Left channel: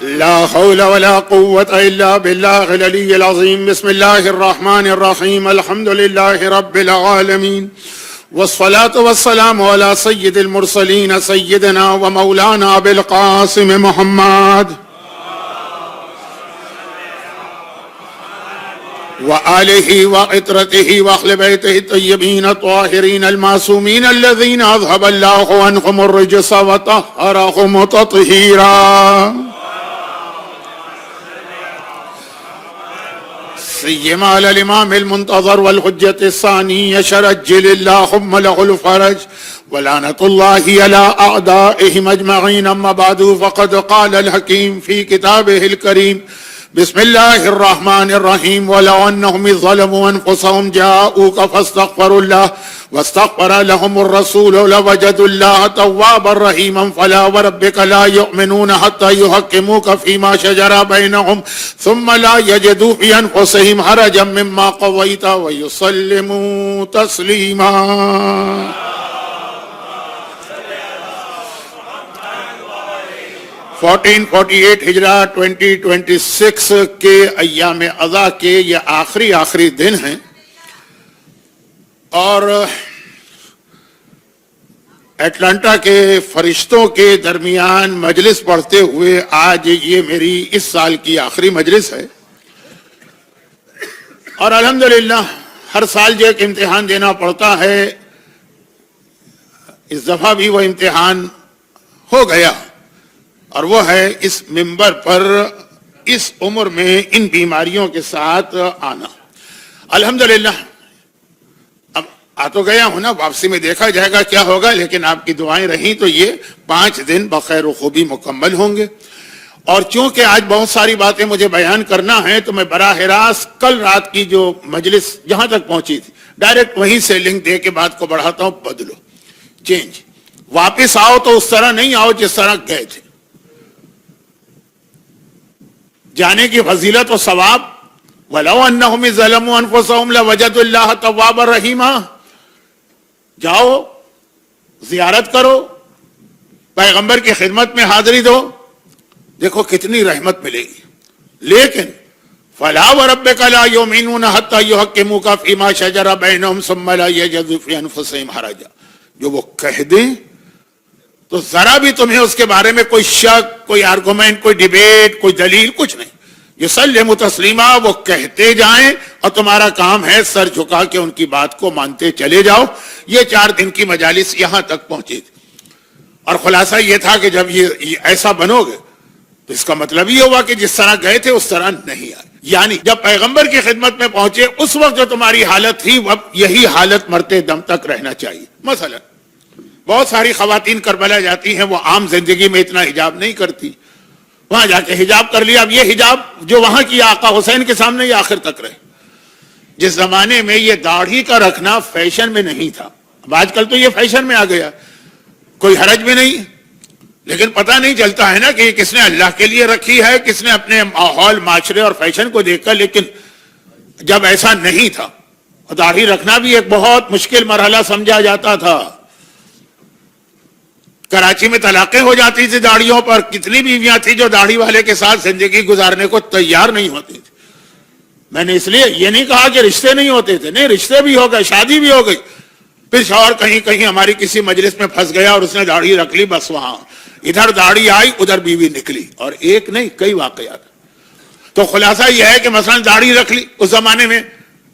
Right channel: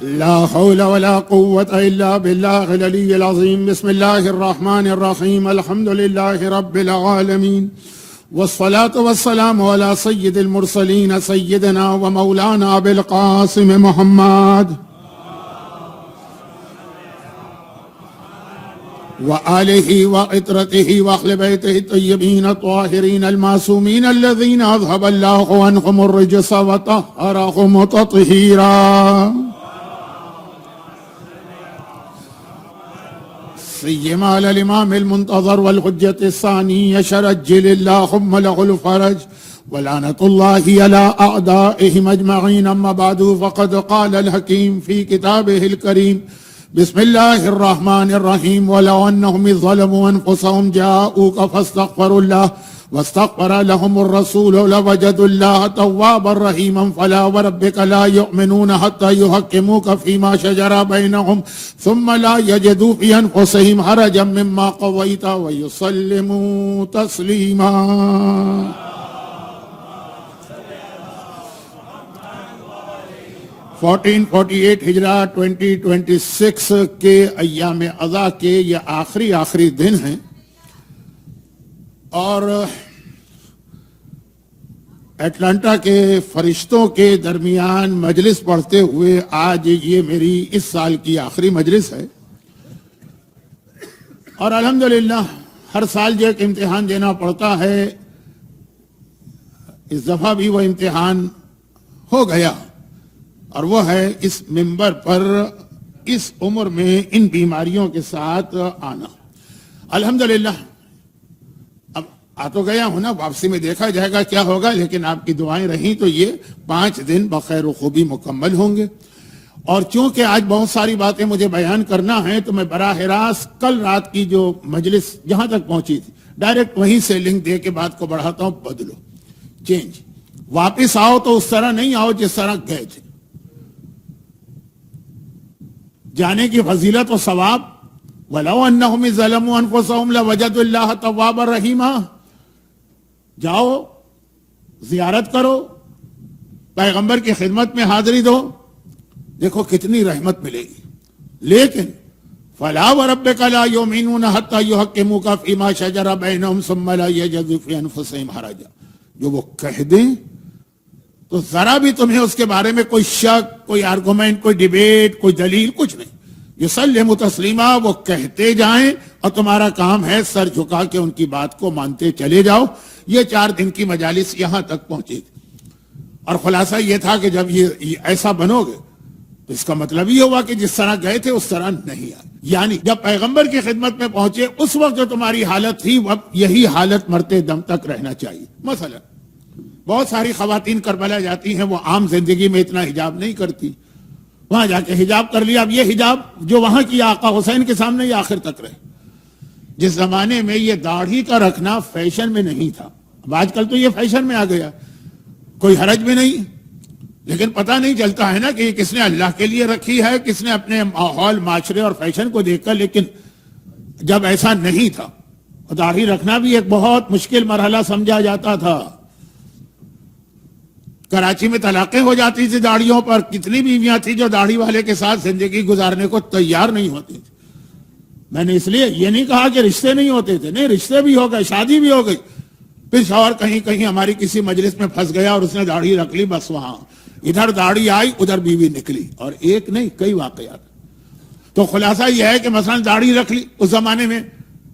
لا حول ولا قوة إلا بالله العلي العظيم. بسم الله الرحمن الرحيم. الحمد لله رب العالمين، والصلاة والسلام على سيد المرسلين سيدنا ومولانا أبي القاسم محمد وآله وعترته وأهل بيته الطيبين الطاهرين المعصومين الذين أذهب الله عنهم الرجس وطهرهم تطهيرا. سيما على الإمام المنتظر والحجة الثاني شرجل اللهم له الفرج، ولعنة الله على أعدائهم أجمعين. أما بعد، فقد قال الحكيم في كتابه الكريم: بسم الله الرحمن الرحيم. ولو أنهم إذ ظلموا أنفسهم جاءوك فاستغفروا الله واستغفر لهم الرسول لوجدوا الله توابا رحيما. فلا وربك لا يؤمنون حتى يحكموك فيما شجر بينهم ثم لا يجدوا في أنفسهم حرجا مما قضيت ويسلموا تسليما. ہجرہ 2026 کے ایام اضحیٰ کے یہ آخری دن ہیں، اور اٹلانٹا کے فرشتوں کے درمیان مجلس پڑھتے ہوئے آج یہ میری اس سال کی آخری مجلس ہے. اور الحمدللہ ہر سال جو ایک امتحان دینا پڑتا ہے، اس دفعہ بھی وہ امتحان ہو گیا، اور وہ ہے اس منبر پر اس عمر میں ان بیماریوں کے ساتھ آنا. الحمدللہ اب آ تو گیا ہوں نا، واپسی میں دیکھا جائے گا کیا ہوگا، لیکن آپ کی دعائیں رہیں تو یہ 5 دن بخیر و خوبی مکمل ہوں گے. اور چونکہ آج بہت ساری باتیں مجھے بیان کرنا ہے، تو میں براہ راست کل رات کی جو مجلس جہاں تک پہنچی تھی ڈائریکٹ وہیں سے لنک دے کے بات کو بڑھاتا ہوں. بدلو، چینج، واپس آؤ تو اس طرح نہیں آؤ جس طرح گئے تھے. جانے کی فضیلت و ثواب، وَلَوْ أَنَّهُمْ ظَلَمُوا أَنفُسَهُمْ لَوَجَدُوا اللَّهَ تَوَّابًا رَحِيمًا. جاؤ، زیارت کرو، پیغمبر کی خدمت میں حاضری دو، دیکھو کتنی رحمت ملے گی. لیکن فَلَا وَرَبِّكَ لَا يُؤْمِنُونَ حَتَّى يُحَكِّمُوكَ فِيمَا شَجَرَ بَيْنَهُمْ ثُمَّ لَا يَجِدُوا فِي أَنفُسِهِمْ حَرَجًا. جو وہ کہہ دیں تو ذرا بھی تمہیں اس کے بارے میں کوئی شک، کوئی آرگومنٹ، کوئی ڈیبیٹ، کوئی دلیل، کچھ نہیں. یسلم تسلیما، وہ کہتے جائیں اور تمہارا کام ہے سر جھکا کے ان کی بات کو مانتے چلے جاؤ. یہ 4 دن کی مجالس یہاں تک پہنچی تھی، اور خلاصہ یہ تھا کہ جب یہ ایسا بنو گے تو اس کا مطلب یہ ہوا کہ جس طرح گئے تھے اس طرح نہیں آئے. یعنی جب پیغمبر کی خدمت میں پہنچے اس وقت جو تمہاری حالت تھی، اب یہی حالت مرتے دم تک رہنا چاہیے. مثلا بہت ساری خواتین کربلا جاتی ہیں، وہ عام زندگی میں اتنا حجاب نہیں کرتی، وہاں جا کے حجاب کر لیا. اب یہ حجاب جو وہاں کی آقا حسین کے سامنے یہ آخر تک رہے. جس زمانے میں یہ داڑھی کا رکھنا فیشن میں نہیں تھا، اب آج کل تو یہ فیشن میں آ گیا، کوئی حرج بھی نہیں. لیکن پتہ نہیں چلتا ہے نا کہ یہ کس نے اللہ کے لیے رکھی ہے، کس نے اپنے ماحول، معاشرے اور فیشن کو دیکھ کر. لیکن جب ایسا نہیں تھا، داڑھی رکھنا بھی ایک بہت مشکل مرحلہ سمجھا جاتا تھا. کراچی میں طلاقیں ہو جاتی تھی داڑھیوں پر. کتنی بیویاں تھیں جو داڑھی والے کے ساتھ زندگی گزارنے کو تیار نہیں ہوتی تھی. میں نے اس لیے یہ نہیں کہا کہ رشتے نہیں ہوتے تھے، نہیں، رشتے بھی ہو گئے، شادی بھی ہو گئی. پھر شوہر کہیں ہماری کسی مجلس میں پھنس گیا اور اس نے داڑھی رکھ لی، بس وہاں ادھر داڑھی آئی ادھر بیوی نکلی، اور ایک نہیں کئی واقعات. تو خلاصہ یہ ہے کہ مثلا داڑھی رکھ لی اس زمانے میں،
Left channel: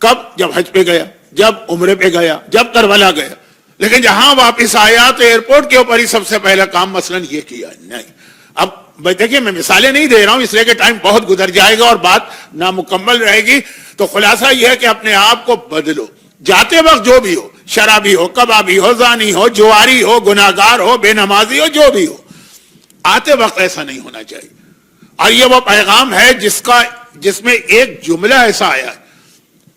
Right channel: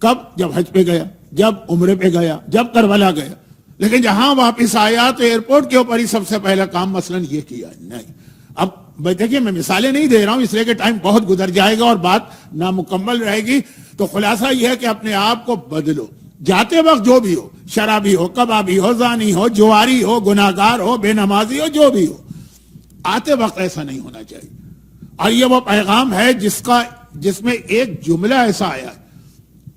کب؟ جب حج پہ گیا، جب عمرے پہ گیا، جب کربلا گیا. لیکن جہاں واپس آیا تو ایئرپورٹ کے اوپر ہی سب سے پہلا کام مثلا یہ کیا. نہیں، اب دیکھیے میں مثالیں نہیں دے رہا ہوں اس لیے کہ ٹائم بہت گزر جائے گا اور بات نامکمل رہے گی. تو خلاصہ یہ ہے کہ اپنے آپ کو بدلو. جاتے وقت جو بھی ہو، شرابی ہو، کبابی ہو، زانی ہو، جواری ہو، گناہگار ہو، بے نمازی ہو، جو بھی ہو، آتے وقت ایسا نہیں ہونا چاہیے. اور یہ وہ پیغام ہے جس میں ایک جملہ ایسا آیا ہے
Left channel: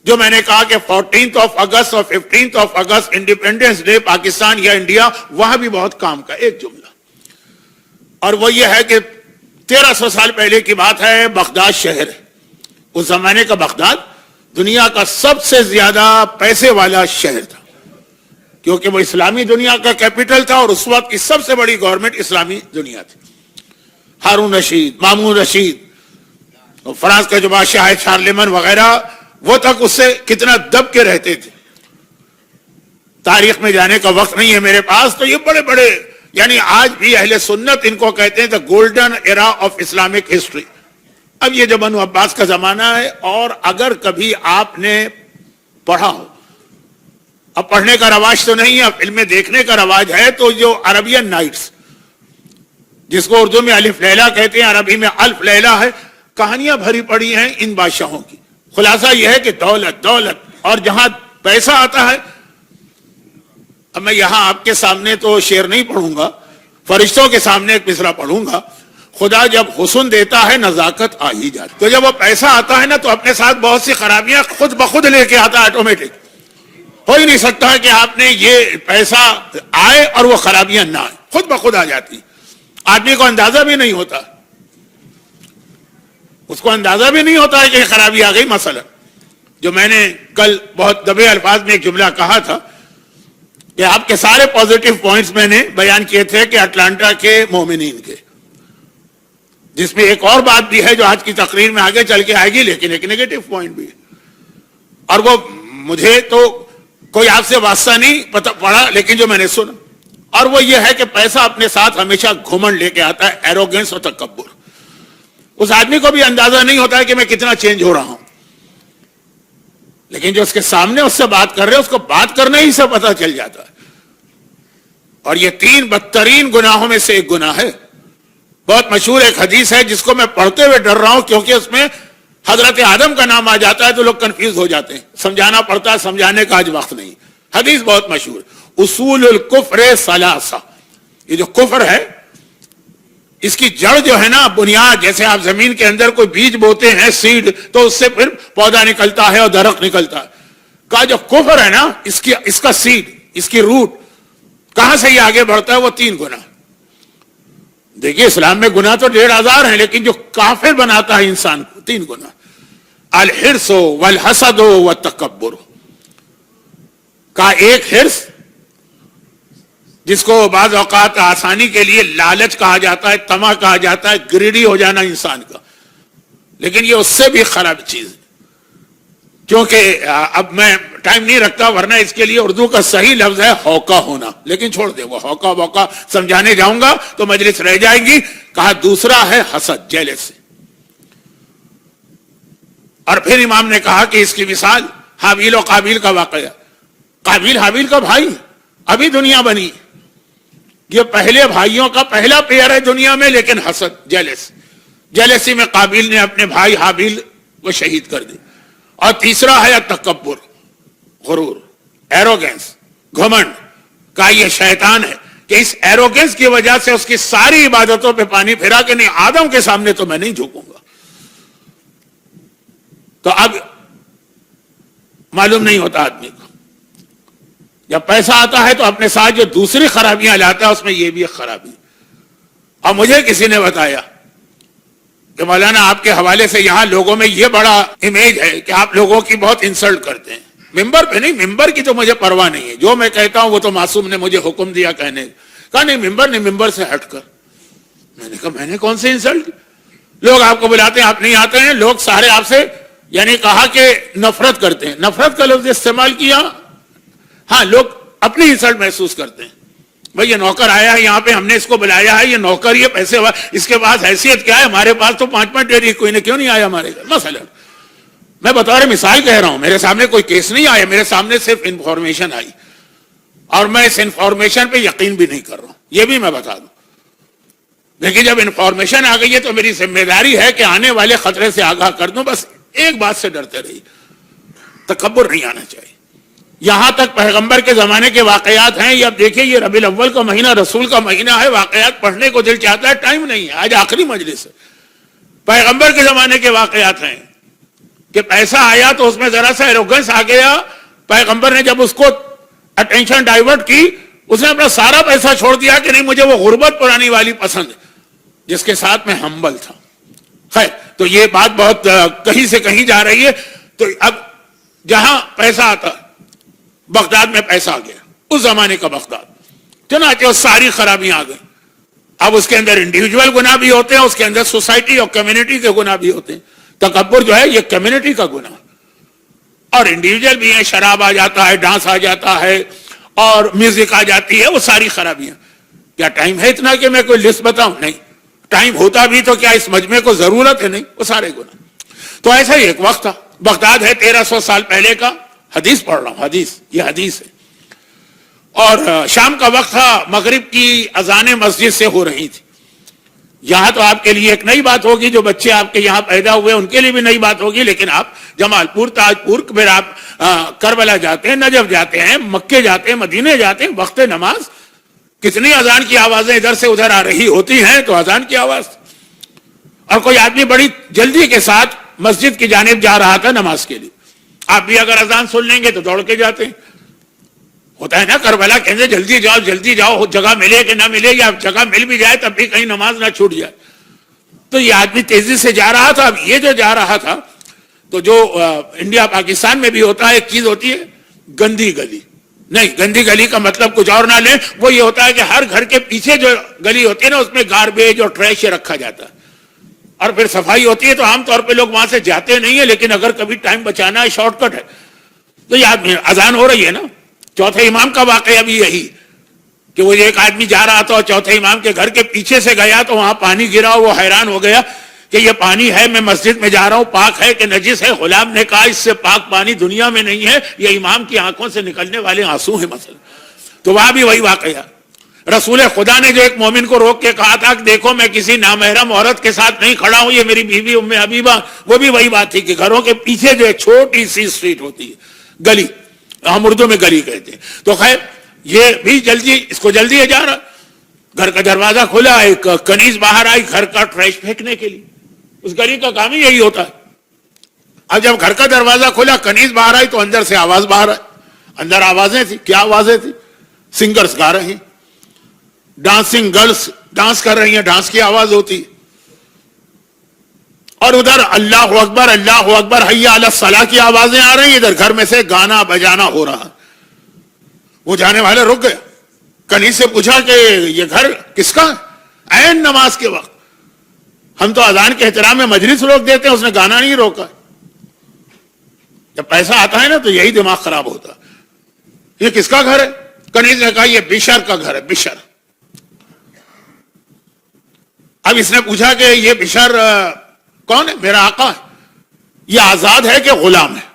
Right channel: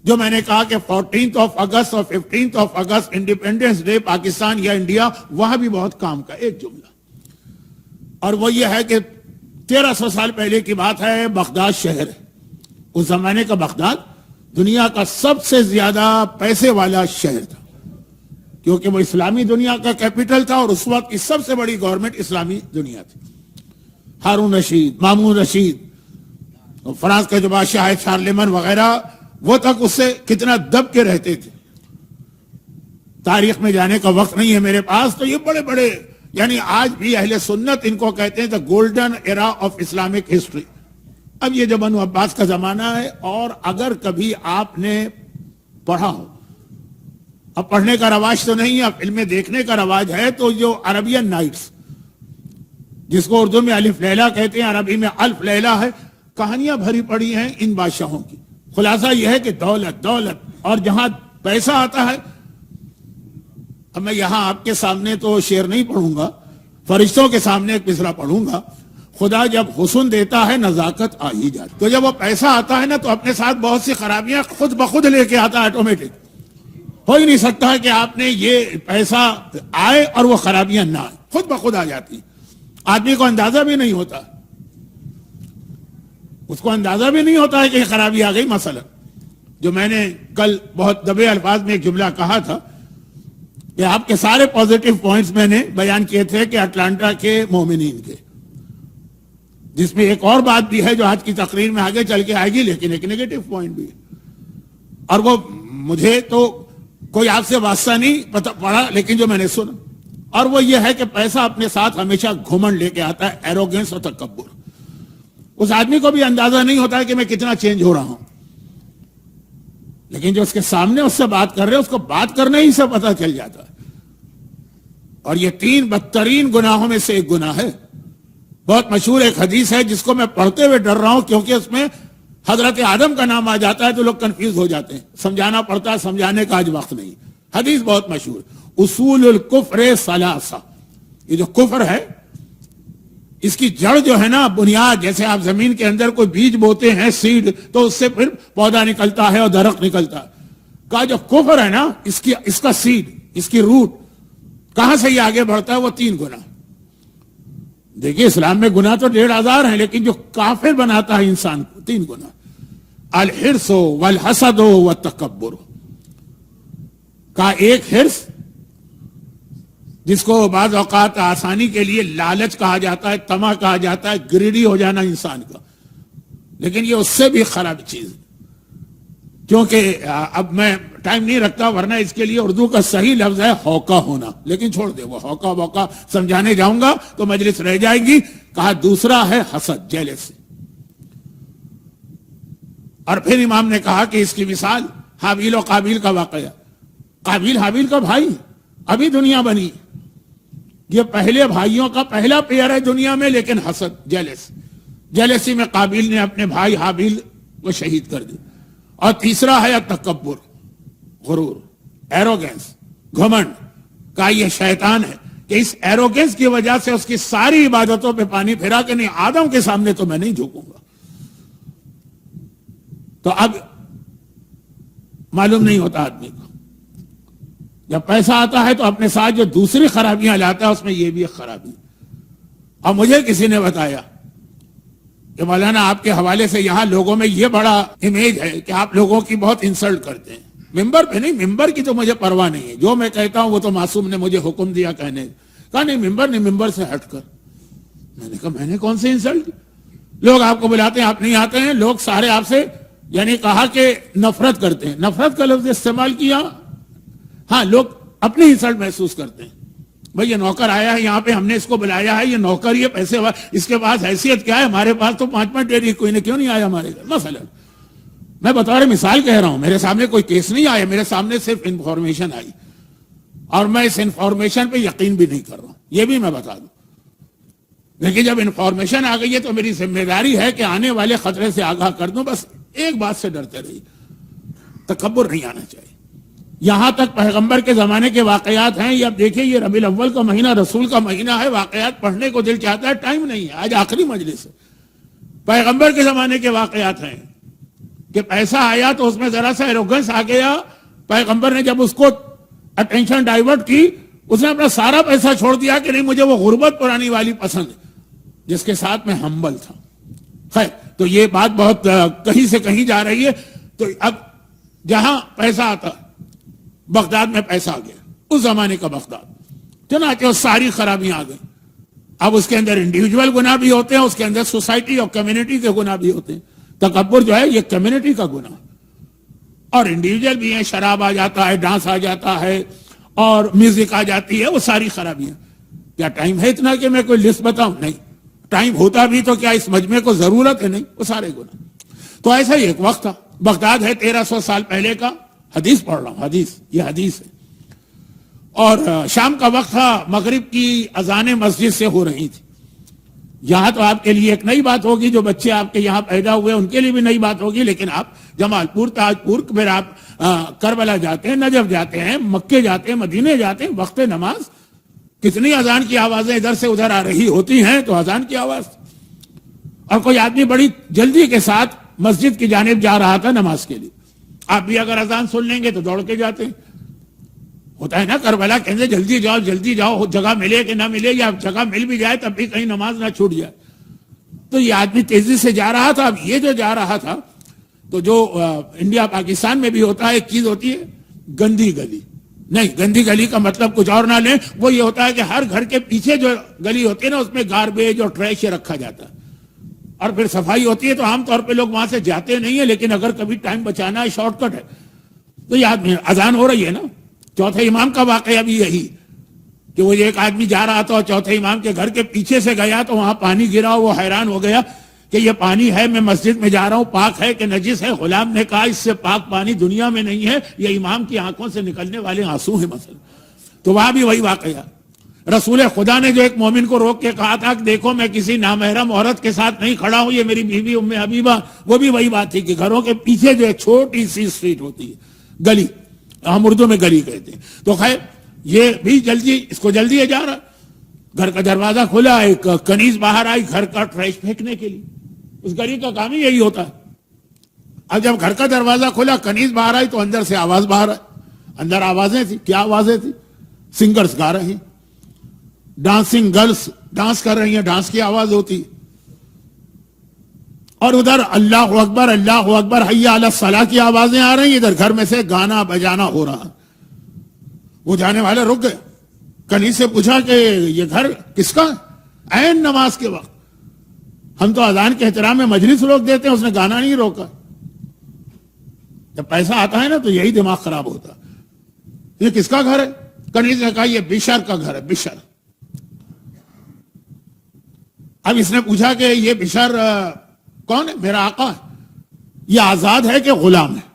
جو میں نے کہا کہ 14 اگست اور 15 اگست انڈیپینڈنس ڈے پاکستان یا انڈیا، وہاں بھی بہت کام کا ایک جملہ. اور وہ یہ ہے کہ 1300 سال پہلے کی بات ہے، بغداد شہر ہے. اس زمانے کا بغداد دنیا کا سب سے زیادہ پیسے والا شہر تھا، کیونکہ وہ اسلامی دنیا کا کیپٹل تھا، اور اس وقت کی سب سے بڑی گورنمنٹ اسلامی دنیا تھی. ہارون رشید، مامون رشید، فرانس کا جو بادشاہ ہے شارلیمن وغیرہ، وہ تک اس سے کتنا دب کے رہتے تھے. تاریخ میں جانے کا وقت نہیں ہے میرے پاس. تو یہ بڑے بڑے، یعنی آج بھی اہل سنت ان کو کہتے ہیں the golden era of Islamic history. اب یہ جو بنو عباس کا زمانہ ہے، اور اگر کبھی آپ نے پڑھا ہو، اب پڑھنے کا رواج تو نہیں ہے، اب فلمیں دیکھنے کا رواج ہے، تو جو عربین نائٹس، جس کو اردو میں الف لیلہ کہتے ہیں، عربی میں الف لیلہ ہے، کہانیاں بھری پڑی ہیں ان بادشاہوں کی. خلاصہ یہ ہے کہ دولت دولت، اور جہاں پیسہ آتا ہے. اب میں یہاں آپ کے سامنے تو شعر نہیں پڑھوں گا، فرشتوں کے سامنے ایک مصرع پڑھوں گا. خدا جب حسن دیتا ہے نزاکت آ ہی جاتی. تو جب وہ پیسہ آتا ہے نا، تو اپنے ساتھ بہت سی خرابیاں خود بخود لے کے آتا ہے، آٹومیٹک. ہو ہی نہیں سکتا کہ آپ نے یہ پیسہ آئے اور وہ خرابیاں نہ آئے، خود بخود آ جاتی. آدمی کو اندازہ بھی نہیں ہوتا، اس کو اندازہ بھی نہیں ہوتا ہے کہ خرابی آ گئی. مثلا جو میں نے کل بہت دبے الفاظ میں ایک جملہ کہا تھا کہ آپ کے سارے پازیٹیو پوائنٹس میں نے بیان کیے تھے کہ اٹلانٹا کے مومنین کے، جس میں ایک اور بات بھی ہے جو آج کی تقریر میں آگے چل کے آئے گی، لیکن ایک نیگیٹو پوائنٹ بھی ہے. اور وہ مجھے تو کوئی آپ سے واسطہ نہیں پڑا، لیکن جو میں نے سنا، اور وہ یہ ہے کہ پیسہ اپنے ساتھ ہمیشہ گھمنڈ لے کے آتا ہے، ایروگنس اور تکبر. اس آدمی کو بھی اندازہ نہیں ہوتا ہے کہ میں کتنا چینج ہو رہا ہوں، لیکن جو اس کے سامنے اس سے بات کر رہے ہیں، اس کو بات کرنے ہی سے پتہ چل جاتا ہے. اور یہ 3 بدترین گناہوں میں سے ایک گناہ ہے. بہت مشہور ایک حدیث ہے جس کو میں پڑھتے ہوئے ڈر رہا ہوں، کیونکہ اس میں حضرت آدم کا نام آ جاتا ہے تو لوگ کنفیوز ہو جاتے ہیں. سمجھانا پڑتا ہے، سمجھانے کا آج وقت نہیں. حدیث بہت مشہور، اصول الکفر ثلاثہ. یہ جو کفر ہے، اس کی جڑ جو ہے نا، بنیاد، جیسے آپ زمین کے اندر کوئی بیج بوتے ہیں، سیڈ، تو اس سے پھر پودا نکلتا ہے اور درخت نکلتا ہے. کا جو کفر ہے نا، اس کا سیڈ، اس کی روٹ، کہاں سے یہ آگے بڑھتا ہے؟ وہ 3 گناہ. دیکھیے اسلام میں گناہ تو 1,500 ہیں، لیکن جو کافر بناتا ہے انسان کو، 3 گناہ: الحرص والحسد والتکبر. کا ایک حرص، جس کو بعض اوقات آسانی کے لیے لالچ کہا جاتا ہے، طمع کہا جاتا ہے، گریڈی ہو جانا انسان کا، لیکن یہ اس سے بھی خراب چیز ہے. کیونکہ اب میں ٹائم نہیں رکھتا، ورنہ اس کے لیے اردو کا صحیح لفظ ہے ہوکا ہونا، لیکن چھوڑ دے، وہ ہوکا ووکا سمجھانے جاؤں گا تو مجلس رہ جائے گی. کہا دوسرا ہے حسد، جیلس. اور پھر امام نے کہا کہ اس کی مثال حابیل و قابیل کا واقعہ. قابیل حابیل کا بھائی، ابھی دنیا بنی، یہ پہلے بھائیوں کا پہلا پیئر ہے دنیا میں، لیکن حسد، جیلس، جیلسی میں قابیل نے اپنے بھائی حابیل کو شہید کر دی. اور تیسرا ہے تکبر، غرور، ایروگنس، گھمنڈ. کا یہ شیطان ہے کہ اس ایروگنس کی وجہ سے اس کی ساری عبادتوں پہ پانی پھرا کہ نہیں، آدم کے سامنے تو میں نہیں جھکوں گا. تو اب معلوم نہیں ہوتا آدمی کو، جب پیسہ آتا ہے تو اپنے ساتھ جو دوسری خرابیاں لاتا ہے، اس میں یہ بھی ایک خرابی. اور مجھے کسی نے بتایا کہ مولانا آپ کے حوالے سے یہاں لوگوں میں یہ بڑا امیج ہے کہ آپ لوگوں کی بہت انسلٹ کرتے ہیں. ممبر پہ نہیں، ممبر کی تو مجھے پرواہ نہیں ہے، جو میں کہتا ہوں وہ تو معصوم نے مجھے حکم دیا کہنے کا. نہیں، ممبر نہیں، ممبر سے ہٹ کر. میں نے کہا میں نے کون سے انسلٹ؟ لوگ آپ کو بلاتے ہیں، آپ نہیں آتے ہیں. لوگ سارے آپ سے، یعنی کہا کہ نفرت کرتے ہیں. نفرت کا لفظ استعمال کیا. ہاں، لوگ اپنی انسلٹ محسوس کرتے ہیں. بھئی یہ نوکر آیا ہے یہاں پہ، ہم نے اس کو بلایا ہے، یہ نوکر، یہ پیسے، اس کے پاس حیثیت کیا ہے؟ ہمارے پاس تو 5 ڈیری، کوئی نے کیوں نہیں آیا ہمارے گھر؟ مثلا میں بطور مثال کہہ رہا ہوں، میرے سامنے کوئی کیس نہیں آیا، میرے سامنے صرف انفارمیشن آئی، اور میں اس انفارمیشن پہ یقین بھی نہیں کر رہا ہوں، یہ بھی میں بتا دوں. لیکن جب انفارمیشن آ گئی ہے تو میری ذمہ داری ہے کہ آنے والے خطرے سے آگاہ کر دوں. بس ایک بات سے ڈرتے رہیے، تکبر نہیں آنا چاہیے. یہاں تک پیغمبر کے زمانے کے واقعات ہیں. یہ اب دیکھیں، یہ ربیع الاول کا مہینہ رسول کا مہینہ ہے، واقعات پڑھنے کو دل چاہتا ہے، ٹائم نہیں ہے. آج آخری مجلس ہے. پیغمبر کے زمانے کے واقعات ہیں کہ پیسہ آیا تو اس میں ذرا سا ایروگنس آ گیا. پیغمبر نے جب اس کو اٹینشن ڈائیورٹ کی، اس نے اپنا سارا پیسہ چھوڑ دیا کہ نہیں، مجھے وہ غربت پرانی والی پسند ہے، جس کے ساتھ میں ہمبل تھا. خیر، تو یہ بات بہت کہیں سے کہیں جا رہی ہے. تو اب جہاں پیسہ آتا، بغداد میں پیسہ آ گیا، اس زمانے کا بغداد، چنانچہ ساری خرابیاں آ گئیں. اب اس کے اندر انڈیویجول گناہ بھی ہوتے ہیں, اس کے اندر سوسائٹی اور کمیونٹی کے گناہ بھی ہوتے ہیں. تکبر جو ہے یہ کمیونٹی کا گناہ, اور انڈیویجول بھی ہے, شراب آ جاتا ہے, ڈانس آ جاتا ہے, اور میوزک آ جاتی ہے, وہ ساری خرابیاں. کیا ٹائم ہے اتنا کہ میں کوئی لسٹ بتاؤں؟ نہیں. ٹائم ہوتا بھی تو کیا اس مجمع کو ضرورت ہے؟ نہیں. وہ سارے گناہ. تو ایسا ہی ایک وقت تھا, بغداد ہے 1300 سال پہلے کا, حدیث پڑھ رہا ہوں, حدیث, یہ حدیث ہے. اور شام کا وقت تھا, مغرب کی اذانیں مسجد سے ہو رہی تھی. یہاں تو آپ کے لیے ایک نئی بات ہوگی, جو بچے آپ کے یہاں پیدا ہوئے ان کے لیے بھی نئی بات ہوگی, لیکن آپ جمال پور, تاج پور, پھر آپ کربلا جاتے ہیں, نجف جاتے ہیں, مکے جاتے ہیں, مدینے جاتے ہیں, وقت نماز کتنی اذان کی آوازیں ادھر سے ادھر آ رہی ہوتی ہیں, تو اذان کی آواز. اور کوئی آدمی بڑی جلدی کے ساتھ مسجد کی جانب جا رہا تھا نماز کے لیے. آپ بھی اگر اذان سن لیں گے تو دوڑ کے جاتے ہیں. ہوتا ہے نا کربلا, کہتے جلدی جاؤ, جگہ ملے کہ نہ ملے, یا جگہ مل بھی جائے تب بھی کہیں نماز نہ چھوٹ جائے. تو یہ آدمی تیزی سے جا رہا تھا. اب یہ جو جا رہا تھا, تو جو انڈیا پاکستان میں بھی ہوتا ہے, ایک چیز ہوتی ہے گندی گلی. نہیں, گندی گلی کا مطلب کچھ اور نہ لیں, وہ یہ ہوتا ہے کہ ہر گھر کے پیچھے جو گلی ہوتی ہے نا, اس میں گاربیج اور ٹریش رکھا جاتا ہے, اور پھر صفائی ہوتی ہے. تو عام طور پہ لوگ وہاں سے جاتے نہیں ہیں, لیکن اگر کبھی ٹائم بچانا ہے, شارٹ کٹ ہے. تو یہ آدمی, اذان ہو رہی ہے نا, چوتھے امام کا واقعہ بھی یہی کہ وہ ایک آدمی جا رہا تھا اور چوتھے امام کے گھر کے پیچھے سے گیا, تو وہاں پانی گرا. وہ حیران ہو گیا کہ یہ پانی ہے, میں مسجد میں جا رہا ہوں, پاک ہے کہ نجس ہے؟ غلام نے کہا اس سے پاک پانی دنیا میں نہیں ہے, یہ امام کی آنکھوں سے نکلنے والے آنسو ہیں مثلا. تو وہاں بھی وہی واقعہ. رسول خدا نے جو ایک مومن کو روک کے کہا تھا کہ دیکھو میں کسی نامحرم عورت کے ساتھ نہیں کھڑا ہوں, یہ میری بیوی ام حبیبہ, وہ بھی وہی بات تھی کہ گھروں کے پیچھے جو ایک چھوٹی سی اسٹریٹ ہوتی ہے, گلی, ہم اردو میں گلی کہتے ہیں. تو خیر یہ بھی جلدی, اس کو جلدی ہے جا رہا. گھر کا دروازہ کھلا, ایک کنیز باہر آئی گھر کا ٹریش پھینکنے کے لیے. اس گلی کا کام ہی یہی ہوتا ہے. اب جب گھر کا دروازہ کھلا, کنیز باہر آئی, تو اندر سے آواز باہر آئی. اندر آوازیں تھی. کیا آوازیں تھی؟ سنگرز گا رہے ہیں, ڈانسنگ گرلز ڈانس کر رہی ہیں, ڈانس کی آواز ہوتی. اور ادھر اللہ اکبر, اللہ اکبر, حی علی الصلاۃ کی آوازیں آ رہی ہیں. ادھر گھر میں سے گانا بجانا ہو رہا. وہ جانے والے رک گیا. کنیز سے پوچھا کہ یہ گھر کس کا ہے؟ عین نماز کے وقت. ہم تو اذان کے احترام میں مجلس روک دیتے ہیں, اس نے گانا نہیں روکا. جب پیسہ آتا ہے نا تو یہی دماغ خراب ہوتا. یہ کس کا گھر ہے؟ کنیز نے کہا یہ بشر کا گھر ہے, بشر. اب اس نے پوچھا کہ یہ بشر کون ہے؟ میرا آقا ہے. یہ آزاد ہے کہ غلام ہے؟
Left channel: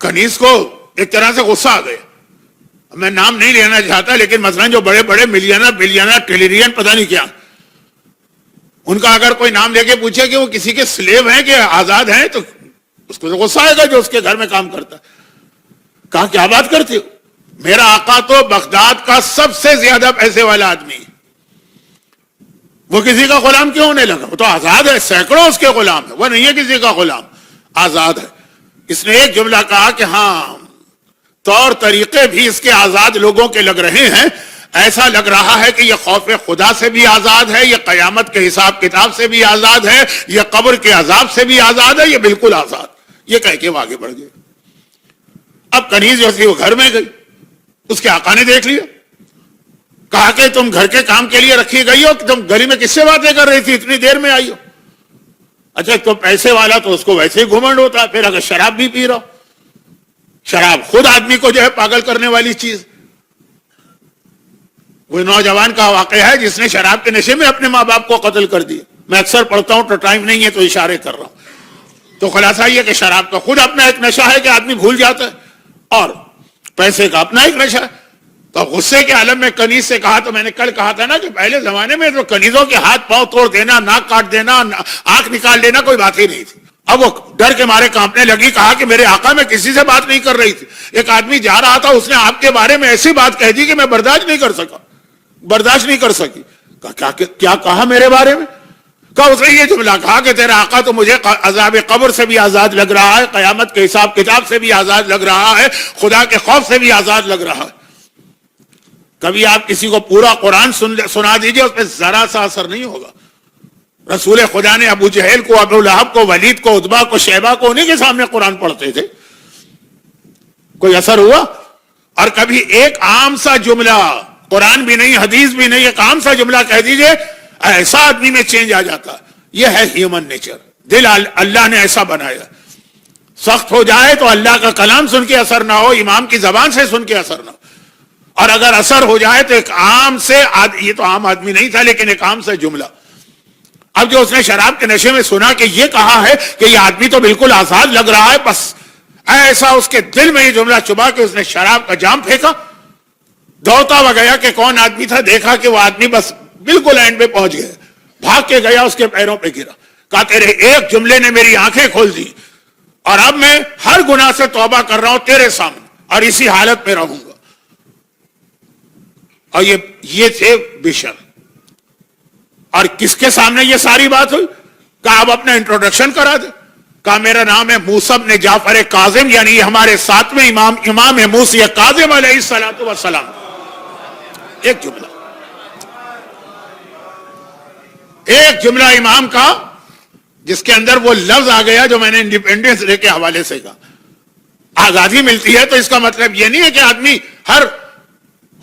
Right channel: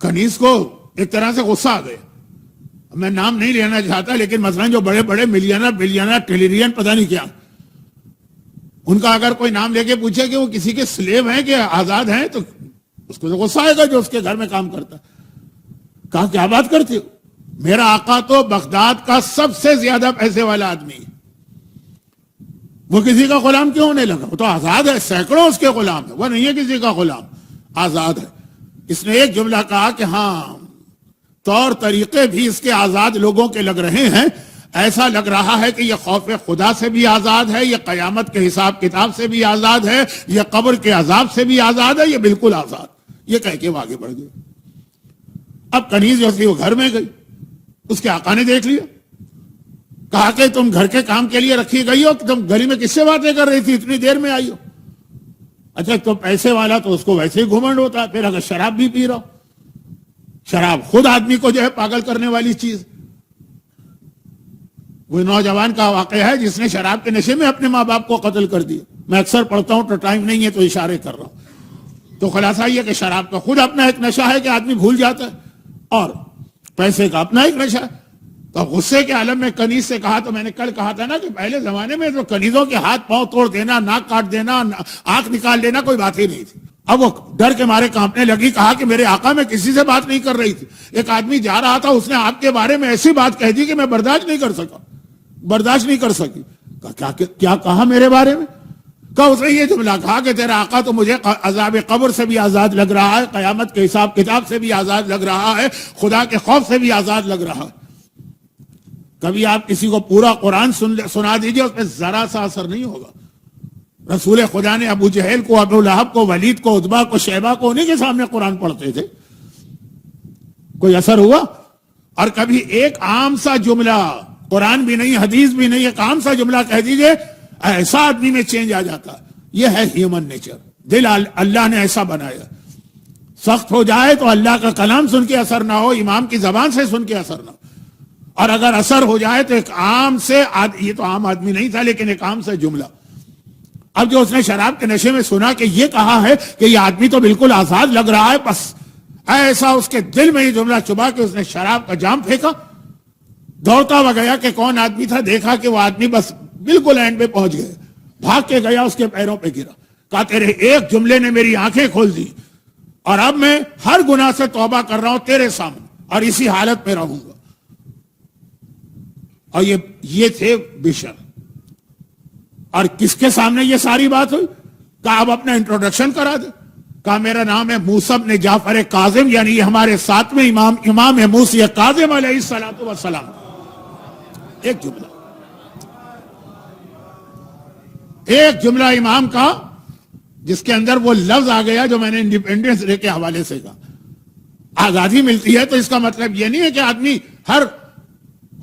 کنیز کو ایک طرح سے غصہ آ گیا. میں نام نہیں لینا چاہتا, لیکن مثلا جو بڑے بڑے ملینر بلینر ٹریلین پتہ نہیں کیا, ان کا اگر کوئی نام لے کے پوچھے کہ وہ کسی کے سلیو ہیں کہ آزاد ہیں, تو اس کو غصہ آئے گا جو اس کے گھر میں کام کرتا. کہا کیا بات کرتے ہو؟ میرا آقا تو بغداد کا سب سے زیادہ پیسے والا آدمی ہے, وہ کسی کا غلام کیوں ہونے لگا؟ وہ تو آزاد ہے, سینکڑوں اس کے غلام ہے, وہ نہیں ہے کسی کا غلام, آزاد ہے. اس نے ایک جملہ کہا کہ ہاں طور طریقے بھی اس کے آزاد لوگوں کے لگ رہے ہیں. ایسا لگ رہا ہے کہ یہ خوف خدا سے بھی آزاد ہے, یہ قیامت کے حساب کتاب سے بھی آزاد ہے, یہ قبر کے عذاب سے بھی آزاد ہے, یہ بالکل آزاد. یہ کہہ کے وہ آگے بڑھ گئے. اب کنیز جو تھی وہ گھر میں گئی, اس کے آقا نے دیکھ لیا. کہا کہ تم گھر کے کام کے لیے رکھی گئی ہو, کہ تم گلی میں کس سے باتیں کر رہی تھی, اتنی دیر میں آئی ہو؟ اچھا تو پیسے والا تو اس کو ویسے ہی گھمنڈ ہوتا ہے. پھر اگر شراب بھی پی رہا, شراب خود آدمی کو جو ہے پاگل کرنے والی چیز. وہ نوجوان کا واقعہ ہے جس نے شراب کے نشے میں اپنے ماں باپ کو قتل کر دیا. میں اکثر پڑھتا ہوں تو ٹائم نہیں ہے تو اشارے کر رہا ہوں. تو خلاصہ یہ کہ شراب کا خود اپنا ایک نشہ ہے کہ آدمی بھول جاتا ہے, اور پیسے کا اپنا ایک نشہ ہے. تو غصے کے عالم میں کنیز سے کہا, تو میں نے کل کہا تھا نا کہ پہلے زمانے میں تو کنیزوں کے ہاتھ پاؤں توڑ دینا, ناک کاٹ دینا, آنکھ نکال دینا کوئی بات ہی نہیں تھی. اب وہ ڈر کے مارے کانپنے لگی. کہا کہ میرے آقا میں کسی سے بات نہیں کر رہی تھی, ایک آدمی جا رہا تھا, اس نے آپ کے بارے میں ایسی بات کہہ دی کہ میں برداشت نہیں کر سکی. کیا کہا میرے بارے میں؟ کہا اس نے یہ جملہ کہا کہ تیرا آقا تو مجھے عذاب قبر سے بھی آزاد لگ رہا ہے, قیامت کے حساب کتاب سے بھی آزاد لگ رہا ہے, خدا کے خوف سے بھی آزاد لگ رہا ہے. کبھی آپ کسی کو پورا قرآن سنا دیجئے, اس پہ ذرا سا اثر نہیں ہوگا. رسول خدا نے ابو جہل کو, ابو لہب کو, ولید کو, عتبہ کو, شیبہ کو انہیں کے سامنے قرآن پڑھتے تھے, کوئی اثر ہوا؟ اور کبھی ایک عام سا جملہ قرآن بھی نہیں، حدیث بھی نہیں، ایک عام سا جملہ کہہ دیجئے، ایسا آدمی میں چینج آ جاتا. یہ ہے ہیومن نیچر. دل اللہ نے ایسا بنایا. سخت ہو جائے تو اللہ کا کلام سن کے اثر نہ ہو، امام کی زبان سے سن کے اثر نہ ہو، اور اگر اثر ہو جائے تو ایک عام سے یہ تو عام آدمی نہیں تھا لیکن ایک عام سے جملہ. اب جو اس نے شراب کے نشے میں سنا کہ یہ کہا ہے کہ یہ آدمی تو بالکل آزاد لگ رہا ہے، بس ایسا اس کے دل میں یہ جملہ چبھا کہ اس نے شراب کا جام پھینکا، دوڑتا ہوا گیا کہ کون آدمی تھا، دیکھا کہ وہ آدمی بس بالکل اینڈ پہ پہنچ گیا، بھاگ کے گیا اس کے پیروں پہ گرا، کہا تیرے ایک جملے نے میری آنکھیں کھول دی اور اب میں ہر گناہ سے توبہ کر رہا ہوں تیرے سامنے اور اسی حالت میں رہوں گا. اور یہ تھے بشر. اور کس کے سامنے یہ ساری بات ہوئی؟ کہا اب اپنا انٹروڈکشن کرا دے. کہا میرا نام ہے موسیٰ بن جعفر کاظم، یعنی یہ ہمارے ساتویں امام موسیٰ کاظم علیہ السلام. ایک جملہ امام کا جس کے اندر وہ لفظ آ گیا جو میں نے انڈیپینڈنس ڈے کے حوالے سے کہا. آزادی ملتی ہے تو اس کا مطلب یہ نہیں ہے کہ آدمی ہر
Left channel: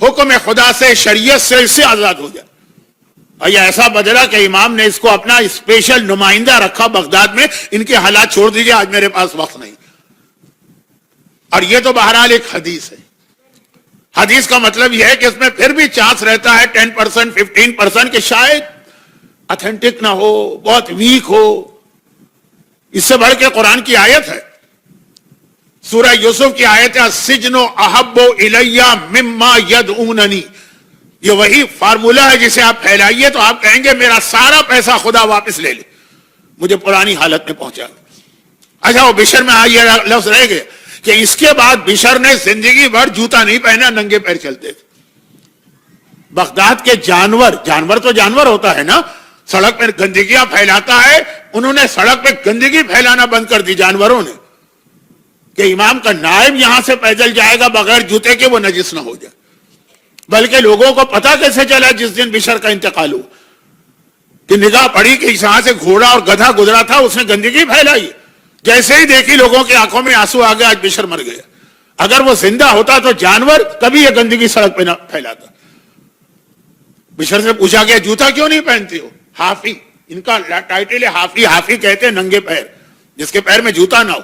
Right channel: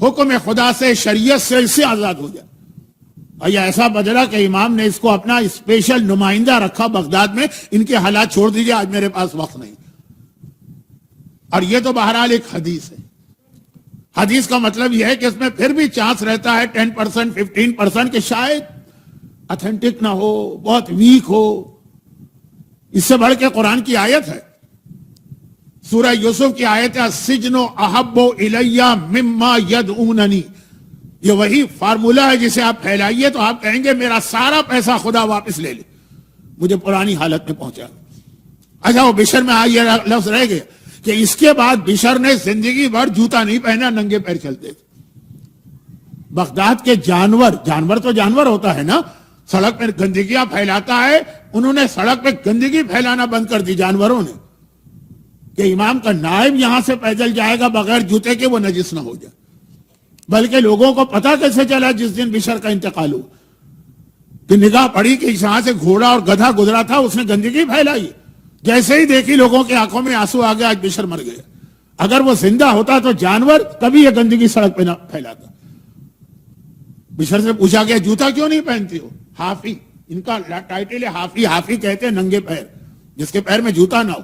حکم خدا سے، شریعت سے، اس سے آزاد ہو جائے. اور یہ ایسا بدلا کہ امام نے اس کو اپنا اسپیشل نمائندہ رکھا بغداد میں. ان کے حالات چھوڑ دیجئے، آج میرے پاس وقت نہیں. اور یہ تو بہرحال ایک حدیث ہے. حدیث کا مطلب یہ ہے کہ اس میں پھر بھی چانس رہتا ہے 10% 15% کہ شاید اتھینٹک نہ ہو، بہت ویک ہو. اس سے بڑھ کے قرآن کی آیت ہے، سورہ یوسف کی آیت ہے، السجن احب الی مما یدعوننی. یہ وہی فارمولہ ہے جسے آپ پھیلائیے تو آپ کہیں گے میرا سارا پیسہ خدا واپس لے لے، مجھے پرانی حالت میں پہنچا. اچھا وہ بشر میں یہ لفظ رہ گیا کہ اس کے بعد بشر نے زندگی بھر جوتا نہیں پہنا، ننگے پیر چلتے تھے. بغداد کے جانور تو جانور ہوتا ہے نا، سڑک پہ گندگیاں پھیلاتا ہے، انہوں نے سڑک پہ گندگی پھیلانا بند کر دی جانوروں نے، کہ امام کا نائب یہاں سے پیدل جائے گا بغیر جوتے کے وہ نجس نہ ہو جائے. بلکہ لوگوں کو پتا کیسے چلا جس دن بشر کا انتقال ہوا کہ نگاہ پڑی کہ یہاں سے گھوڑا اور گدھا گزرا تھا، اس نے گندگی پھیلائی. جیسے ہی دیکھی لوگوں کی آنکھوں میں آنسو آ گیا، آج بشر مر گیا. اگر وہ زندہ ہوتا تو جانور کبھی یہ گندگی سڑک پہ نہ پھیلاتا. بشر سے پوچھا گیا جوتا کیوں نہیں پہنتے ہو؟ حافی، ان کا ٹائٹل ہے حافی. حافی کہتے ہیں ننگے پیر، جس کے پیر میں جوتا نہ ہو.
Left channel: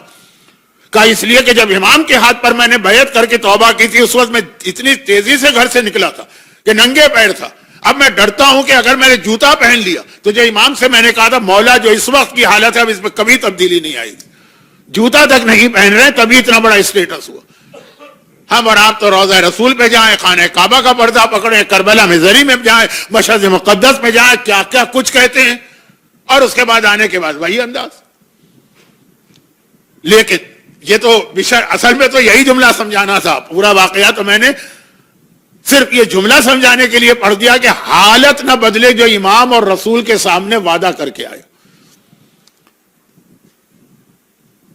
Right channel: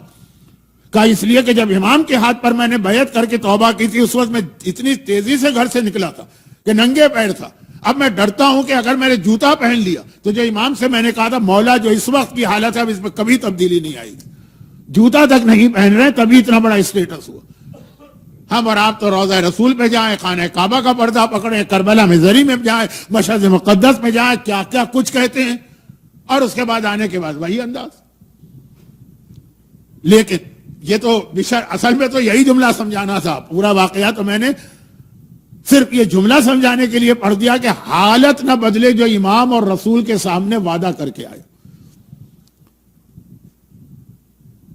کہا اس لیے کہ جب امام کے ہاتھ پر میں نے بیعت کر کے توبہ کی تھی اس وقت میں اتنی تیزی سے گھر سے نکلا تھا کہ ننگے پیر تھا. اب میں ڈرتا ہوں کہ اگر میں نے جوتا پہن لیا تو جو امام سے میں نے کہا تھا مولا جو اس وقت کی حالت ہے اب اس میں کبھی تبدیلی نہیں آئے گی، جوتا تک نہیں پہن رہے تبھی اتنا بڑا اسٹیٹس ہوا. ہم اور آپ تو روضہ رسول پہ جائیں، خانہ کعبہ کا پردہ پکڑیں، کربلا میں زری میں جائیں، مشہد مقدس میں جائیں، کیا کیا کچھ کہتے ہیں، اور اس کے بعد آنے کے بعد وہی انداز. لیکن یہ تو بشر اصل میں تو یہی جملہ سمجھانا تھا. پورا واقعہ تو میں نے صرف یہ جملہ سمجھانے کے لیے پڑھ دیا کہ حالت نہ بدلے جو امام اور رسول کے سامنے وعدہ کر کے آئے.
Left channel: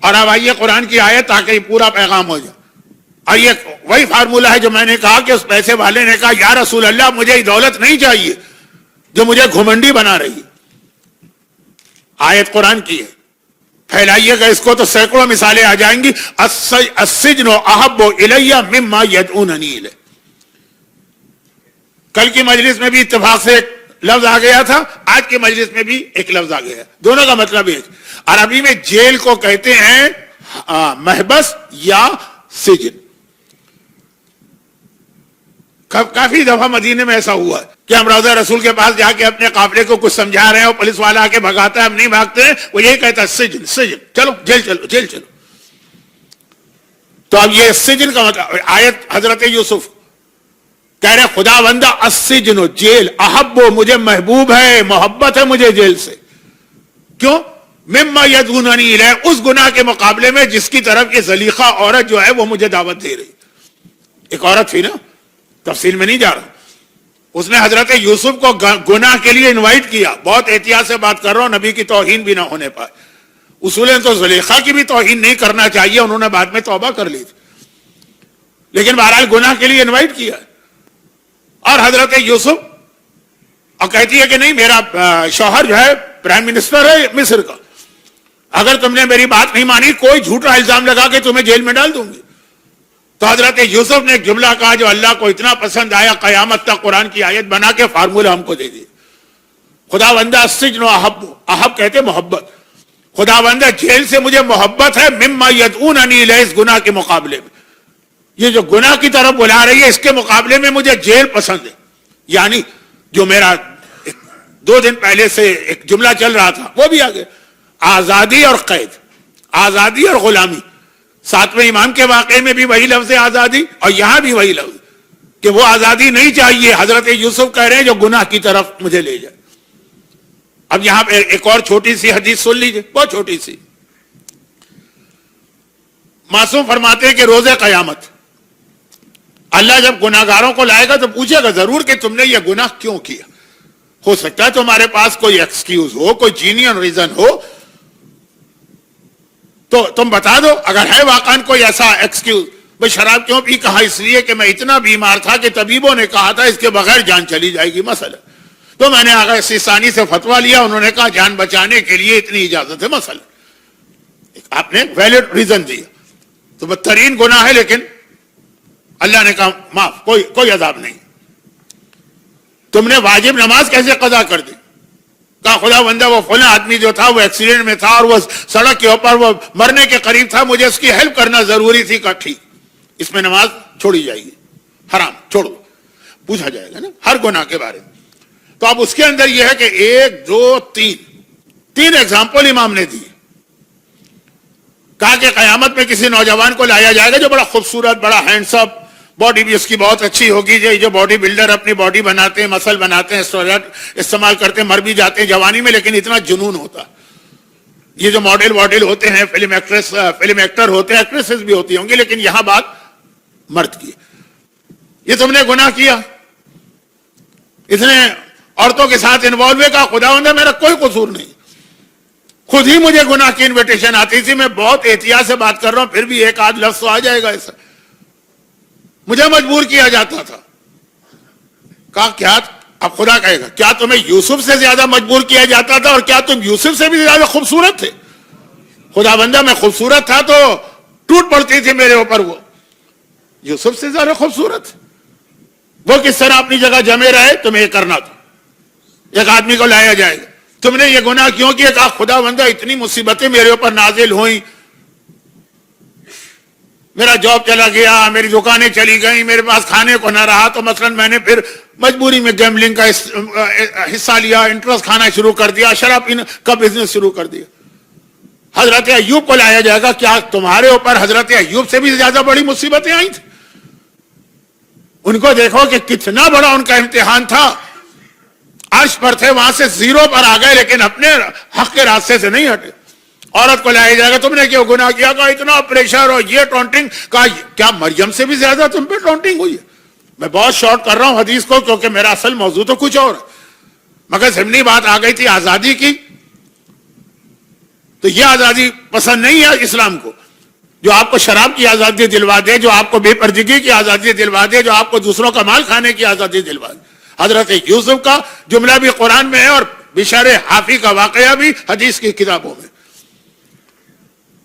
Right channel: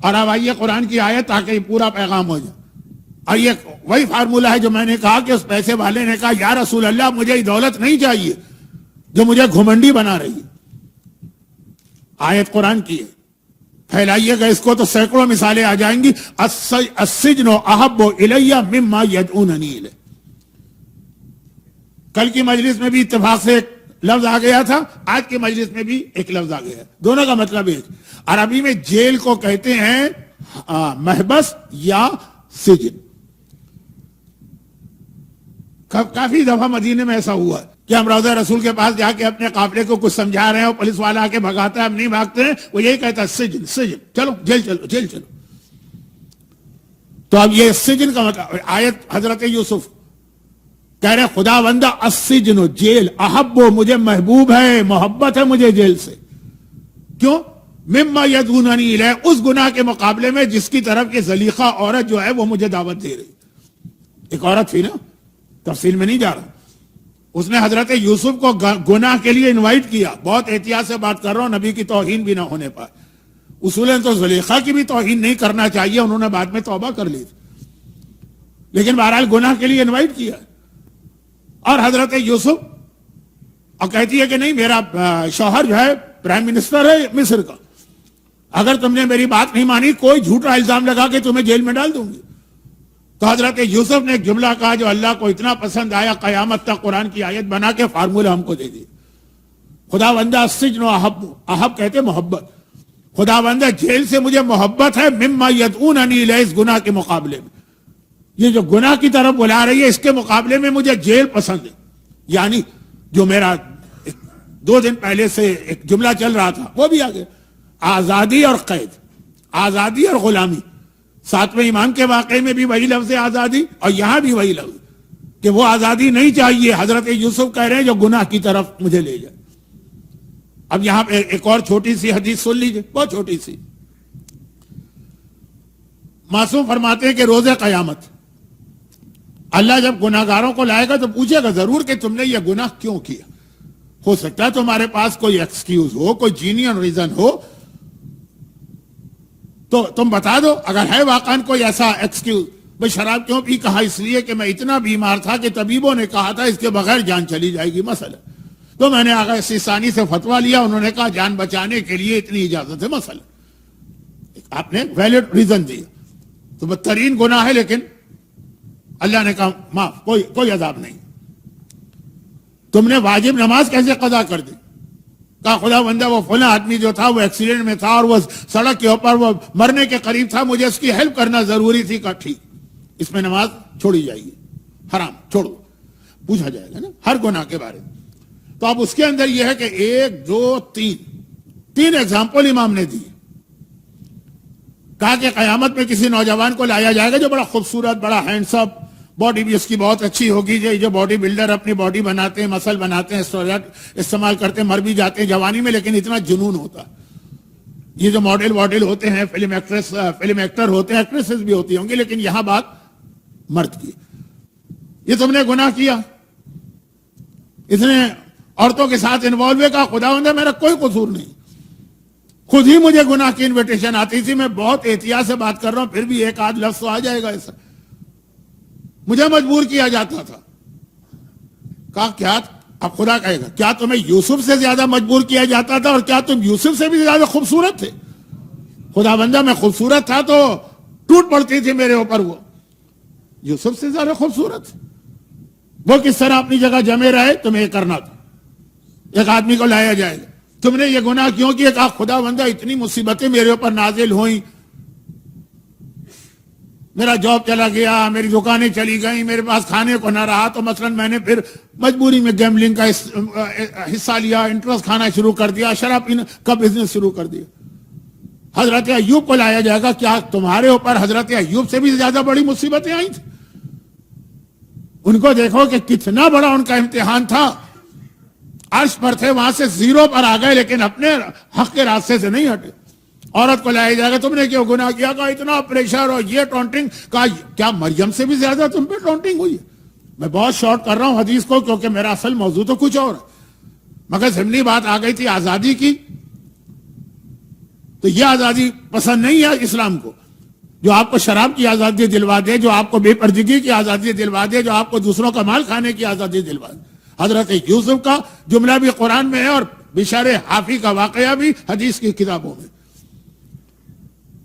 اور اب آئیے قرآن کی آیت تاکہ یہ پورا پیغام ہو جائے. آئیے وہی فارمولہ ہے جو میں نے کہا کہ اس پیسے والے نے کہا یا رسول اللہ مجھے یہ دولت نہیں چاہیے جو مجھے گھمنڈی بنا رہی ہے. آیت قرآن کی ہے، پھیلائیے گا اس کو تو سینکڑوں مثالیں آ جائیں گی. السجن احب الی مما یدعوننی الیہ. کل کی مجلس میں بھی اتفاق سے ایک لفظ آ گیا تھا، آج کی مجلس میں بھی ایک لفظ آ گیا. دونوں کا مطلب ایک. عربی میں جیل کو کہتے ہیں محبس یا سجن. کافی دفعہ مدینے میں ایسا ہوا کہ ہم روضہ رسول کے پاس جا کے اپنے قافلے کو کچھ سمجھا رہے ہیں اور پولیس والا آ کے بھگاتا ہے، ہم نہیں بھاگتے ہیں، وہ یہی کہتا ہے سجن سجن، چلو جیل چلو جیل چلو. تو اب یہ سجن کا مطلب آیت حضرت یوسف کہہ رہے خدا بندہ السجن جیل احب مجھے محبوب ہے، محبت ہے مجھے جیل سے. کیوں؟ مما یدعوننی الیہ، اس گناہ کے مقابلے میں جس کی طرف یہ زلیخہ عورت جو ہے وہ مجھے دعوت دے رہی. ایک عورت تھی نا، تفصیل میں نہیں جا رہا. اس نے حضرت یوسف کو گناہ کے لیے انوائٹ کیا. بہت احتیاط سے بات کر رہا ہوں، نبی کی توہین بھی نہ ہونے پائے. اصولاً تو زلیخہ کی بھی توہین نہیں کرنا چاہیے، انہوں نے بعد میں توبہ کر لی تھی، لیکن بہرحال گناہ کے لیے انوائٹ کیا. اور حضرت یوسف اور کہتی ہے کہ نہیں میرا شوہر جو ہے پرائم منسٹر ہے مصر کا، اگر تم نے میری بات نہیں مانی کوئی جھوٹا الزام لگا کے تمہیں جیل میں ڈال دوں گی. تو حضرت یوسف نے ایک جملہ کہا جو اللہ کو اتنا پسند آیا، قیامت تک قرآن کی آیت بنا کے فارمولہ ہم کو دے دی. خدا بندہ السجن احب کہتے محبت. خدا بندہ جیل سے مجھے محبت ہے مما یدعوننی الیہ، اس گناہ کے مقابلے میں. یہ جو گناہ کی طرف بلا رہی ہے اس کے مقابلے میں مجھے جیل پسند ہے. یعنی جو میرا 2 دن پہلے سے ایک جملہ چل رہا تھا وہ بھی آگے، آزادی اور قید، آزادی اور غلامی. 7ویں امام کے واقعے میں بھی وہی لفظ ہے آزادی، اور یہاں بھی وہی لفظ کہ وہ آزادی نہیں چاہیے. حضرت یوسف کہہ رہے ہیں جو گناہ کی طرف مجھے لے جائے. اب یہاں پہ ایک اور چھوٹی سی حدیث سن لیجئے، بہت چھوٹی سی. معصوم فرماتے ہیں کہ روز قیامت اللہ جب گناہگاروں کو لائے گا تو پوچھے گا ضرور کہ تم نے یہ گناہ کیوں کیا. ہو سکتا ہے تمہارے پاس کوئی ایکسکیوز ہو، کوئی جینین ریزن ہو تو تم بتا دو. اگر ہے واقعا کوئی ایسا ایکسکیوز، بھئی شراب کیوں پی، کہا اس لیے کہ میں اتنا بیمار تھا کہ طبیبوں نے کہا تھا اس کے بغیر جان چلی جائے گی مثلا، تو میں نے آغا سیستانی سے فتویٰ لیا، انہوں نے کہا جان بچانے کے لیے اتنی اجازت ہے مثلا. آپ نے ویلڈ ریزن دیا تو بدترین گناہ ہے، لیکن اللہ نے کہا معاف، کوئی عذاب نہیں. تم نے واجب نماز کیسے قضا کر دی؟ کہا خدا بندہ وہ فلاں آدمی جو تھا وہ ایکسیڈنٹ میں تھا اور وہ سڑک کے اوپر وہ مرنے کے قریب تھا، مجھے اس کی ہیلپ کرنا ضروری تھی. کہا ٹھیک، اس میں نماز چھوڑی جائے گی، حرام چھوڑو. پوچھا جائے گا نا ہر گناہ کے بارے میں. تو اب اس کے اندر یہ ہے کہ 1 2 3 ایگزامپل امام نے دی. کہا کہ قیامت میں کسی نوجوان کو لایا جائے گا جو بڑا خوبصورت، بڑا ہینڈسم، باڈی بھی اس کی بہت اچھی ہوگی. جو باڈی بلڈر اپنی باڈی بناتے ہیں، مسل بناتے ہیں، استعمال کرتے ہیں، مر بھی جاتے ہیں جوانی میں، لیکن اتنا جنون ہوتا. یہ جو ماڈل ہوتے ہیں، فلم ایکٹر ہوتے ہیں، ایکٹریسز بھی ہوتی ہوں گی، لیکن یہاں بات مرد کی. یہ تم نے گناہ کیا، اتنے عورتوں کے ساتھ انوالو ہے. کہا خدا بندہ میرا کوئی قصور نہیں، خود ہی مجھے گناہ کی انویٹیشن آتی تھی. میں بہت احتیاط سے بات کر رہا ہوں، پھر بھی ایک آدھ لفظ تو آ جائے گا ایسا. مجھے مجبور کیا جاتا تھا. کہا کیا؟ اب خدا کہے گا کیا تمہیں یوسف سے زیادہ مجبور کیا جاتا تھا، اور کیا تم یوسف سے بھی زیادہ خوبصورت تھے؟ خدا بندہ میں خوبصورت تھا تو ٹوٹ پڑتی تھی میرے اوپر. وہ یوسف سے زیادہ خوبصورت، وہ کس طرح اپنی جگہ جمے رہے. تمہیں یہ کرنا تھا. ایک آدمی کو لایا جائے گا، تم نے یہ گناہ کیوں کیا؟ کہا خدا بندہ اتنی مصیبتیں میرے اوپر نازل ہوئیں، میرا جاب چلا گیا، میری دکانیں چلی گئیں، میرے پاس کھانے کو نہ رہا، تو مثلا میں نے پھر مجبوری میں گیمبلنگ کا حصہ لیا، انٹرسٹ کھانا شروع کر دیا، شراب پینے کا بزنس شروع کر دیا. حضرت ایوب کو لایا جائے گا، کیا تمہارے اوپر حضرت ایوب سے بھی زیادہ بڑی مصیبتیں آئی تھیں؟ ان کو دیکھو کہ کتنا بڑا ان کا امتحان تھا. عرش پر تھے، وہاں سے 0 پر آ گئے، لیکن اپنے حق کے راستے سے نہیں ہٹے. عورت کو لایا جائے گا، تم نے کیوں گناہ کیا؟ کہا اتنا پریشر اور یہ ٹونٹنگ. کہا کیا مریم سے بھی زیادہ تم پہ ٹونٹنگ ہوئی ہے؟ میں بہت شارٹ کر رہا ہوں حدیث کو، کیونکہ میرا اصل موضوع تو کچھ اور ہے، مگر ضمنی بات آ گئی تھی آزادی کی. تو یہ آزادی پسند نہیں ہے اسلام کو، جو آپ کو شراب کی آزادی دلوا دے، جو آپ کو بے پردگی کی آزادی دلوا دے، جو آپ کو دوسروں کا مال کھانے کی آزادی دلوا دے. حضرت یوسف کا جملہ بھی قرآن میں ہے، اور بشر حافی کا واقعہ بھی حدیث کی کتابوں میں.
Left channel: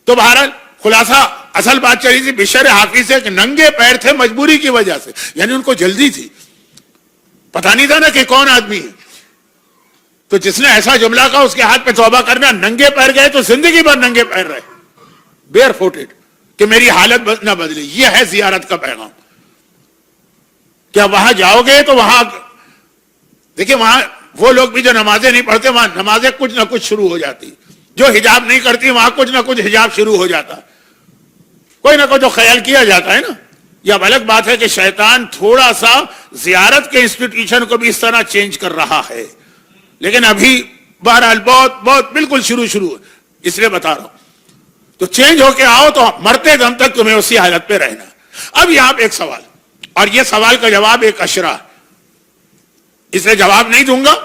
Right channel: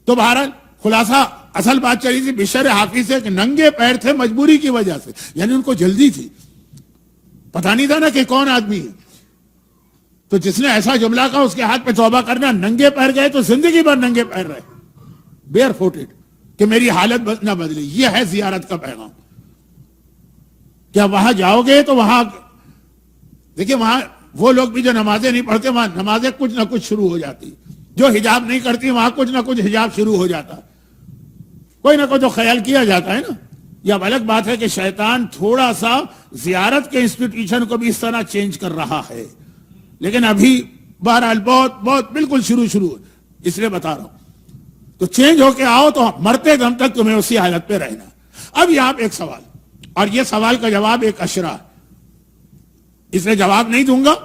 تو بہرحال خلاصہ اصل بات چلی تھی بشر حافی سے کہ ننگے پیر تھے مجبوری کی وجہ سے، یعنی ان کو جلدی تھی، پتہ نہیں تھا نا کہ کون آدمی ہے. تو جس نے ایسا جملہ کہا اس کے ہاتھ پہ توبہ کرنا. ننگے پیر گئے تو زندگی بھر ننگے پیر رہے، بیئر فوٹڈ، کہ میری حالت نہ بدلی. یہ ہے زیارت کا پیغام. کیا وہاں جاؤ گے تو وہاں دیکھیں، وہاں وہ لوگ بھی جو نمازیں نہیں پڑھتے، وہاں نمازیں کچھ نہ کچھ شروع ہو جاتی. جو حجاب نہیں کرتی وہاں کچھ نہ کچھ حجاب شروع ہو جاتا. کوئی نہ کوئی تو خیال کیا جاتا ہے نا. یہ اب الگ بات ہے کہ شیطان تھوڑا سا زیارت کے انسٹیٹیوشن کو بھی اس طرح چینج کر رہا ہے، لیکن ابھی بہرحال بہت بالکل شروع اس لیے بتا رہا ہوں. تو چینج ہو کے آؤ تو مرتے دم تک تمہیں اسی حالت پہ رہنا. اب یہاں پہ ایک سوال، اور یہ سوال کا جواب ایک اشرا، اس لیے جواب نہیں دوں گا،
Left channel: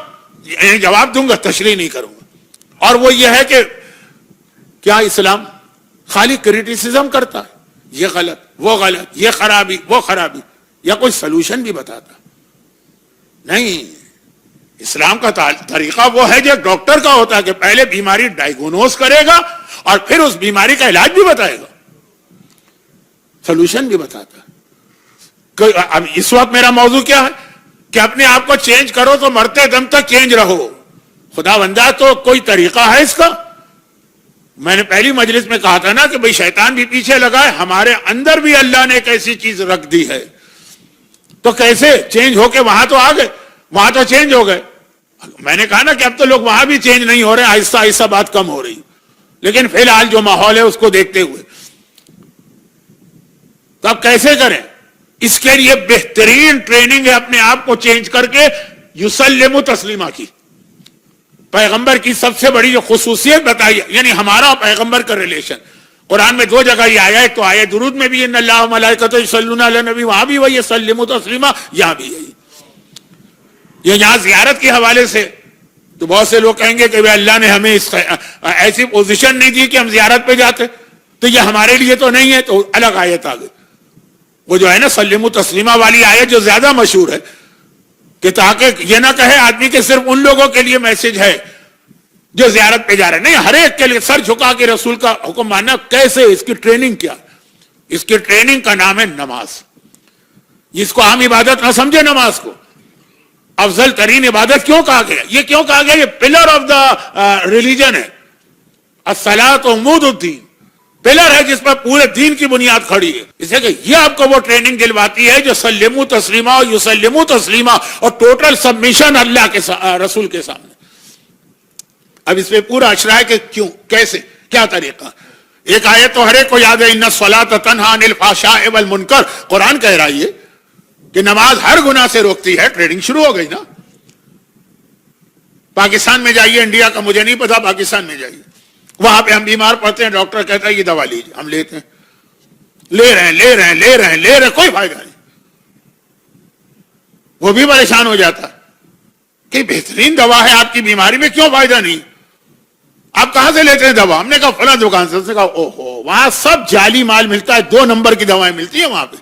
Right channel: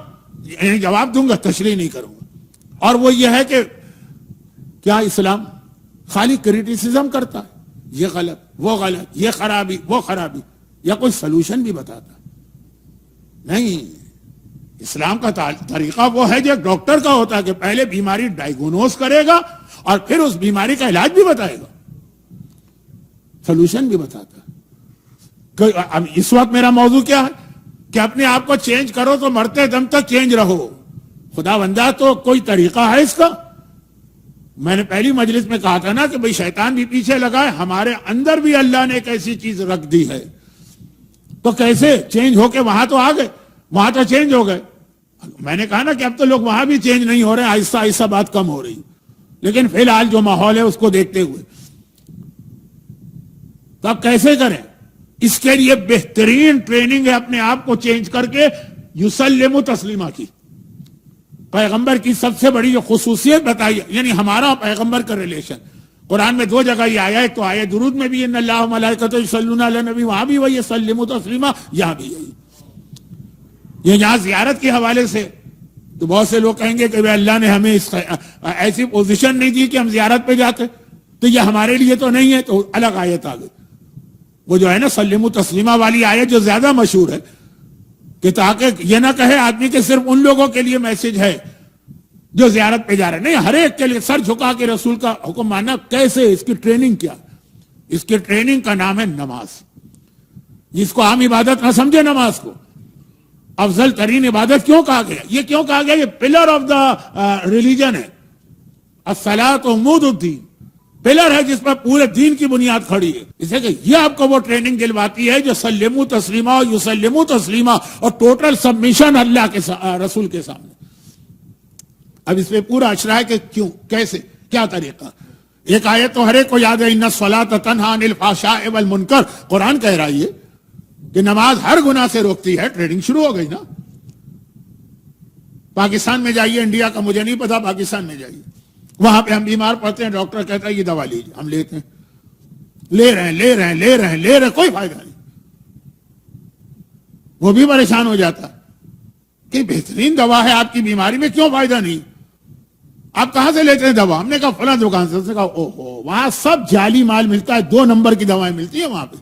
جواب دوں گا تشریح نہیں کروں گا. اور وہ یہ ہے کہ کیا اسلام خالی کریٹیسزم کرتا ہے؟ یہ غلط، وہ غلط، یہ خرابی، وہ خرابی، یا کوئی سلوشن بھی بتاتا؟ نہیں. اسلام کا طریقہ وہ ہے جو ڈاکٹر کا ہوتا ہے کہ پہلے بیماری ڈائیگنوز کرے گا اور پھر اس بیماری کا علاج بھی بتائے گا. سولوشن بھی بتاتا ہے. اب اس وقت میرا موضوع کیا ہے کہ اپنے آپ کو چینج کرو تو مرتے دم تک چینج رہو. خدا بندہ تو کوئی طریقہ ہے اس کا؟ میں نے پہلی مجلس میں کہا تھا نا کہ بھئی شیطان بھی پیچھے لگا ہے, ہمارے اندر بھی اللہ نے ایک ایسی چیز رکھ دی ہے, تو کیسے چینج ہو کے وہاں تو آ گئے, وہاں تو چینج ہو گئے. میں نے کہا نا کہ اب تو لوگ وہاں بھی چینج نہیں ہو رہے, آہستہ آہستہ بات کم ہو رہی, لیکن فی الحال جو ماحول ہے اس کو دیکھتے ہوئے تو اب کیسے کریں؟ اس کے لیے بہترین ٹریننگ ہے اپنے آپ کو چینج کر کے یسلم تسلیمہ کی. پیغمبر کی سب سے بڑی جو خصوصیت بتائی, یعنی ہمارا اور پیغمبر کا ریلیشن, قرآن میں دو جگہ یہ آیا ہے, تو آیا درود میں بھی ان اللہ ملائکۃ یصلون علی النبی, وہاں بھی وہی یسلم تسلیمہ, یہاں بھی یہی. یہ یہاں زیارت کے حوالے سے تو بہت سے لوگ کہیں گے کہ اللہ نے ہمیں ایسی پوزیشن نہیں دی کہ ہم زیارت پہ جاتے, تو یہ ہمارے لیے تو نہیں ہے, تو الگ آیت آ گئی. وہ جو ہے نا سلم تسلیمہ والی آیت جو زیادہ مشہور ہے, کہ تاکہ یہ نہ کہے آدمی کہ صرف ان لوگوں کے لیے میسج ہے جو زیارت پہ جا رہے ہیں, نہیں, ہر ایک کے لیے سر جھکا کے رسول کا حکم ماننا. کیسے؟ اس کی ٹریننگ کیا؟ اس کی ٹریننگ کا نام ہے نماز. جس کو عام عبادت نہ سمجھے نماز کو, افضل ترین عبادت کیوں کہا گیا؟ یہ کیوں کہا گیا؟ یہ پلر آف دا ریلیجن ہے. الصلاۃ عمود الدین, پلر ہے جس پر پورے دین کی بنیاد کھڑی ہے. اسے کہ یہ آپ کو وہ ٹریننگ دلواتی ہے جو سلمو تسلیمہ اور یسلمو تسلیمہ اور ٹوٹل سبمیشن اللہ کے رسول کے سامنے. اب اس پہ پورا اشرا ہے کہ کیوں, کیسے, کیا طریقہ. ایک آیت تو ہر ایک کو یاد ہے, ان الصلاۃ تنہی عن الفحشاء والمنکر. قرآن کہہ رہا ہے کہ نماز ہر گناہ سے روکتی ہے. ٹریننگ شروع ہو گئی نا. پاکستان میں جائیے, انڈیا کا مجھے نہیں پتا, پاکستان میں جائیے, وہاں پہ ہم بیمار پڑتے ہیں, ڈاکٹر کہتا ہے یہ دوا لیجیے, ہم لیتے ہیں, لے رہے ہیں, کوئی فائدہ نہیں. وہ بھی پریشان ہو جاتا ہے کہ بہترین دوا ہے آپ کی بیماری میں, کیوں فائدہ نہیں؟ آپ کہاں سے لیتے ہیں دوا؟ ہم نے کہا فلاں دکان سے. اس نے کہا اوہو, وہاں سب جعلی مال ملتا ہے, 2 نمبر کی دوائیں ملتی ہیں وہاں پہ.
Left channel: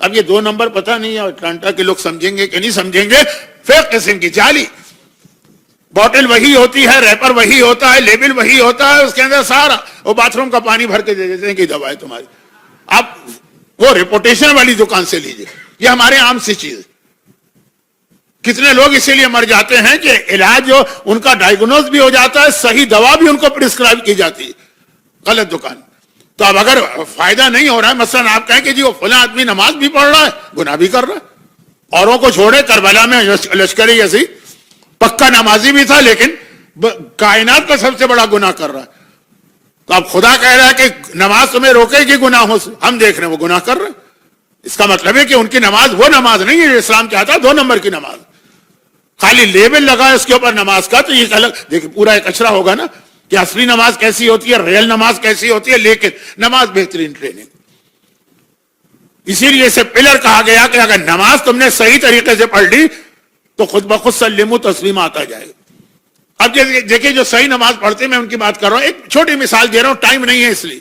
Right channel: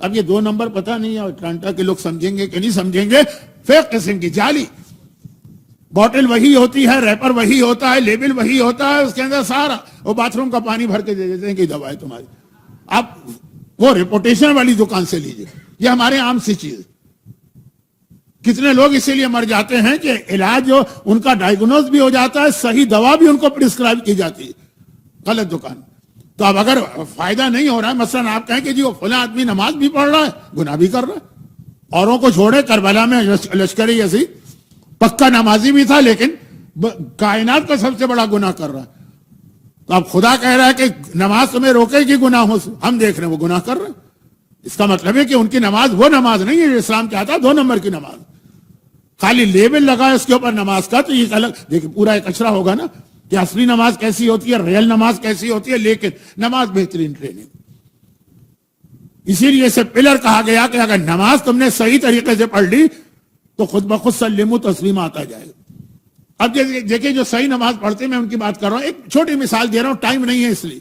اب یہ 2 نمبر پتہ نہیں ہے اٹلانٹا کے لوگ سمجھیں گے کہ نہیں سمجھیں گے, فیک قسم کی جعلی. بوٹل وہی ہوتی ہے, ریپر وہی ہوتا ہے, لیبل وہی ہوتا ہے, اس کے اندر سارا وہ باتھ روم کا پانی بھر کے دے دیتے ہیں کہ دوا ہے تمہاری. آپ وہ ریپوٹیشن والی دکان سے لیجئے. یہ ہمارے عام سی چیز. کتنے لوگ اسی لیے مر جاتے ہیں کہ علاج جو ان کا ڈائیگنوز بھی ہو جاتا ہے, صحیح دوا بھی ان کو پرسکرائب کی جاتی ہے غلط دکان. تو اب اگر فائدہ نہیں ہو رہا ہے, مثلا آپ کہیں کہ جی وہ فلاں آدمی نماز بھی پڑھ رہا ہے, گناہ بھی کر رہا ہے, اوروں کو چھوڑے, کربلا میں لشکر یزید پکا نمازی بھی تھا لیکن کائنات کا سب سے بڑا گناہ کر رہا ہے. تو اب خدا کہہ رہا ہے کہ نماز تمہیں روکے گی گناہوں سے, ہم دیکھ رہے ہیں وہ گناہ کر رہے ہیں. اس کا مطلب ہے کہ ان کی نماز وہ نماز نہیں ہے جو اسلام چاہتا ہے, 2 نمبر کی نماز. خالی لیبل لگا ہے اس کے اوپر نماز کا, تو یہ الگ دیکھیں پورا ایک اچرا ہوگا نا کہ اصلی نماز کیسی ہوتی ہے, ریل نماز کیسی ہوتی ہے. لیکن نماز بہترین ٹریننگ. اسی لیے اسے پلر کہا گیا کہ اگر نماز تم نے صحیح طریقے سے پڑھ لی تو خود بخود سلم تسلیم آتا جائے گا. اب دیکھیں جو صحیح نماز پڑھتے ہیں, میں ان کی بات کر رہا ہوں, ایک چھوٹی مثال دے رہا ہوں, ٹائم نہیں ہے اس لیے.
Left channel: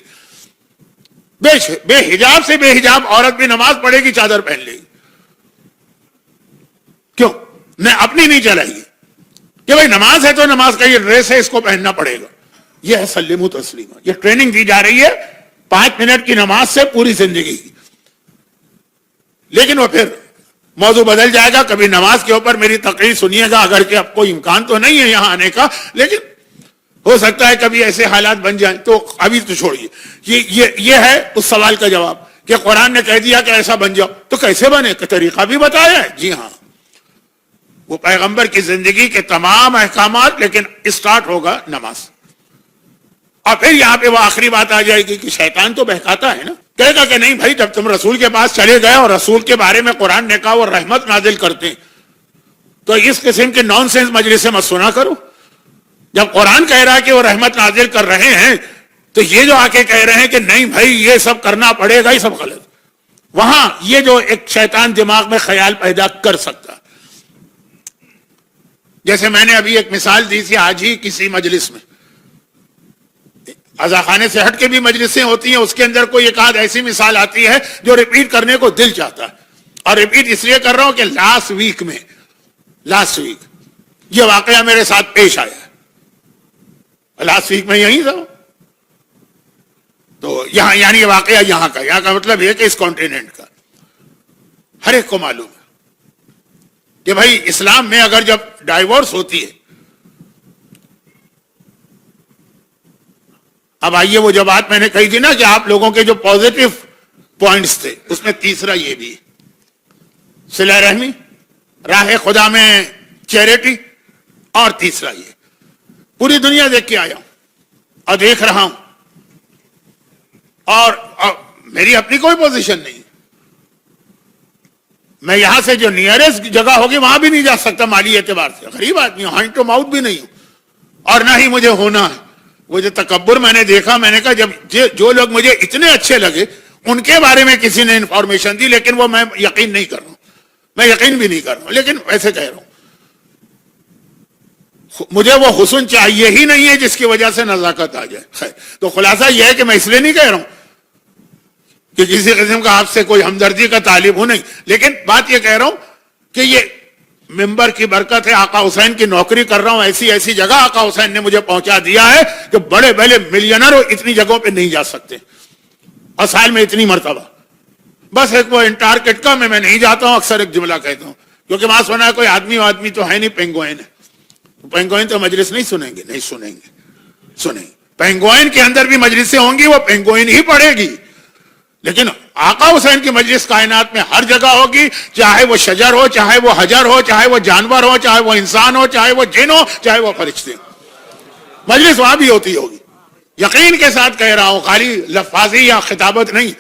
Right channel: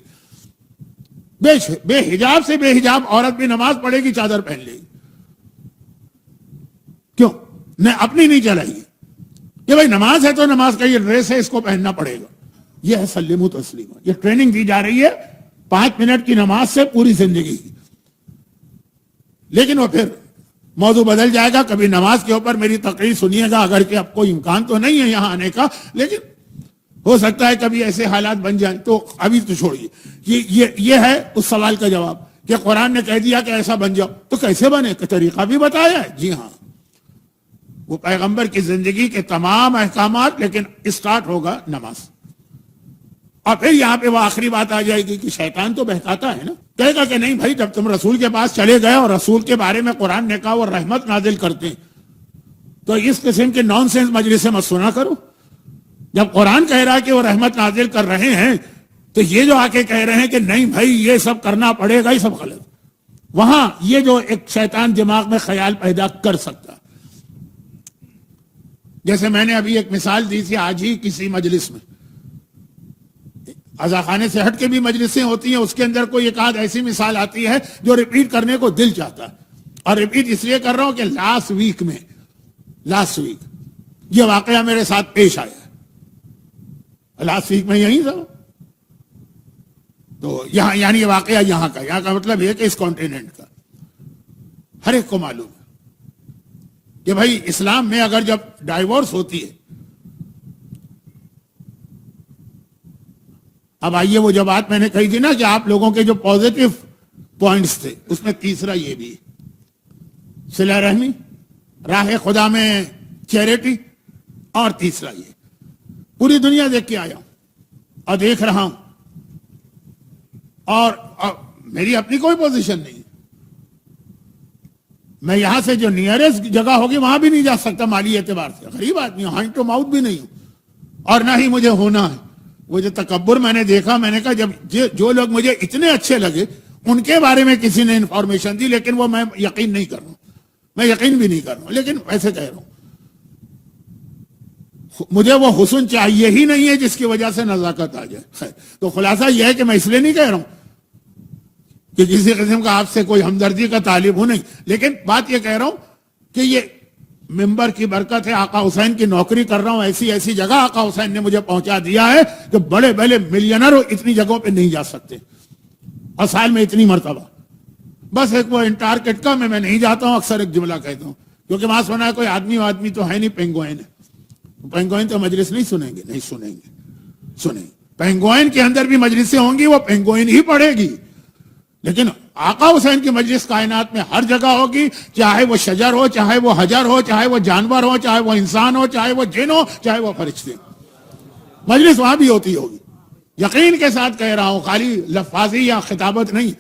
بے حجاب سے بے حجاب عورت بھی نماز پڑھے گی, چادر پہن لے گی. کیوں؟ اپنی نہیں چلائے گی کہ بھائی نماز ہے تو نماز کا یہ ڈریس ہے, اس کو پہننا پڑے گا. یہ ہے سلم تسلیمہ. یہ ٹریننگ دی جا رہی ہے 5 منٹ کی نماز سے پوری زندگی کی. لیکن وہ پھر موضوع بدل جائے گا. کبھی نماز کے اوپر میری تقریر سنیے گا, اگر کہ اب کوئی امکان تو نہیں ہے یہاں آنے کا, لیکن ہو سکتا ہے کبھی ایسے حالات بن جائیں. تو ابھی تو چھوڑیے, یہ ہے اس سوال کا جواب کہ قرآن نے کہہ دیا کہ ایسا بن جاؤ, تو کیسے بنے؟ کہ طریقہ بھی بتایا ہے. جی ہاں, وہ پیغمبر کی زندگی کے تمام احکامات, لیکن اسٹارٹ ہوگا نماز. اور پھر یہاں پہ وہ آخری بات آ جائے گی کہ شیطان تو بہکاتا ہے نا, کہے گا کہ نہیں بھائی, جب تم رسول کے پاس چلے گئے اور رسول کے بارے میں قرآن نے کہا وہ رحمت نازل کرتے ہیں, تو اس قسم کے نان سینس مجلس مت سنا کرو. جب قرآن کہہ رہا ہے کہ وہ رحمت نازل کر رہے ہیں, تو یہ جو آ کے کہہ رہے ہیں کہ نہیں بھائی یہ سب کرنا پڑے گا, یہ سب غلط. وہاں یہ جو ایک شیطان دماغ میں خیال پیدا کر سکتا, جیسے میں نے ابھی ایک مثال دی تھی آج ہی کسی مجلس میں, عزاخانے سے ہٹ کے بھی مجلسیں ہوتی ہیں, اس کے اندر کوئی ایک آدھ ایسی مثال آتی ہے جو ریپیٹ کرنے کو دل چاہتا ہے. اور ریپیٹ اس لیے کر رہا ہوں کہ لاسٹ ویک یہ واقعہ میرے ساتھ پیش آیا. لاسٹ ویک میں یہی تھا. تو یہاں یعنی یہ واقعہ یہاں کا مطلب یہ کہ اس کانٹیننٹ کا ہر ایک کو معلوم ہے کہ بھائی اسلام میں اگر جب ڈائیورس ہوتی ہے، اب آئیے وہ جو بات میں نے کہی تھی نا کہ آپ لوگوں کے جو پازیٹو پوائنٹس تھے اس میں تیسرا یہ بھی صلہ رحمی، راہ خدا میں چیریٹی، اور تیسرا یہ پوری دنیا دیکھ کے آیا ہوں اور دیکھ رہا ہوں، اور میری اپنی کوئی پوزیشن نہیں، میں یہاں سے جو نیئرسٹ جگہ ہوگی وہاں بھی نہیں جا سکتا مالی اعتبار سے، غریب آدمی ہوں، ہینڈ ٹو ماؤتھ بھی نہیں ہوں، اور نہ ہی مجھے ہونا ہے۔ وہ جو تکبر میں نے دیکھا، میں نے کہا جب جو لوگ مجھے اتنے اچھے لگے ان کے بارے میں کسی نے انفارمیشن دی، لیکن وہ میں یقین نہیں کر رہا ہوں، میں یقین بھی نہیں کر رہا ہوں، لیکن ویسے کہہ رہا ہوں مجھے وہ حسن چاہیے ہی نہیں ہے جس کی وجہ سے نزاکت آ جائے۔ خیر، تو خلاصہ یہ ہے کہ میں اس لیے نہیں کہہ رہا ہوں کہ کسی قسم کا آپ سے کوئی ہمدردی کا طالب ہوں، نہیں، لیکن بات یہ کہہ رہا ہوں کہ یہ ممبر کی برکت ہے، آقا حسین کی نوکری کر رہا ہوں، ایسی ایسی جگہ آقا حسین نے مجھے پہنچا دیا ہے کہ بڑے بڑے ملینر اتنی جگہوں پہ نہیں جا سکتے، اور سال میں اتنی مرتبہ، بس ایک وہ انٹارکٹیکا میں نہیں جاتا ہوں، اکثر ایک جملہ کہتا ہوں کیونکہ وہاں سنا ہے کوئی آدمی تو ہے نہیں، پینگوئن ہے، پینگوئن تو مجلس نہیں سنیں گے، نہیں سنیں گے، سنیں پینگوئن کے اندر بھی مجلسیں ہوں گی، وہ پینگوئن ہی پڑھے گی، لیکن آقا حسین کی مجلس کائنات میں ہر جگہ ہوگی، چاہے وہ شجر ہو، چاہے وہ حجر ہو، چاہے وہ جانور ہو، چاہے وہ انسان ہو، چاہے وہ جن ہو، چاہے وہ فرشتے ہو، مجلس وہاں بھی ہوتی ہوگی۔ یقین کے ساتھ کہہ رہا ہوں، خالی لفاظی یا خطابت نہیں،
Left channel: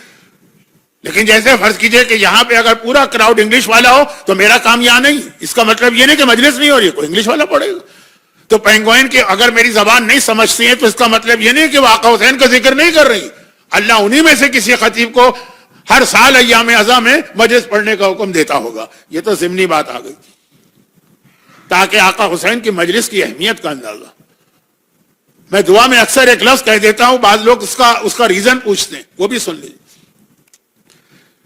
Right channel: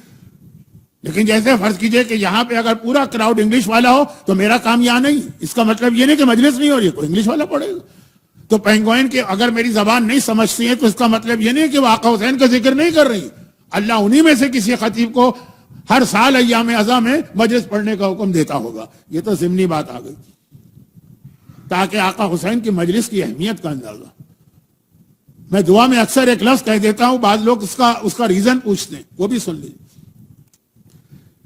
لیکن جیسے فرض کیجئے کہ یہاں پہ اگر پورا کراؤڈ انگلش والا ہو تو میرا کام یہاں نہیں، اس کا مطلب یہ نہیں کہ مجلس نہیں ہو رہی ہے، کوئی انگلش والا پڑھے گا۔ تو پینگوئن کے اگر میری زبان نہیں سمجھتی ہیں تو اس کا مطلب یہ نہیں کہ وہ آقا حسین کا ذکر نہیں کر رہی، اللہ انہی میں سے کسی خطیب کو ہر سال ایام اعزاں میں مجلس پڑھنے کا حکم دیتا ہوگا۔ یہ تو ضمنی بات آ گئی، تاکہ آقا حسین کی مجلس کی اہمیت کا اندازہ۔ میں دعا میں اکثر ایک لفظ کہہ دیتا ہوں، بعض لوگ اس کا ریزن پوچھتے ہیں، وہ بھی سن لیجیے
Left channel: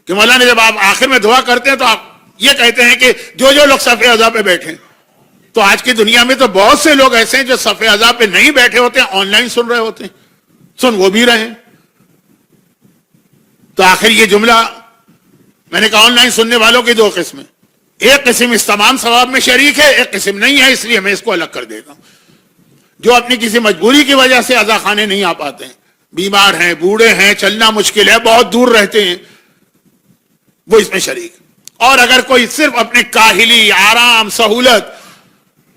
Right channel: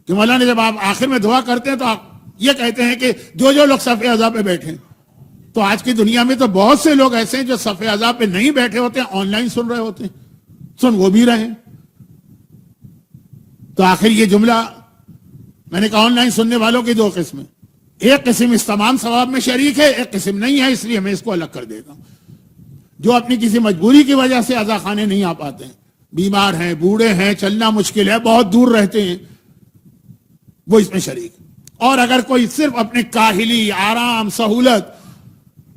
کہ مولانا جب آپ آخر میں دعا کرتے ہیں تو آپ یہ کہتے ہیں کہ جو لوگ صف اعزاں پہ بیٹھے، تو آج کی دنیا میں تو بہت سے لوگ ایسے ہیں جو صف اعزاں پہ نہیں بیٹھے ہوتے ہیں، آن لائن سن رہے ہوتے ہیں، سن وہ بھی رہے ہیں۔ تو آخر یہ جملہ میں نے کہا آن لائن سننے والوں کی دو قسمیں، ایک قسم اس تمام ثواب میں شریک ہے، ایک قسم نہیں ہے، اس لیے میں اس کو الگ کر دیتا ہوں۔ جو اپنی کسی مجبوری کی وجہ سے عزا خانے نہیں آ پاتے ہیں، بیمار ہیں، بوڑھے ہیں، چلنا مشکل ہے، بہت دور رہتے ہیں، وہ اس میں شریک۔ اور اگر کوئی صرف اپنے کاہلی، آرام، سہولت،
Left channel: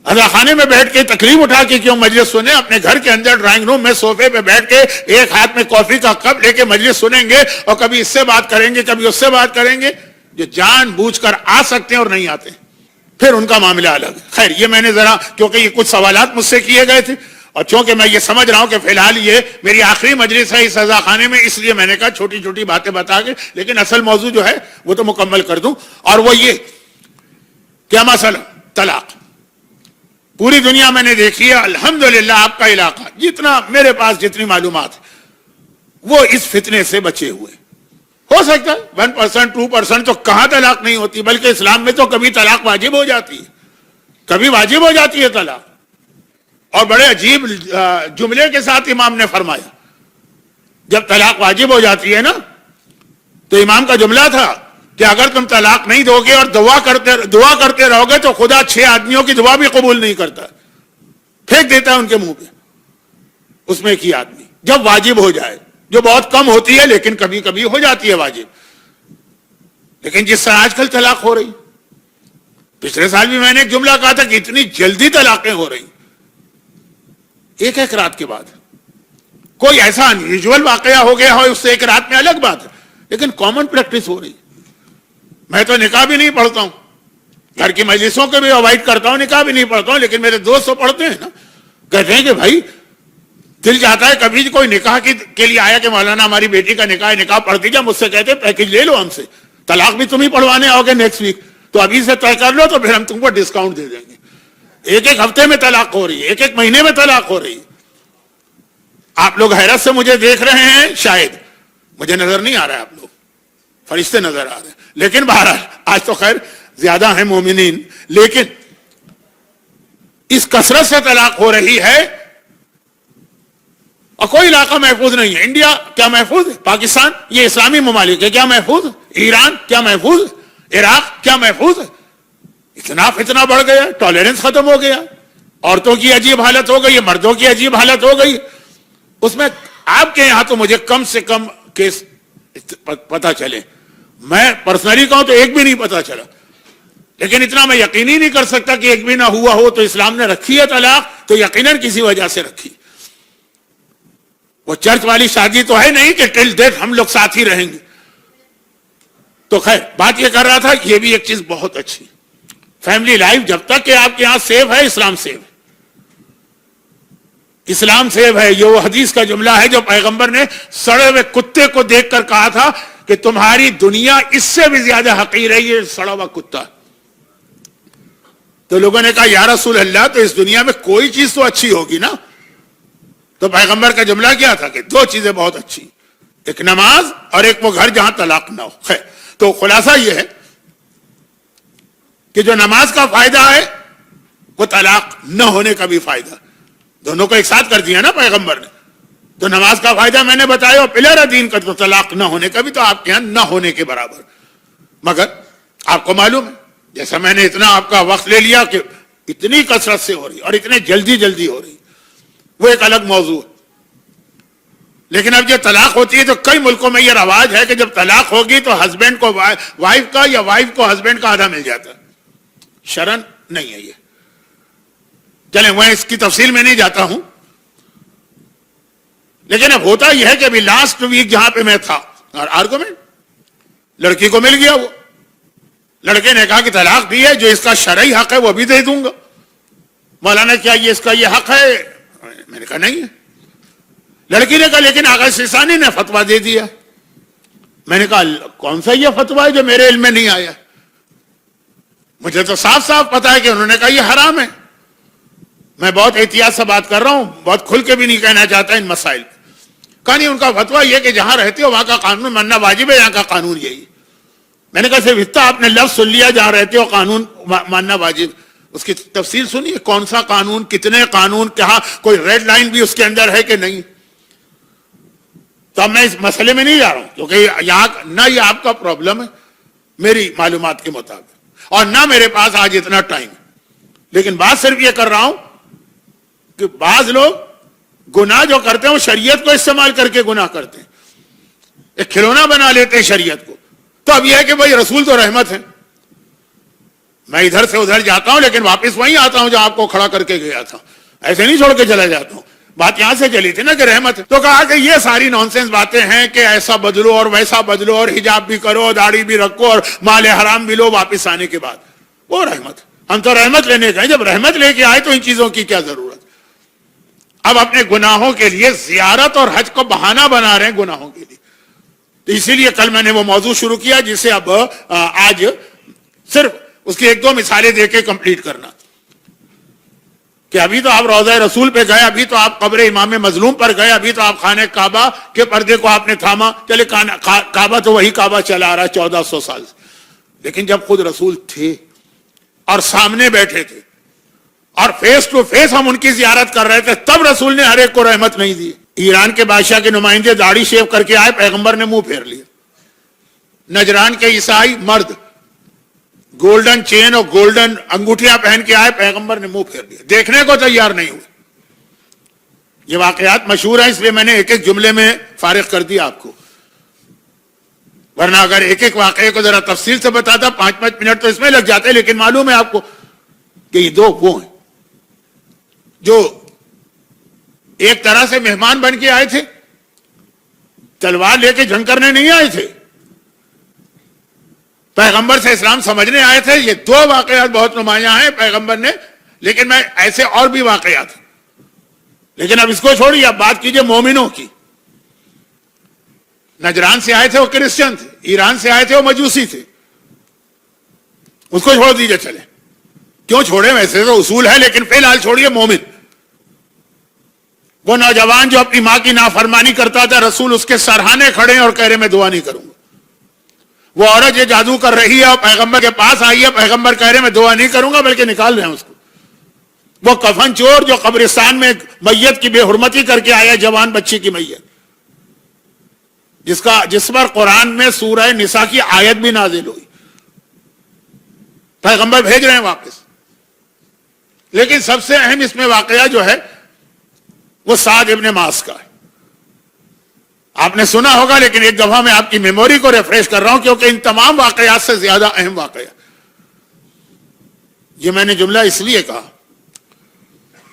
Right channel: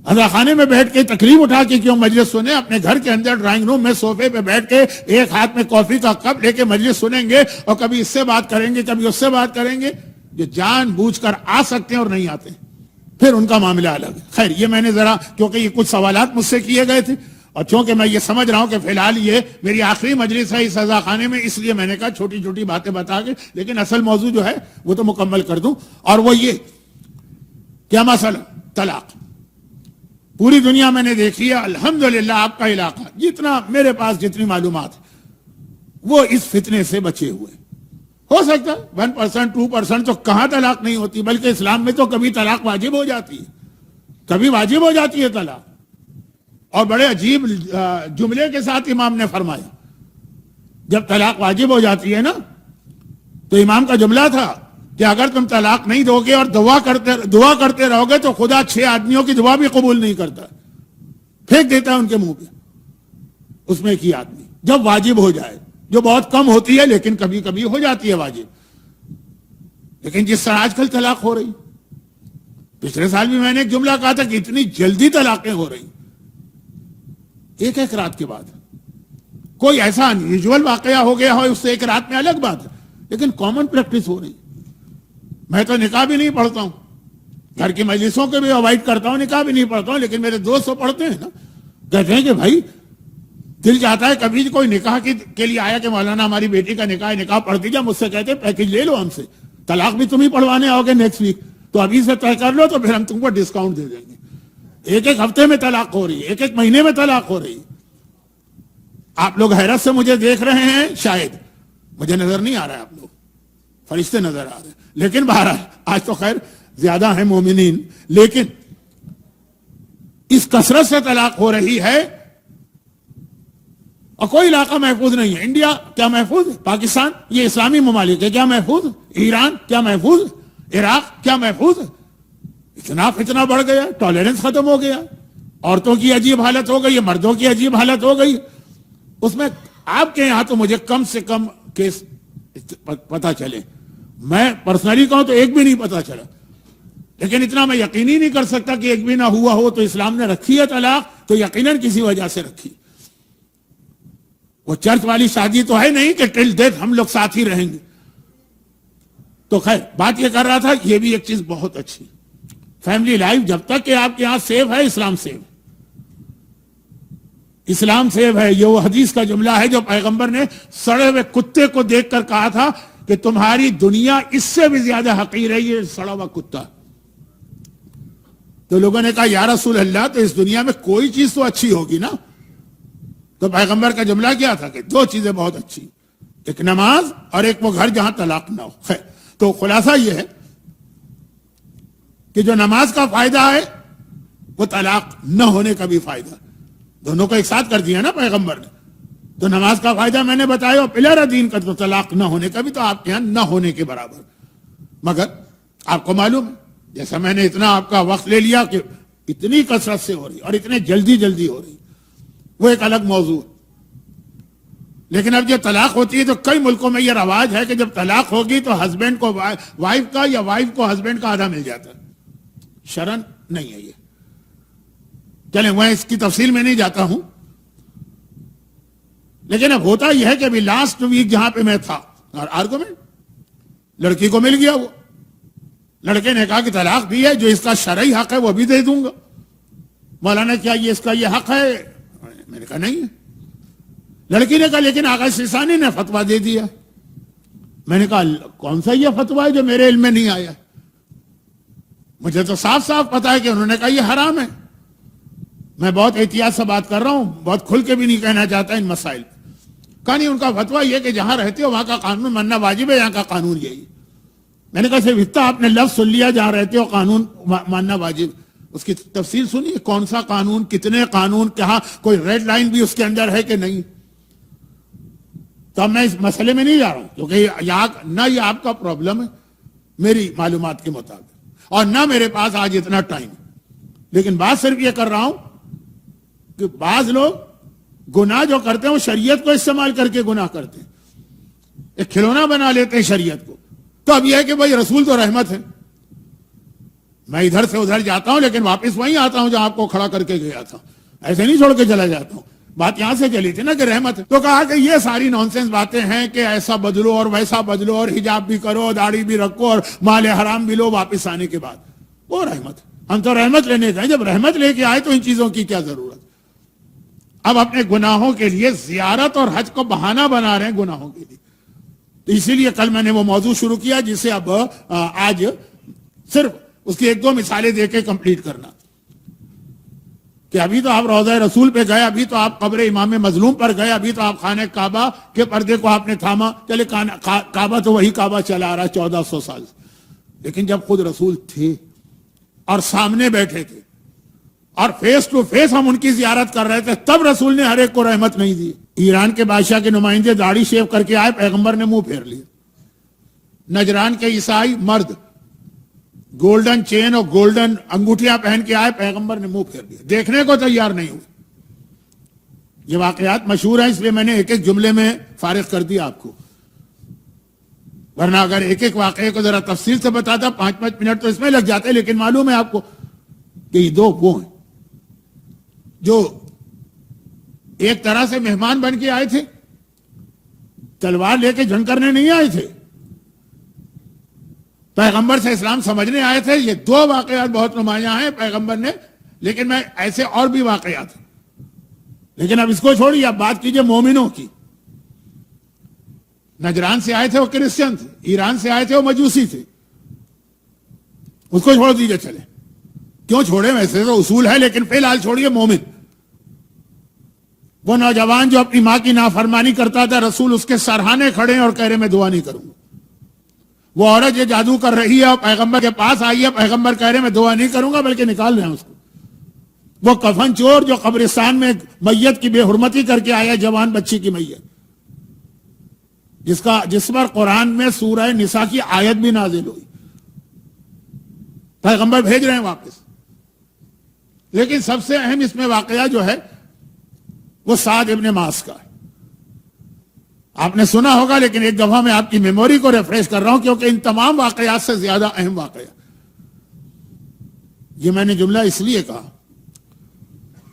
عزا خانے میں بیٹھ کے تکلیف اٹھا کے کیوں مجلس سنیں، اپنے گھر کے اندر ڈرائنگ روم میں صوفے پہ بیٹھ کے ایک ہاتھ میں کافی کا کپ لے کے مجلس سنیں گے اور کبھی اس سے بات کریں گے، کبھی اس سے بات کریں گے، جو جان بوجھ کر آ سکتے ہیں اور نہیں آتے پھر ان کا معاملہ الگ ہے۔ خیر، یہ میں نے ذرا کیونکہ یہ کچھ سوالات مجھ سے کیے گئے تھے اور چونکہ میں یہ سمجھ رہا ہوں کہ فی الحال یہ میری آخری مجلس ہے اس عزا خانے میں، اس لیے میں نے کہا چھوٹی چھوٹی باتیں بتا کے، لیکن اصل موضوع جو ہے وہ تو مکمل کر دوں، اور وہ یہ کیا مسئلہ طلاق۔ پوری دنیا میں نے دیکھی ہے، الحمدللہ آپ کا علاقہ جتنا میرے پاس جتنی معلومات ہے وہ اس فتنے سے بچے ہوئے۔ ہو سکتا ہے 1% 2% تو کہاں طلاق نہیں ہوتی، بلکہ اسلام میں تو کبھی طلاق واجب ہو جاتی ہے، کبھی واجب ہو جاتی ہے طلاق، اور بڑے عجیب جملے کے ساتھ امام نے فرمایا، جب طلاق واجب ہو جاتی ہے نا تو امام کا جملہ تھا کہ اگر تم طلاق نہیں دو گے اور دعا کرتے رہو گے تو خدا 6 آدمیوں کی دعا بھی قبول نہیں کرتا، پھینک دیتا ہے ان کے منہ پہ۔ اس میں ایک ہی آدمی جب واجب ہو جائے، جو بہت کم ہوتی ہے لیکن کبھی کبھی ہو جاتی ہے واجب، لیکن جس طرح آج کل طلاق ہو رہی، پچھلے سال بھی میں نے ایک جملہ کہا تھا کہ اتنی جلدی طلاقیں ہو رہی، ایک رات کے بعد۔ کوئی ایسا انیویژول واقعہ ہو گیا ہو اس سے ایک رات میں الگ بات ہے، لیکن کامن پریکٹس ہو رہی۔ میں تو نکاح بھی نہیں پڑھتا ہوں، گھر کی مجلسوں کے بھی اوائڈ کرتا ہوں، نکاح بھی نہیں پڑھتا ہوں، لیکن میرے دوست تو پڑھتے ہیں نا، کہتے ہیں کہ بھائی دل چاہتا ہے کبھی کوئی نکاح کے لیے آیا کہ مولانا ہماری بیٹی کا نکاح پڑھ دیجیے، مجھ سے کہتے پیکج لے لو ہم سے، طلاق بھی تم ہی پڑھوانے آؤ گے نیکسٹ ویک، تو ابھی سے طے کر لو تو پھر ہم تم کو ڈسکاؤنٹ دے دیں گے۔ ایک ہفتے میں طلاق ہو رہی ہے، ایک مہینے میں طلاق ہو رہی ہے۔ آپ لوگ حیرت سے مجھے دیکھ رہے ہیں، شاید مجھے نظر نہیں آ رہا ہے، آپ لوگ فرشتے نظر آ رہے ہیں، لیکن بہرحال آج تو خیر زیادہ ہیں مومنین، لیکن اس کثرت سے طلاق ہو رہی ہے اور کوئی علاقہ محفوظ نہیں ہے. انڈیا کیا محفوظ ہے؟ پاکستان یہ اسلامی ممالک ہے کیا محفوظ ہے؟ ایران کیا محفوظ ہے؟ عراق کیا محفوظ ہے؟ اتنا بڑھ گیا, ٹالرنس ختم ہو گیا, عورتوں کی عجیب حالت ہو گئی ہے, مردوں کی عجیب حالت ہو گئی. اس میں آپ کے یہاں تو مجھے کم سے کم کیس پتا چلے, میں پرسنلی کہوں تو ایک بھی نہیں پتا چلا, لیکن اتنا میں یقینی نہیں کر سکتا کہ ایک بھی نہ ہوا ہو. تو اسلام نے رکھی ہے طلاق تو یقیناً کسی وجہ سے رکھی. وہ چرچ والی شادی تو ہے نہیں کہ ٹل ڈیتھ ہم لوگ ساتھ ہی رہیں گے. تو خیر بات یہ کر رہا تھا, یہ بھی ایک چیز بہت اچھی, فیملی لائف جب تک کہ آپ کے یہاں سیو ہے, اسلام سیو ہے, اسلام سیو ہے. یہ وہ حدیث کا جملہ ہے جو پیغمبر نے سڑے ہوئے کتے کو دیکھ کر کہا تھا کہ تمہاری دنیا اس سے بھی زیادہ حقیر ہے, یہ سڑا ہوا کتا. تو لوگوں نے کہا یا رسول اللہ تو اس دنیا میں کوئی چیز تو اچھی ہوگی نا. تو پیغمبر کا جملہ کیا تھا کہ دو چیزیں بہت اچھی, ایک نماز اور ایک وہ گھر جہاں طلاق نہ ہو. خیر تو خلاصہ یہ ہے کہ جو نماز کا فائدہ ہے وہ طلاق نہ ہونے کا بھی فائدہ, دونوں کو ایک ساتھ کر دیا نا پیغمبر نے. تو نماز کا فائدہ میں نے بتایا, اور پلر دین کا تو طلاق نہ ہونے کا بھی تو آپ کے یہاں نہ ہونے کے برابر. مگر آپ کو معلوم ہے, جیسا میں نے اتنا آپ کا وقت لے لیا کہ اتنی کثرت سے ہو رہی اور اتنے جلدی ہو رہی, وہ ایک الگ موضوع ہے. لیکن اب جب طلاق ہوتی ہے تو کئی ملکوں میں یہ رواج ہے کہ جب طلاق ہوگی تو ہسبینڈ کو وائف کا یا وائف کو ہسبینڈ کا آدھا مل جاتا ہے. شرن نہیں ہے یہ. چلیں میں اس کی تفصیل میں نہیں جاتا ہوں, لیکن اب ہوتا یہ ہے کہ ابھی لاسٹ ویک جہاں پہ میں تھا, اور آرگومنٹ لڑکی کو مل گیا, وہ لڑکے نے کہا کہ طلاق دی ہے, جو اس کا شرعی حق ہے وہ بھی دے دوں گا. مولانا کیا یہ اس کا یہ حق ہے؟ میں نے کہا نہیں ہے. لڑکی نے کہا لیکن آغا سیسانی نے فتویٰ دے دیا. میں نے کہا کون سا یہ فتویٰ ہے جو میرے علم میں نہیں آیا؟ مجھے تو صاف صاف پتا ہے کہ انہوں نے کہا یہ حرام ہے. میں بہت احتیاط سے بات کر رہا ہوں, بہت کھل کے بھی نہیں کہنا چاہتا ان مسائل. کہا نہیں, ان کا فتویٰ یہ کہ جہاں رہتے ہو وہاں کا قانون ماننا واجب ہے, یہاں کا قانون یہی. میں نے کہا صرف اتنا آپ نے لفظ سن لیا جہاں رہتے ہو قانون ماننا واجب, اس کی تفصیل سنیے, کون سا قانون, کتنے قانون, کہاں کوئی ریڈ لائن بھی اس کے اندر ہے کہ نہیں. تو اب میں اس مسئلے میں نہیں جا رہا ہوں, کیونکہ یہاں نہ یہ آپ کا پرابلم ہے میری معلومات کے مطابق, اور نہ میرے پاس آج اتنا ٹائم. لیکن بات صرف یہ کر رہا ہوں کہ بعض لوگ گناہ جو کرتے ہیں وہ شریعت کو استعمال کر کے گناہ کرتے ہیں, ایک کھلونا بنا لیتے ہیں شریعت کو. تو اب یہ ہے کہ بھائی رسول تو رحمت ہے, میں ادھر سے ادھر جاتا ہوں لیکن واپس وہیں آتا ہوں جہاں آپ کو کھڑا کر کے گیا تھا, ایسے نہیں چھوڑ کے چلا جاتا ہوں. بات یہاں سے چلی تھی نا کہ رحمت ہے. تو کہا کہ یہ ساری نانسنس باتیں ہیں کہ ایسا بدلو اور ویسا بدلو, اور حجاب بھی کرو, داڑھی بھی رکھو, اور مال حرام بھی لو واپس آنے کے بعد, وہ رحمت ہے. ہم تو رحمت لینے گئے, جب رحمت لے کے آئے تو ان چیزوں کی کیا ضرورت. اب اپنے گناہوں کے لیے زیارت اور حج کو بہانہ بنا رہے ہیں گناہوں کے لیے. تو اسی لیے کل میں نے وہ موضوع شروع کیا جسے اب آج صرف اس کی ایک دو مثالیں دے کے کمپلیٹ کرنا. کہ ابھی تو آپ روضہ رسول پہ گئے, ابھی تو آپ قبر امام مظلوم پر گئے, ابھی تو آپ خانہ کعبہ کے پردے کو آپ نے تھاما. چلے کعبہ تو وہی کعبہ چلا آ رہا ہے 1400 سال سے, لیکن جب خود رسول تھے اور سامنے بیٹھے تھے اور فیس ٹو فیس ہم ان کی زیارت کر رہے تھے, تب رسول نے ہر ایک کو رحمت نہیں دی. ایران کے بادشاہ کے نمائندے داڑھی شیو کر کے آئے, پیغمبر نے منہ پھیر لیا. نجران کے عیسائی مرد گولڈن چین اور گولڈن انگوٹھیاں پہن کے آئے, پیغمبر نے منہ پھیر لیا, دیکھنے کو تیار نہیں ہوئے. یہ واقعات مشہور ہیں, اس لیے میں نے ایک ایک جملے میں فارغ کر دیا آپ کو, ورنہ اگر ایک ایک واقعے کو ذرا تفصیل سے بتاتا 5-5 منٹ تو اس میں لگ جاتے. لیکن معلوم ہے آپ کو کہ یہ دو وہ ہیں جو ایک طرح سے مہمان بن کے آئے تھے, تلوار لے کے جنگ کرنے نہیں آئے تھے, پیغمبر سے اسلام سمجھنے آئے تھے. یہ دو واقعات بہت نمایاں ہیں پیغمبر نے, لیکن میں ایسے اور بھی واقعات. لیکن اب اس کو چھوڑیے, اب بات کیجئے مومنوں کی. نجران سے آئے تھے وہ کرسچن تھے, ایران سے آئے تھے وہ مجوسی تھے, اس کو چھوڑ دیجئے. چلے کیوں چھوڑے, ویسے تو اصول ہے, لیکن فی الحال چھوڑیے مومن. وہ نوجوان جو اپنی ماں کی نافرمانی کرتا تھا, رسول اس کے سرہانے کھڑے ہیں اور کہہ رہے میں دعا نہیں کروں گا. وہ عورت یہ جادو کر رہی ہے اور پیغمبر کے پاس آئی ہے, پیغمبر کہہ رہے میں دعا نہیں کروں گا بلکہ نکال رہے ہیں اس کو. وہ کفن چور جو قبرستان میں میت کی بے حرمتی کر کے آیا، جوان بچی کی میت، جس پر قرآن میں سورہ نساء کی آیت بھی نازل ہوئی، پیغمبر بھیج رہے ہیں واپس. لیکن سب سے اہم اس میں واقعہ جو ہے وہ سعد ابن معاذ کا ہے. آپ نے سنا ہوگا، لیکن ایک دفعہ میں آپ کی میموری کو ریفریش کر رہا ہوں، کیونکہ ان تمام واقعات سے زیادہ اہم واقعہ. یہ میں نے جملہ اس لیے کہا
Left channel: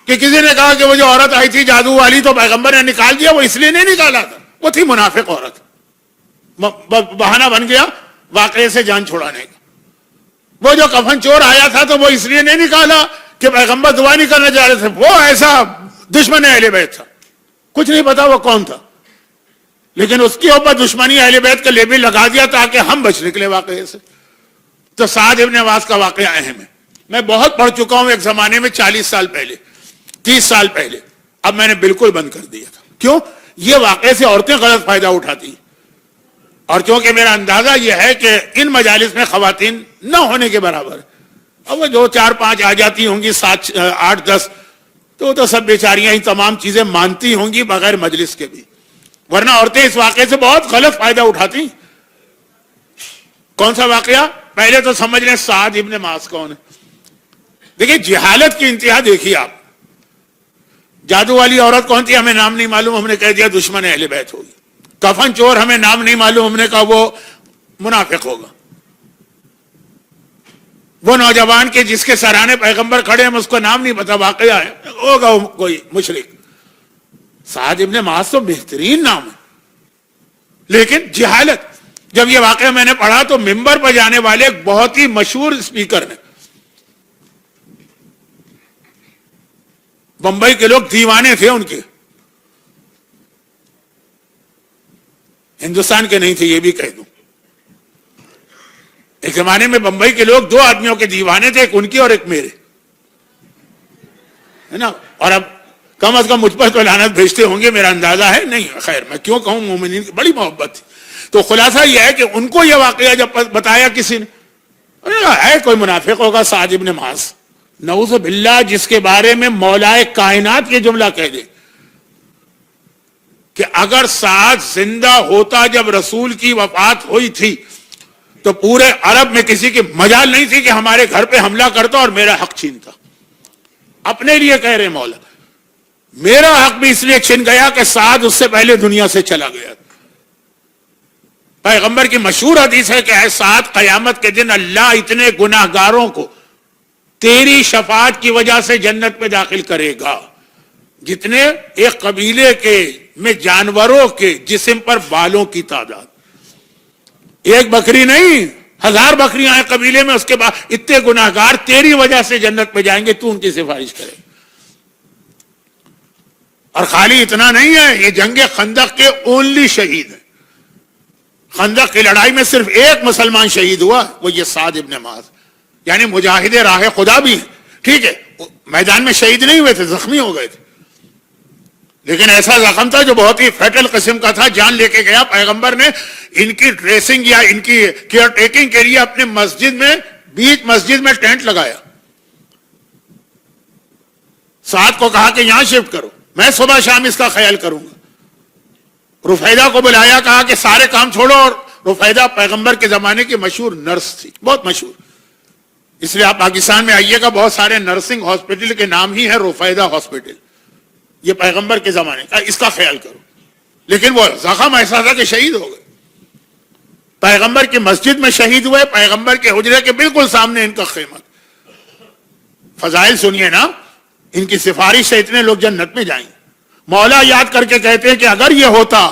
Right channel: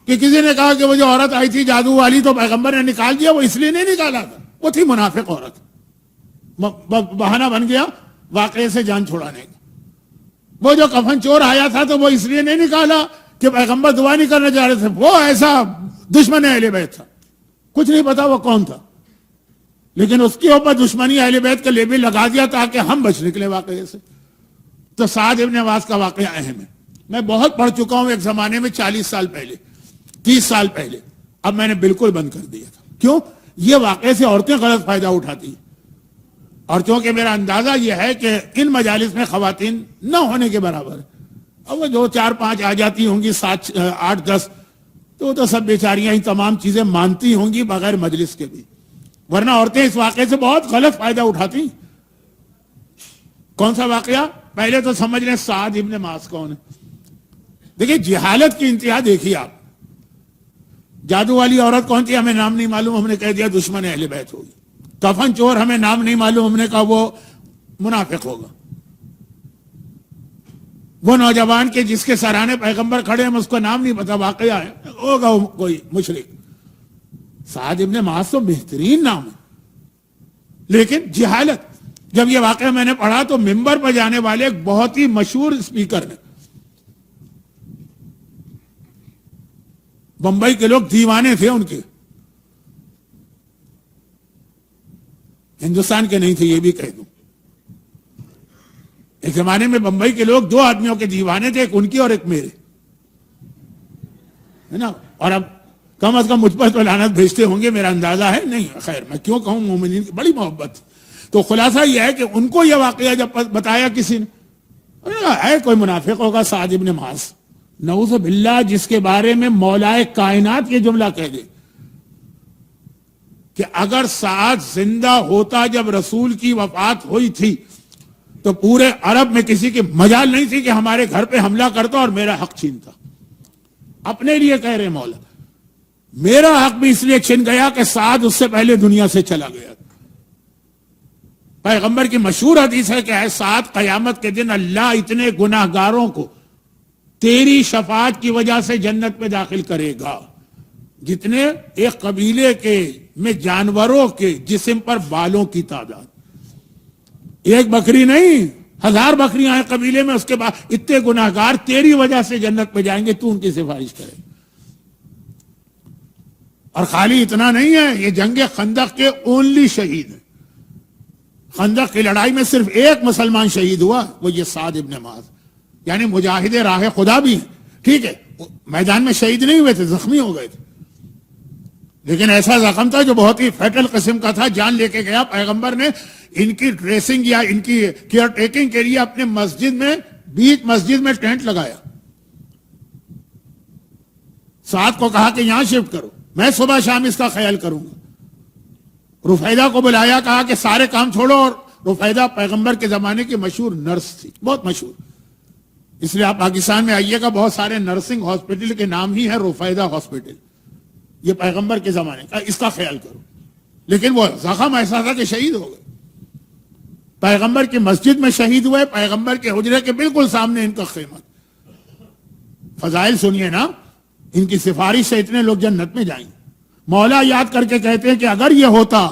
کہ کسی نے کہا کہ وہ جو عورت آئی تھی جادو والی تو پیغمبر نے نکال دیا. وہ اس لیے نہیں نکالا تھا، وہ تھی منافق عورت، بہانہ بن گیا واقعے سے جان چھڑانے کا. وہ جو کفن چور آیا تھا تو وہ اس لیے نہیں نکالا کہ پیغمبر دعا نہیں کرنا چاہ رہے تھے، وہ ایسا دشمن اہل بیت تھا، کچھ نہیں پتا وہ کون تھا، لیکن اس کے اوپر دشمنی اہل بیت کا لیبل لگا دیا تاکہ ہم بچ نکلے واقعے سے. تو سعد ابن معاذ کا واقعہ اہم ہے. میں بہت پڑھ چکا ہوں ایک زمانے میں، 40 سال پہلے، 30 سال پہلے. اب میں نے بالکل بند کر دیا تھا. کیوں؟ یہ واقعے سے عورتیں غلط فائدہ اٹھاتی ہیں، اور کیونکہ میرا اندازہ یہ ہے کہ ان مجالس میں خواتین نہ ہونے کے برابر ہے. اب وہ جو 4-5 آ جاتی ہوں گی، 7 8 10، تو وہ تو سب بیچاریاں ہی تمام چیزیں مانتی ہوں گی بغیر مجلس کے بھی، ورنہ عورتیں اس واقعے سے بہت غلط فائدہ اٹھاتی. کون سا واقعہ؟ پہلے تو سمجھ لیں سعد ابن معاذ کون ہے. دیکھیں جہالت کی انتہا دیکھیے آپ. جادو والی عورت کون تھی؟ ہمیں نام نہیں معلوم، ہم نے کہہ دیا دشمن اہل بیت ہوگی. کفن چور ہمیں نام نہیں معلوم، ہم نے کہا وہ منافق ہوگا. وہ نوجوان کے جس کے سرانے پیغمبر کھڑے ہیں اس کو نام نہیں پتا، واقعہ ہے ہوگا کوئی مشرک. سعد ابن معاذ تو بہترین نام ہے، لیکن جہالت. جب یہ واقعہ میں نے پڑھا تو ممبر پر جانے والے ایک بہت ہی مشہور اسپیکر نے، بمبئی کے لوگ دیوانے تھے ان کے، ہندوستان کے نہیں تھے یہ بھی کہہ دوں. ایک زمانے میں بمبئی کے لوگ 2 آدمیوں کے دیوانے تھے، ایک ان کی اور ایک میرے، ہے نا. اور اب کم از کم مجھ پر تو لعنت بھیجتے ہوں گے، میرا اندازہ ہے. نہیں خیر میں کیوں کہوں، مومنین کی بڑی محبت تھی. تو خلاصہ یہ ہے کہ ان کو یہ واقعہ جب بتایا کسی نے، ہے کوئی منافق ہوگا سعد ابن معاذ، نعوذ باللہ، جس کے بارے میں مولائے کائنات یہ جملہ کہہ دے کہ اگر سعد زندہ ہوتا جب رسول کی وفات ہوئی تھی تو پورے عرب میں کسی کی مجال نہیں تھی کہ ہمارے گھر پہ حملہ کرتا اور میرا حق چھینتا. اپنے لیے کہہ رہے مولا، میرا حق بھی اس لیے چھن گیا کہ سعد اس سے پہلے دنیا سے چلا گیا. پیغمبر کی مشہور حدیث ہے کہ اے سعد، قیامت کے دن اللہ اتنے گناہگاروں کو تیری شفاعت کی وجہ سے جنت میں داخل کرے گا جتنے ایک قبیلے کے میں جانوروں کے جسم پر بالوں کی تعداد. ایک بکری نہیں، 1000 بکریاں ہیں قبیلے میں، اس کے بعد اتنے گناہگار تیری وجہ سے جنت میں جائیں گے، تو ان کی سفارش کرے. اور خالی اتنا نہیں ہے، یہ جنگ خندق کے اونلی شہید ہیں. خندق کی لڑائی میں صرف ایک مسلمان شہید ہوا، وہ یہ سعد ابن معاذ، یعنی مجاہد راہ خدا بھی ہیں. ٹھیک ہے میدان میں شہید نہیں ہوئے تھے، زخمی ہو گئے تھے، لیکن ایسا زخم تھا جو بہت ہی فیٹل قسم کا تھا، جان لے کے گیا. پیغمبر نے ان کی ڈریسنگ یا ان کی کیئر ٹیکنگ کے لیے اپنے مسجد میں، بیچ مسجد میں ٹینٹ لگایا. سعد کو کہا کہ یہاں شفٹ کرو، میں صبح شام اس کا خیال کروں گا. رفیدہ کو بلایا، کہا کہ سارے کام چھوڑو. اور رفیدہ پیغمبر کے زمانے کی مشہور نرس تھی، بہت مشہور. اس لیے آپ پاکستان میں آئیے گا، بہت سارے نرسنگ ہاسپٹل کے نام ہی ہے رفیدہ ہاسپٹل. یہ پیغمبر کے زمانے کا، اس کا خیال کرو. لیکن وہ زخم ایسا تھا کہ شہید ہو گئے. پیغمبر کی مسجد میں شہید ہوئے، پیغمبر کے حجرے کے بالکل سامنے ان کا خیمہ. فضائل سنیے نا، ان کی سفارش سے اتنے لوگ جنت میں جائیں. مولا یاد کر کے کہتے ہیں کہ اگر یہ ہوتا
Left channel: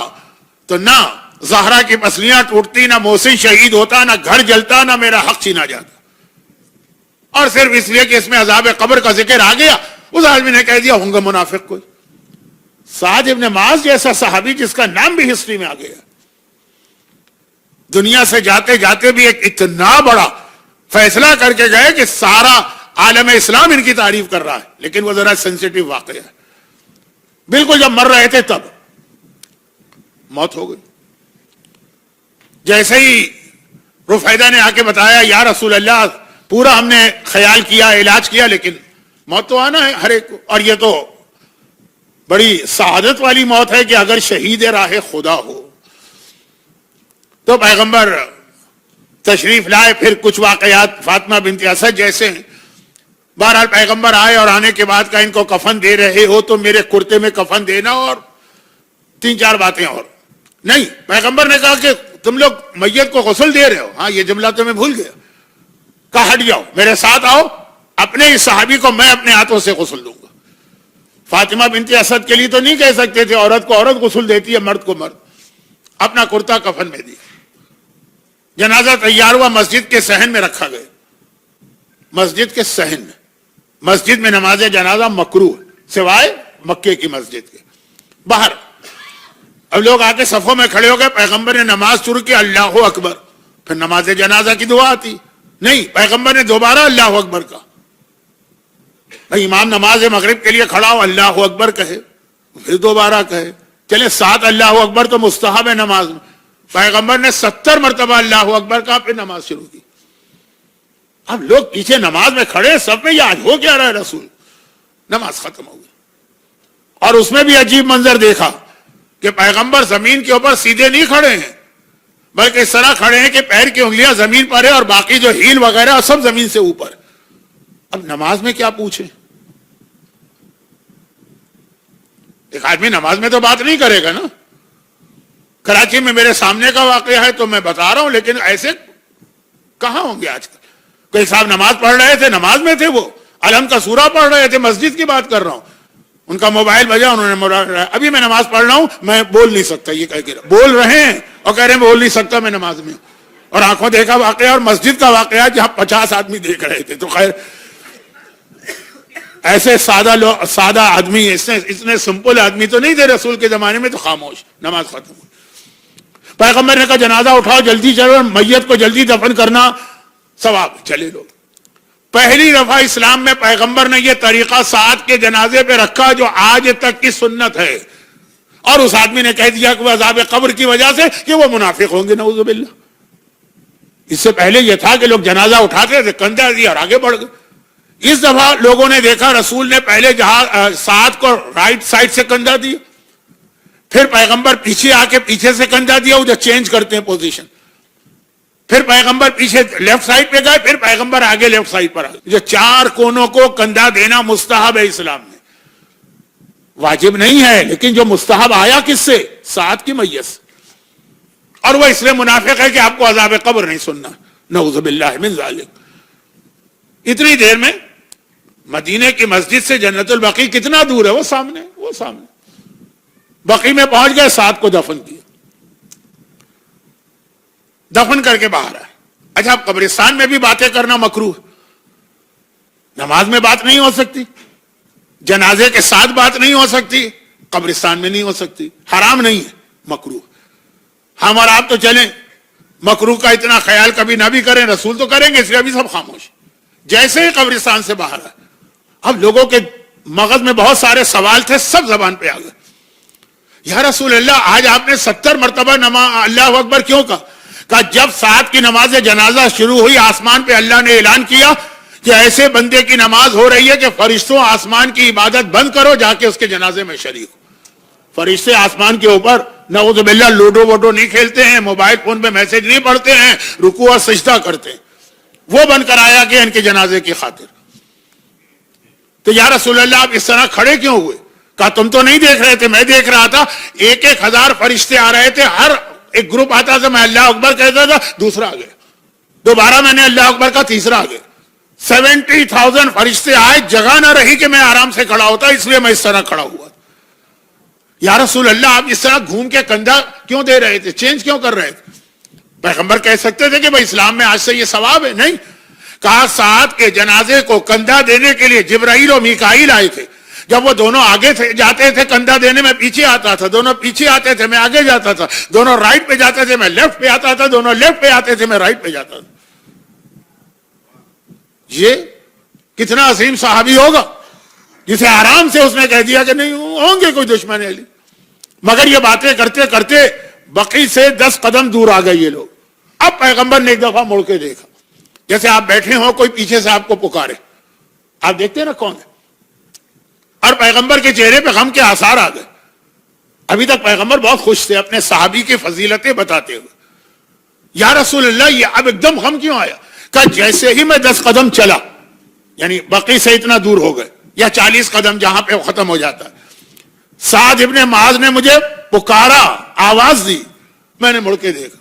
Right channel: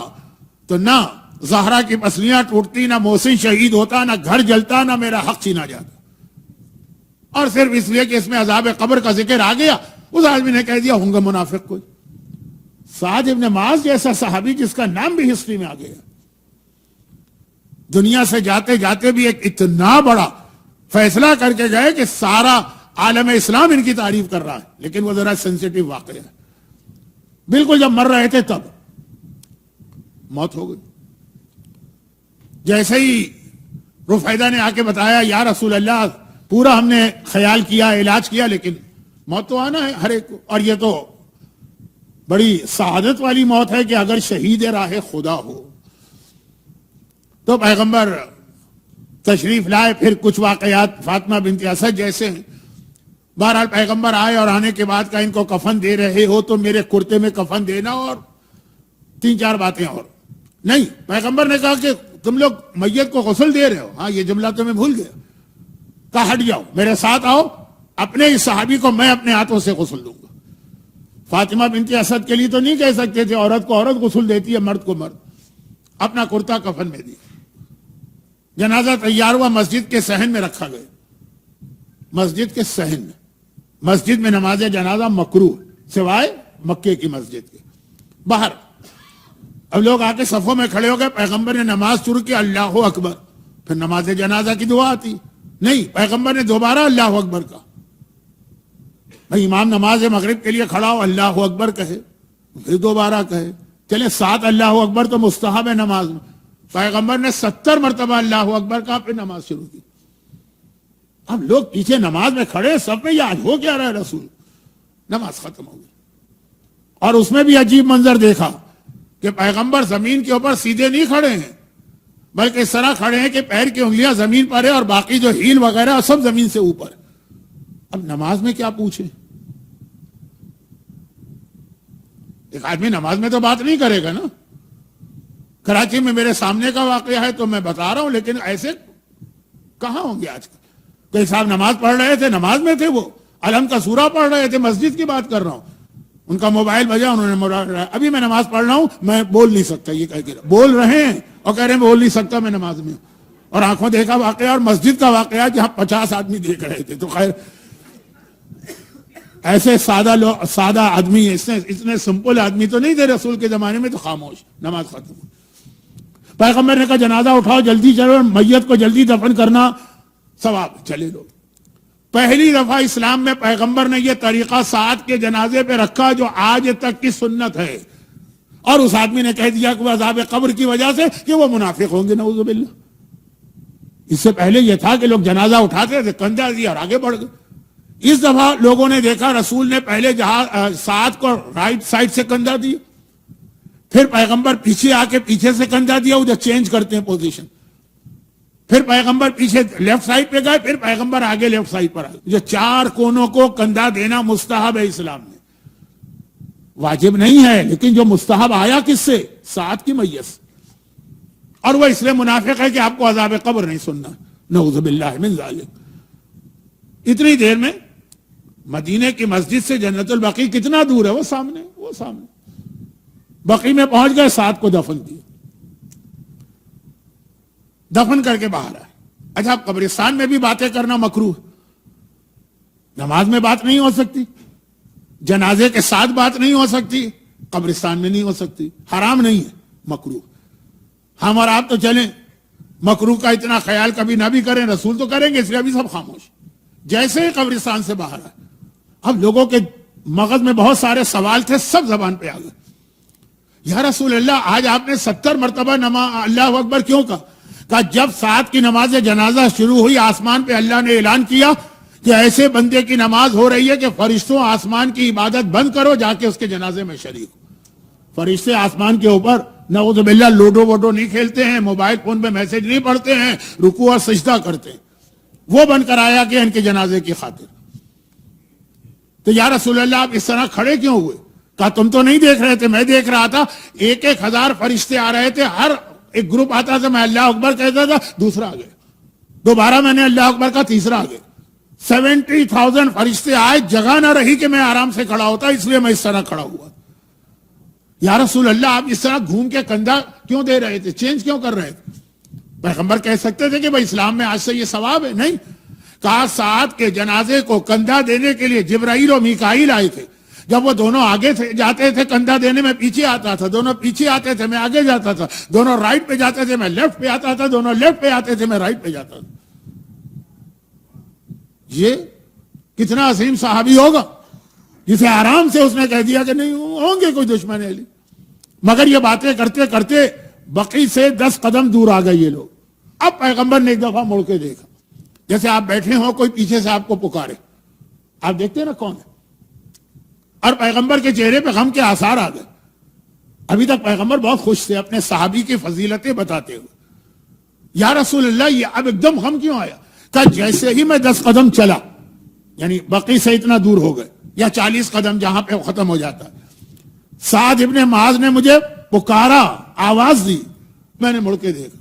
تو نہ زہرا کی پسلیاں ٹوٹتی، نہ محسن شہید ہوتا، نہ گھر جلتا، نہ میرا حق چھینا جاتا. اور صرف اس لیے کہ اس میں عذاب قبر کا ذکر آ گیا، اس آدمی نے کہہ دیا ہوں گا منافق کوئی. سعد ابن معاذ جیسا صحابی جس کا نام بھی ہسٹری میں آ گیا، دنیا سے جاتے جاتے بھی ایک اتنا بڑا فیصلہ کر کے گئے کہ سارا عالم اسلام ان کی تعریف کر رہا ہے. لیکن وہ ذرا سینسیٹیو واقعہ ہے. بالکل جب مر رہے تھے تب موت ہو گئی. جیسے ہی رفیدہ نے آ کے بتایا یا رسول اللہ، پورا ہم نے خیال کیا، علاج کیا، لیکن موت تو آنا ہے ہر ایک کو، اور یہ تو بڑی سعادت والی موت ہے کہ اگر شہید راہ خدا ہو. تو پیغمبر تشریف لائے، پھر کچھ واقعات فاطمہ بنت اسد جیسے ہیں. بہرحال پیغمبر آئے اور آنے کے بعد کہا ان کو کفن دے رہے ہو تو میرے کرتے میں کفن دینا، اور 3-4 باتیں اور. نہیں، پیغمبر نے کہا کہ تم لوگ میت کو غسل دے رہے ہو، ہاں یہ جملہ تو میں بھول گیا. کہا ہٹ جاؤ، میرے ساتھ آؤ، اپنے اس صحابی کو میں اپنے ہاتھوں سے غسل دوں گا. فاطمہ بنت اسد کے لیے تو نہیں کہہ سکتے تھے عورت کو عورت غسل دیتی ہے، مرد کو مرد. اپنا کرتا کفن میں دیا. جنازہ تیار ہوا، مسجد کے صحن میں رکھا گیا. مسجد کے صحن میں، مسجد میں نماز جنازہ مکروہ سوائے مکے کی مسجد کے باہر. اب لوگ آ کے صفوں میں کھڑے ہو گئے، پیغمبر نے نماز شروع کی اللہ اکبر، پھر نماز جنازہ کی دعا آتی نہیں، پیغمبر نے دوبارہ اللہ اکبر کہا. بھائی امام نماز مغرب کے لیے کھڑا ہو، اللہ اکبر کہے، پھر دوبارہ کہے. چلے 7 اللہ اکبر تو مستحب ہے نماز میں، پیغمبر نے 70 مرتبہ اللہ اکبر کہا، پھر نماز شروع کی. اب لوگ پیچھے نماز میں کھڑے سب میں، یہ آج ہو کیا رہا ہے رسول. نماز ختم ہو گئی، اور اس میں بھی عجیب منظر دیکھا کہ پیغمبر زمین کے اوپر سیدھے نہیں کھڑے ہیں، بلکہ اس طرح کھڑے ہیں کہ پیر کی انگلیاں زمین پر ہے اور باقی جو ہیل وغیرہ سب زمین سے اوپر. اب نماز میں کیا پوچھیں؟ ایک آدمی نماز میں تو بات نہیں کرے گا نا. کراچی میں میرے سامنے کا واقعہ ہے تو میں بتا رہا ہوں، لیکن ایسے کہاں ہوں گے آج کل. کوئی صاحب نماز پڑھ رہے تھے، نماز میں تھے، وہ علم کا سورہ پڑھ رہے تھے، مسجد کی بات کر رہا ہوں. ان کا موبائل بجا، انہوں نے ابھی میں نماز پڑھ رہا ہوں، میں بول نہیں سکتا، یہ کہہ کے بول رہے ہیں اور کہہ رہے ہیں بول نہیں سکتا میں نماز میں. اور آنکھوں دیکھا واقعہ، اور مسجد کا واقعہ جہاں 50 آدمی دیکھ رہے تھے. تو خیر ایسے سادہ آدمی، اتنے سمپل آدمی تو نہیں تھے رسول کے زمانے میں. تو خاموش، نماز ختم ہوئی. پیغمبر نے کہا جنازہ اٹھاؤ، جلدی چلو، میت کو جلدی دفن کرنا ثواب. چلے لوگ. پہلی دفعہ اسلام میں پیغمبر نے یہ طریقہ سعد کے جنازے پہ رکھا جو آج تک کی سنت ہے. اور اس آدمی نے کہہ دیا کہ وہ عذاب قبر کی وجہ سے کہ وہ منافق ہوں گے، نعوذ باللہ. اس سے پہلے یہ تھا کہ لوگ جنازہ اٹھاتے تھے، کندھا دیا اور آگے بڑھ گئے. اس دفعہ لوگوں نے دیکھا رسول نے پہلے سعد کو رائٹ سائڈ سے کندھا دیا، پھر پیغمبر پیچھے آ کے پیچھے سے کندھا دیا، وہ جو چینج کرتے ہیں پوزیشن. پھر پیغمبر پیچھے لیفٹ سائڈ پہ گئے، پھر پیغمبر آگے لیفٹ سائڈ پر آگے. جو 4 کونوں کو کندھا دینا مستحب ہے اسلام میں، واجب نہیں ہے، لیکن جو مستحب آیا کس سے؟ سعد کی میت سے. اور وہ اس لیے منافق ہے کہ آپ کو عذاب قبر نہیں سننا، نعوذ باللہ من ذالک. اتنی دیر میں مدینے کی مسجد سے جنت البقیع کتنا دور ہے؟ وہ سامنے. بقیع میں پہنچ گئے، سعد کو دفن کیا، دفن کر کے باہر آئے. اچھا، اب قبرستان میں بھی باتیں کرنا مکروہ. نماز میں بات نہیں ہو سکتی، جنازے کے ساتھ بات نہیں ہو سکتی، قبرستان میں نہیں ہو سکتی. حرام نہیں ہے، مکروہ. ہم اور آپ تو چلیں، مکروہ کا اتنا خیال کبھی نہ بھی کریں، رسول تو کریں گے، اس لیے ابھی سب خاموش. جیسے ہی قبرستان سے باہر آئے، اب لوگوں کے مغز میں بہت سارے سوال تھے، سب زبان پہ آ گئے. یا رسول اللہ، آج آپ نے 70 مرتبہ اللہ اکبر کیوں کہا جب سعد کی نماز جنازہ شروع ہوئی، آسمان پہ اللہ نے اعلان کیا کہ ایسے بندے کی نماز ہو رہی ہے کہ فرشتوں آسمان کی عبادت بند کرو، جا کے اس کے جنازے میں شریک ہو. فرشتے آسمان کے اوپر نعوذ باللہ لوڈو ووڈو نہیں کھیلتے ہیں، موبائل فون پہ میسج نہیں پڑھتے ہیں، رکوع اور سجدہ کرتے ہیں. وہ بند کرایا گیا ان کے جنازے کی خاطر. تو یا رسول اللہ، آپ اس طرح کھڑے کیوں ہوئے؟ کہا تم تو نہیں دیکھ رہے تھے، میں دیکھ رہا تھا. 1,000 فرشتے آ رہے تھے، ہر ایک گروپ آتا تھا، میں اللہ اکبر کہتا تھا، دوسرا آ گیا، دوبارہ میں نے اللہ اکبر کا، تیسرا آ گیا. 70,000 فرشتے آئے، جگہ نہ رہی کہ میں آرام سے کھڑا ہوتا، اس لیے میں اس طرح کھڑا ہوا. یا رسول اللہ، آپ اس طرح گھوم کے کندھا کیوں دے رہے تھے، چینج کیوں کر رہے تھے؟ پیغمبر کہہ سکتے تھے کہ بھائی اسلام میں آج سے یہ ثواب ہے. نہیں کہا، سعد کے جنازے کو کندھا دینے کے لیے جبرائیل اور میکائیل آئے تھے. جب وہ دونوں آگے جاتے تھے کندھا دینے، میں پیچھے آتا تھا، دونوں پیچھے آتے تھے، میں آگے جاتا تھا، دونوں رائٹ پہ جاتے تھے، میں لیفٹ پہ آتا تھا، دونوں لیفٹ پہ آتے تھے، میں رائٹ پہ جاتا تھا. یہ کتنا عظیم صحابی ہوگا جسے آرام سے اس نے کہہ دیا کہ نہیں ہوں گے کوئی دشمن علی. مگر یہ باتیں کرتے کرتے بقیع سے 10 قدم دور آ گئے یہ لوگ. اب پیغمبر نے ایک دفعہ مڑ کے دیکھا، جیسے آپ بیٹھے ہو، کوئی پیچھے سے آپ کو پکارے. آپ دیکھتے ہیں نا کون ہے، اور پیغمبر کے چہرے پہ غم کے آثار آ گئے. ابھی تک پیغمبر بہت خوش تھے اپنے صحابی کی فضیلتیں بتاتے ہوئے. یا رسول اللہ یہ اب ایک دم غم کیوں آیا؟ کہ جیسے ہی میں 10 قدم چلا, یعنی بقی سے اتنا دور ہو گئے, یا 40 قدم جہاں پہ ختم ہو جاتا ہے, سعد ابن معاذ نے مجھے پکارا, آواز دی, میں نے مڑ کے دیکھا.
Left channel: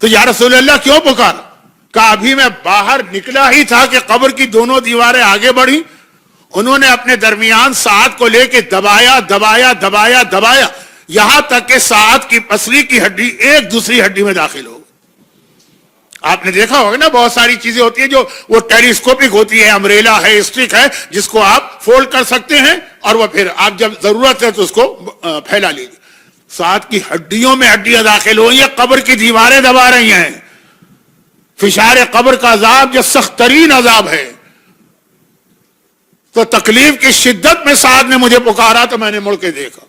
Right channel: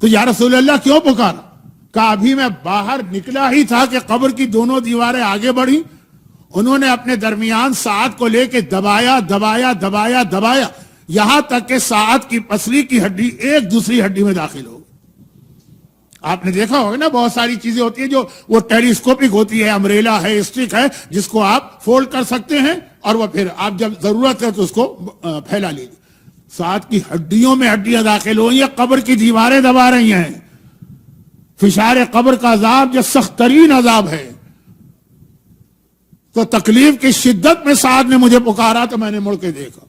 تو یا رسول اللہ کیوں پکارا؟ کہ ابھی میں باہر نکلا ہی تھا کہ قبر کی دونوں دیواریں آگے بڑھی, انہوں نے اپنے درمیان سعد کو لے کے دبایا دبایا دبایا دبایا, یہاں تک کہ سعد کی پسلی کی ہڈی ایک دوسری ہڈی میں داخل ہو. آپ نے دیکھا ہوگا نا, بہت ساری چیزیں ہوتی ہیں جو وہ ٹیلیسکوپک ہوتی ہے, امبریلا ہے, اسٹک ہے, جس کو آپ فولڈ کر سکتے ہیں اور وہ پھر آپ جب ضرورت ہے تو اس کو پھیلا لیجیے. سعد کی ہڈیوں میں ہڈیاں داخل ہوئی ہیں, قبر کی دیواریں دبا رہی ہیں. فشار قبر کا عذاب جو سخت ترین عذاب ہے. تو تکلیف کی شدت میں سعد نے مجھے پکارا تو میں نے مڑ کے دیکھا.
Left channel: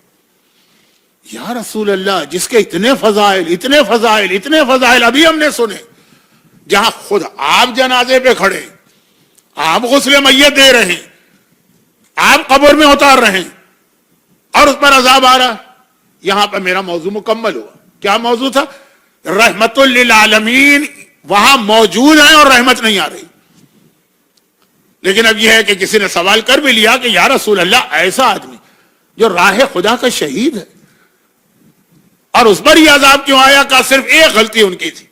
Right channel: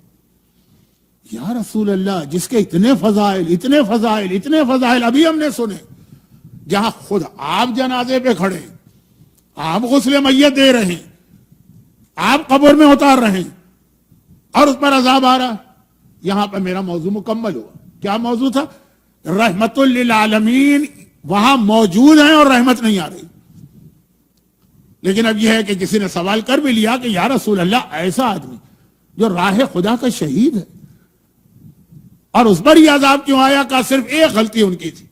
یا رسول اللہ, جس کے اتنے فضائل اتنے فضائل اتنے فضائل ابھی ہم نے سنے, جہاں خود آپ جنازے پہ کھڑے, آپ غسل میت دے رہے ہیں, آپ قبر میں اتار رہے ہیں, اور اس پر عذاب آ رہا. یہاں پہ میرا موضوع مکمل ہوا. کیا موضوع تھا؟ رحمت للعالمین وہاں موجود ہیں اور رحمت نہیں آ رہی. لیکن اب یہ ہے کہ کسی نے سوال کر بھی لیا کہ یا رسول اللہ, ایسا آدمی جو راہ خدا کا شہید ہے اور اس پر یہ عذاب کیوں آیا؟ کہ صرف ایک غلطی ان کی تھی,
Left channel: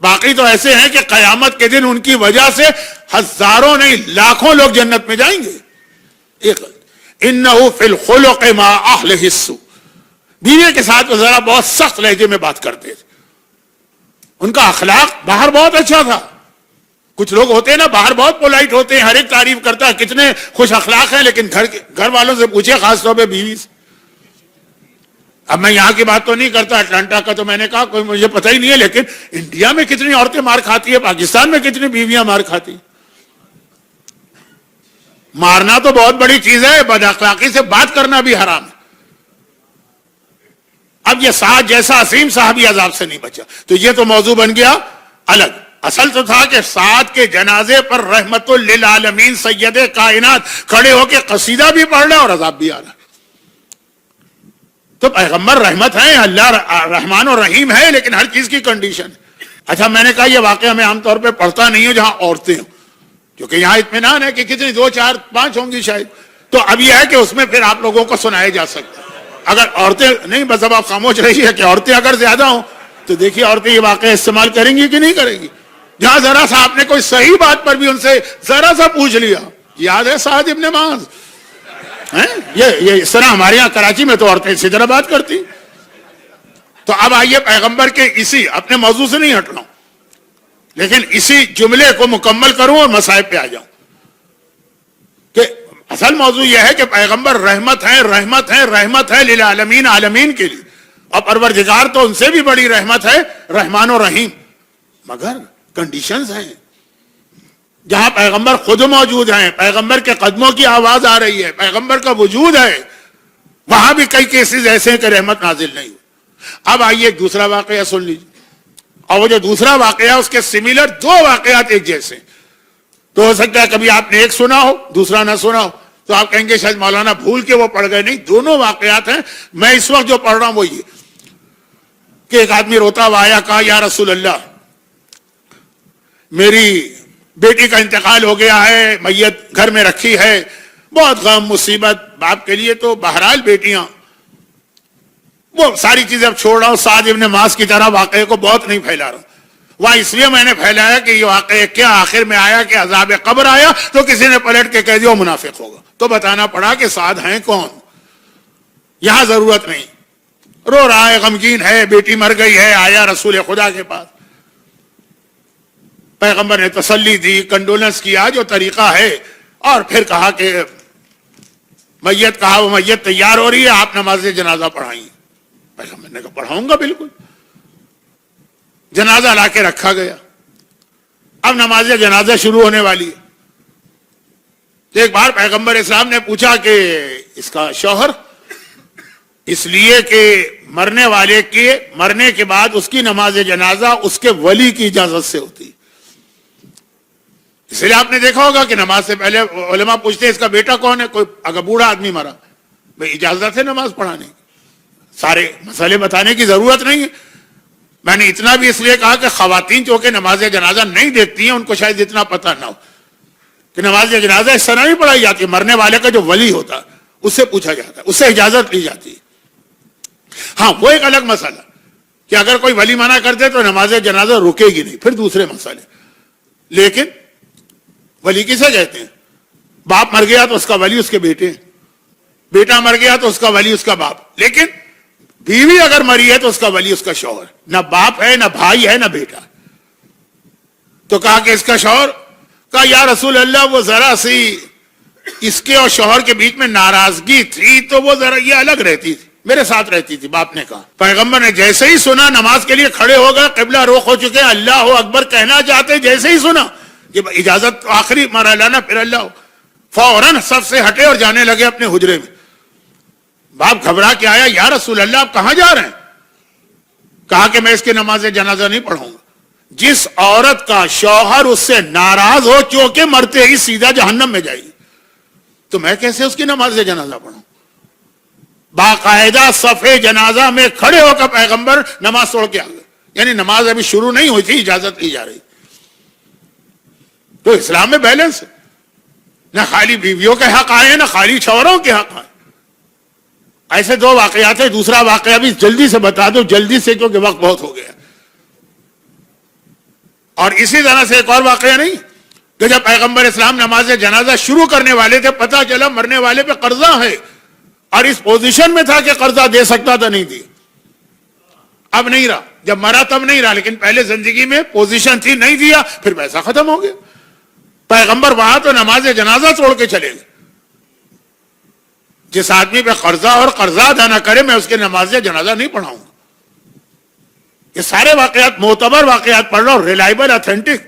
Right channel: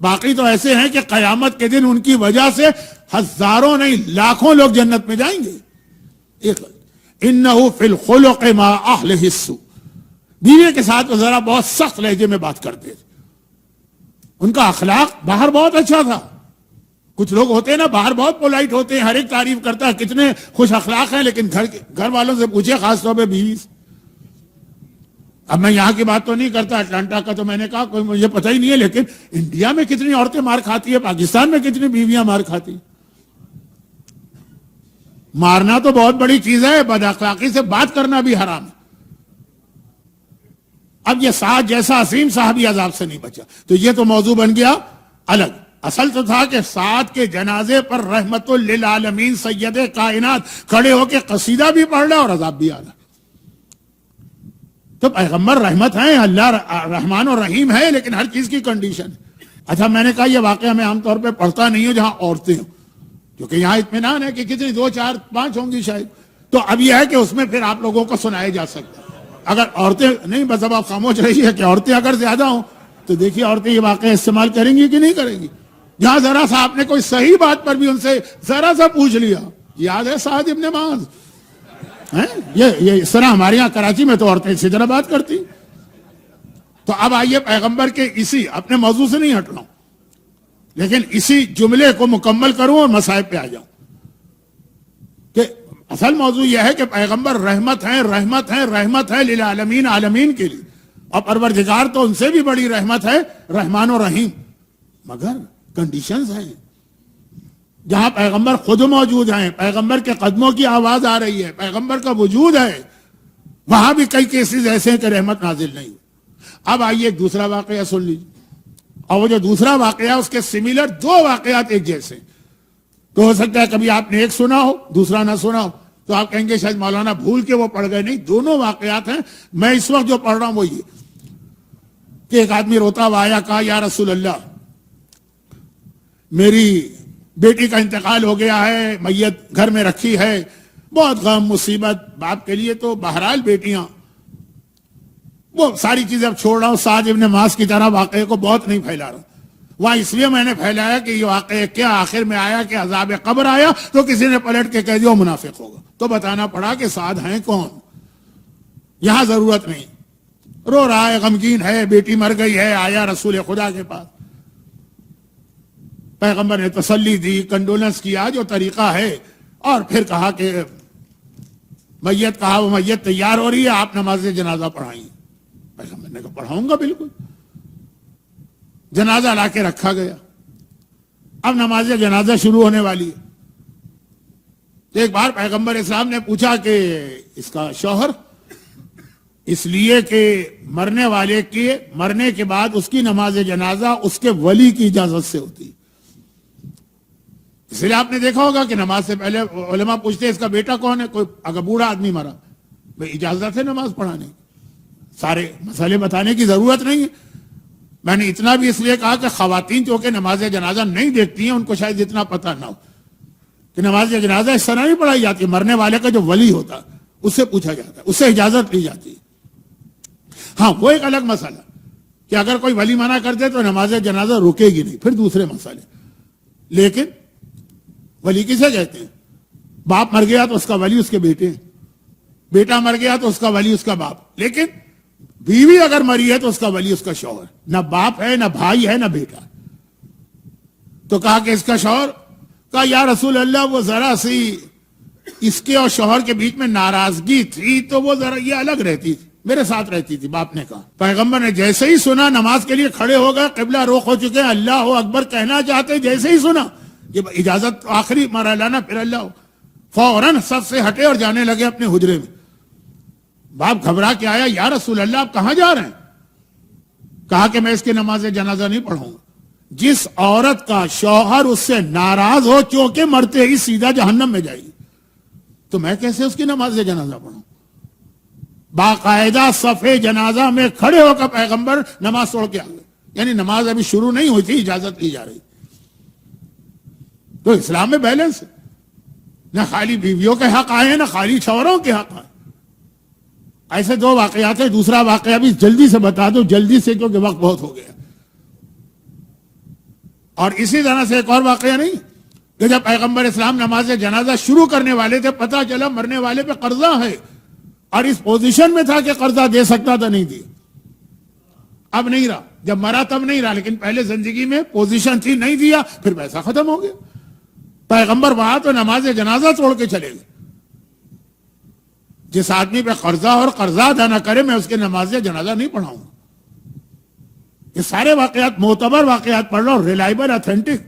باقی تو ایسے ہیں کہ قیامت کے دن ان کی وجہ سے ہزاروں نہیں لاکھوں لوگ جنت میں جائیں گے. ایک انہو فی الخلق ما اہلہ السوء, بیوی کے ساتھ وہ ذرا بہت سخت لہجے میں بات کرتے تھے. ان کا اخلاق باہر بہت اچھا تھا. کچھ لوگ ہوتے ہیں نا باہر بہت پولائٹ ہوتے ہیں, ہر ایک تعریف کرتا ہے کتنے خوش اخلاق ہیں, لیکن گھر والوں سے پوچھے, خاص طور پہ بیوی سے. اب میں یہاں کی بات تو نہیں کرتا, اٹلانٹا کا تو میں نے کہا کوئی مجھے پتہ ہی نہیں ہے, لیکن انڈیا میں کتنی عورتیں مار کھاتی ہیں, پاکستان میں کتنی بیویاں مار کھاتی. مارنا تو بہت بڑی چیز ہے, بد اخلاقی سے بات کرنا بھی حرام ہے. اب یہ سعد جیسا عظیم صحابی عذاب سے نہیں بچا, تو یہ تو موضوع بن گیا الگ. اصل تو تھا کہ سعد کے جنازے پر رحمت للعالمین سید کائنات کھڑے ہو کے قصیدہ بھی پڑھ رہا اور عذاب بھی آ رہا. تو پیغمبر رحمت ہیں, اللہ رحمان اور رحیم ہے, لیکن ہر چیز کی کنڈیشن ہے. اچھا, میں نے کہا یہ واقعہ میں عام طور پہ پڑھتا نہیں ہوں جہاں عورتیں ہوں, کیونکہ یہاں اطمینان ہے کہ کتنی 2 4 5 ہوں گی شاید. تو اب یہ ہے کہ اس میں پھر آپ لوگوں کو سنایا جا سکتا ہے. اگر عورتیں نہیں, بس اب آپ خاموش رہی ہے کہ عورتیں اگر زیادہ ہوں تو دیکھیے عورتیں یہ واقعہ استعمال کریں گی کہ نہیں کریں گی. جہاں ذرا سا آپ نے کوئی صحیح بات پر بھی ان سے ذرا سا پوچھ لیا, یاد ہے سعد ابن معاذ, یہ اس طرح ہمارے یہاں کراچی میں تو عورتیں اسی طرح بات کرتی. تو اب آئیے پیغمبر کے اسی اپنے موضوع سے نہیں ہٹ رہا ہوں, لیکن اسی جملے کو مکمل کروں اور مصائب پہ آ جاؤں کہ اصل موضوع یہ ہے کہ پیغمبر رحمت ہیں رحمت ہیں رحمت ہے للعالمین, عالمین کے لیے, اور پروردگار تو ان سے بھی بڑی رحمت ہے, رحمان و رحیم. مگر کنڈیشنز ہیں جہاں پیغمبر خود موجود ہیں, پیغمبر کے قدموں کی آواز آ رہی ہے, پیغمبر کا وجود ہے, وہاں بھی کئی کیسز ایسے ہیں کہ رحمت نازل نہیں. اب آئیے دوسرا واقعہ سن لیجیے, اور وہ جو دوسرا واقعہ اس کے سملر 2 واقعات ایک جیسے. تو ہو سکتا ہے کبھی آپ نے ایک سنا ہو دوسرا نہ سنا ہو, تو آپ کہیں گے شاید مولانا بھول کے وہ پڑھ گئے. نہیں, دونوں واقعات ہیں. میں اس وقت جو پڑھ رہا ہوں وہ یہ کہ ایک آدمی روتا ہوا آیا, کہا یا رسول اللہ میری بیٹی کا انتقال ہو گیا ہے, میت گھر میں رکھی ہے, بہت غم مصیبت باپ کے لیے. تو بہرحال بیٹیاں وہ ساری چیزیں اب چھوڑ رہا ہوں, سعد ابن معاذ کی طرح واقعے کو بہت نہیں پھیلا رہا ہوں. وہاں اس لیے میں نے پھیلایا کہ یہ واقعہ کیا آخر میں آیا کہ عذاب قبر آیا تو کسی نے پلٹ کے کہہ دیا منافق ہوگا, تو بتانا پڑا کہ سعد ہیں کون. یہاں ضرورت نہیں, رو رہا ہے, غمگین ہے, بیٹی مر گئی ہے, آیا رسول خدا کے پاس, پیغمبر نے تسلی دی, کنڈولنس کیا جو طریقہ ہے, اور پھر کہا کہ میت کہا وہ میت تیار ہو رہی ہے, آپ نماز جنازہ پڑھائیں. پیغمبر نے کہا پڑھاؤں گا بالکل. جنازہ لا کے رکھا گیا. اب نماز جنازہ شروع ہونے والی ہے. تو ایک بار پیغمبر اسلام نے پوچھا کہ اس کا شوہر, اس لیے کہ مرنے والے کے مرنے کے بعد اس کی نماز جنازہ اس کے ولی کی اجازت سے ہوتی. اس لیے آپ نے دیکھا ہوگا کہ نماز سے پہلے علماء پوچھتے ہیں اس کا بیٹا کون ہے, کوئی اگر بوڑھا آدمی مرا, بھائی اجازت ہے نماز پڑھانے کی, سارے مسئلے بتانے کی ضرورت نہیں ہے. میں نے اتنا بھی اس لیے کہا کہ خواتین جو کہ نماز جنازہ نہیں دیکھتی ہیں ان کو شاید اتنا پتہ نہ ہو کہ نماز جنازہ اس طرح نہیں پڑھائی جاتی. مرنے والے کا جو ولی ہوتا ہے اس سے پوچھا جاتا ہے, اس سے اجازت لی جاتی ہے. ہاں وہ ایک الگ مسئلہ کہ اگر کوئی ولی منع کر دے تو نماز جنازہ رکے گی نہیں, پھر دوسرے مسئلے. لیکن ولی کسے کہتے ہیں؟ باپ مر گیا تو اس کا ولی اس کے بیٹے ہیں, بیٹا مر گیا تو اس کا ولی اس کا باپ. لیکن بیوی اگر مری ہے تو اس کا ولی اس کا شوہر, نہ باپ ہے نہ بھائی ہے نہ بیٹا. تو کہا کہ اس کا شوہر, کہا یا رسول اللہ وہ ذرا سی اس کے اور شوہر کے بیچ میں ناراضگی تھی تو وہ ذرا یہ الگ رہتی تھی, میرے ساتھ رہتی تھی. باپ نے کہا, پیغمبر نے جیسے ہی سنا نماز کے لیے کھڑے ہو گئے, قبلہ رخ ہو چکے ہیں, اللہ اکبر کہنا چاہتے, جیسے ہی سنا یہ اجازت آخری مرحلہ, پھر اللہ, فوراً سب سے ہٹے اور جانے لگے اپنے حجرے میں. باپ گھبرا کے آیا, یا رسول اللہ آپ کہاں جا رہے ہیں؟ کہا کہ میں اس کی نماز جنازہ نہیں پڑھوں گا. جس عورت کا شوہر اس سے ناراض ہو چونکہ مرتے ہی سیدھا جہنم میں جائے گی, تو میں کیسے اس کی نماز جنازہ پڑھوں؟ باقاعدہ صفے جنازہ میں کھڑے ہو کر پیغمبر نماز توڑ کے آ گئے. یعنی نماز ابھی شروع نہیں ہوئی تھی, اجازت دی جا رہی. تو اسلام میں بیلنس ہے, نہ خالی بیویوں کے حق آئے نہ خالی شوہروں کے حق آئے. ایسے دو واقعات ہیں. دوسرا واقعہ بھی جلدی سے بتا دو, جلدی سے, کیونکہ وقت بہت ہو گیا. اور اسی طرح سے ایک اور واقعہ نہیں کہ جب پیغمبر اسلام نماز جنازہ شروع کرنے والے تھے, پتہ چلا مرنے والے پہ قرضہ ہے, اور اس پوزیشن میں تھا کہ قرضہ دے سکتا تھا, نہیں دیا. اب نہیں رہا, جب مرا تب نہیں رہا, لیکن پہلے زندگی میں پوزیشن تھی, نہیں دیا, پھر پیسہ ختم ہو گیا. پیغمبر وہاں تو نماز جنازہ چھوڑ کے چلے گئے. جس آدمی پہ قرضہ اور قرضہ ادا نہ کرے میں اس کے نماز جنازہ نہیں پڑھاؤں گا. یہ سارے واقعات معتبر واقعات پڑھ رہا ہوں, ریلائبل, اتھینٹک.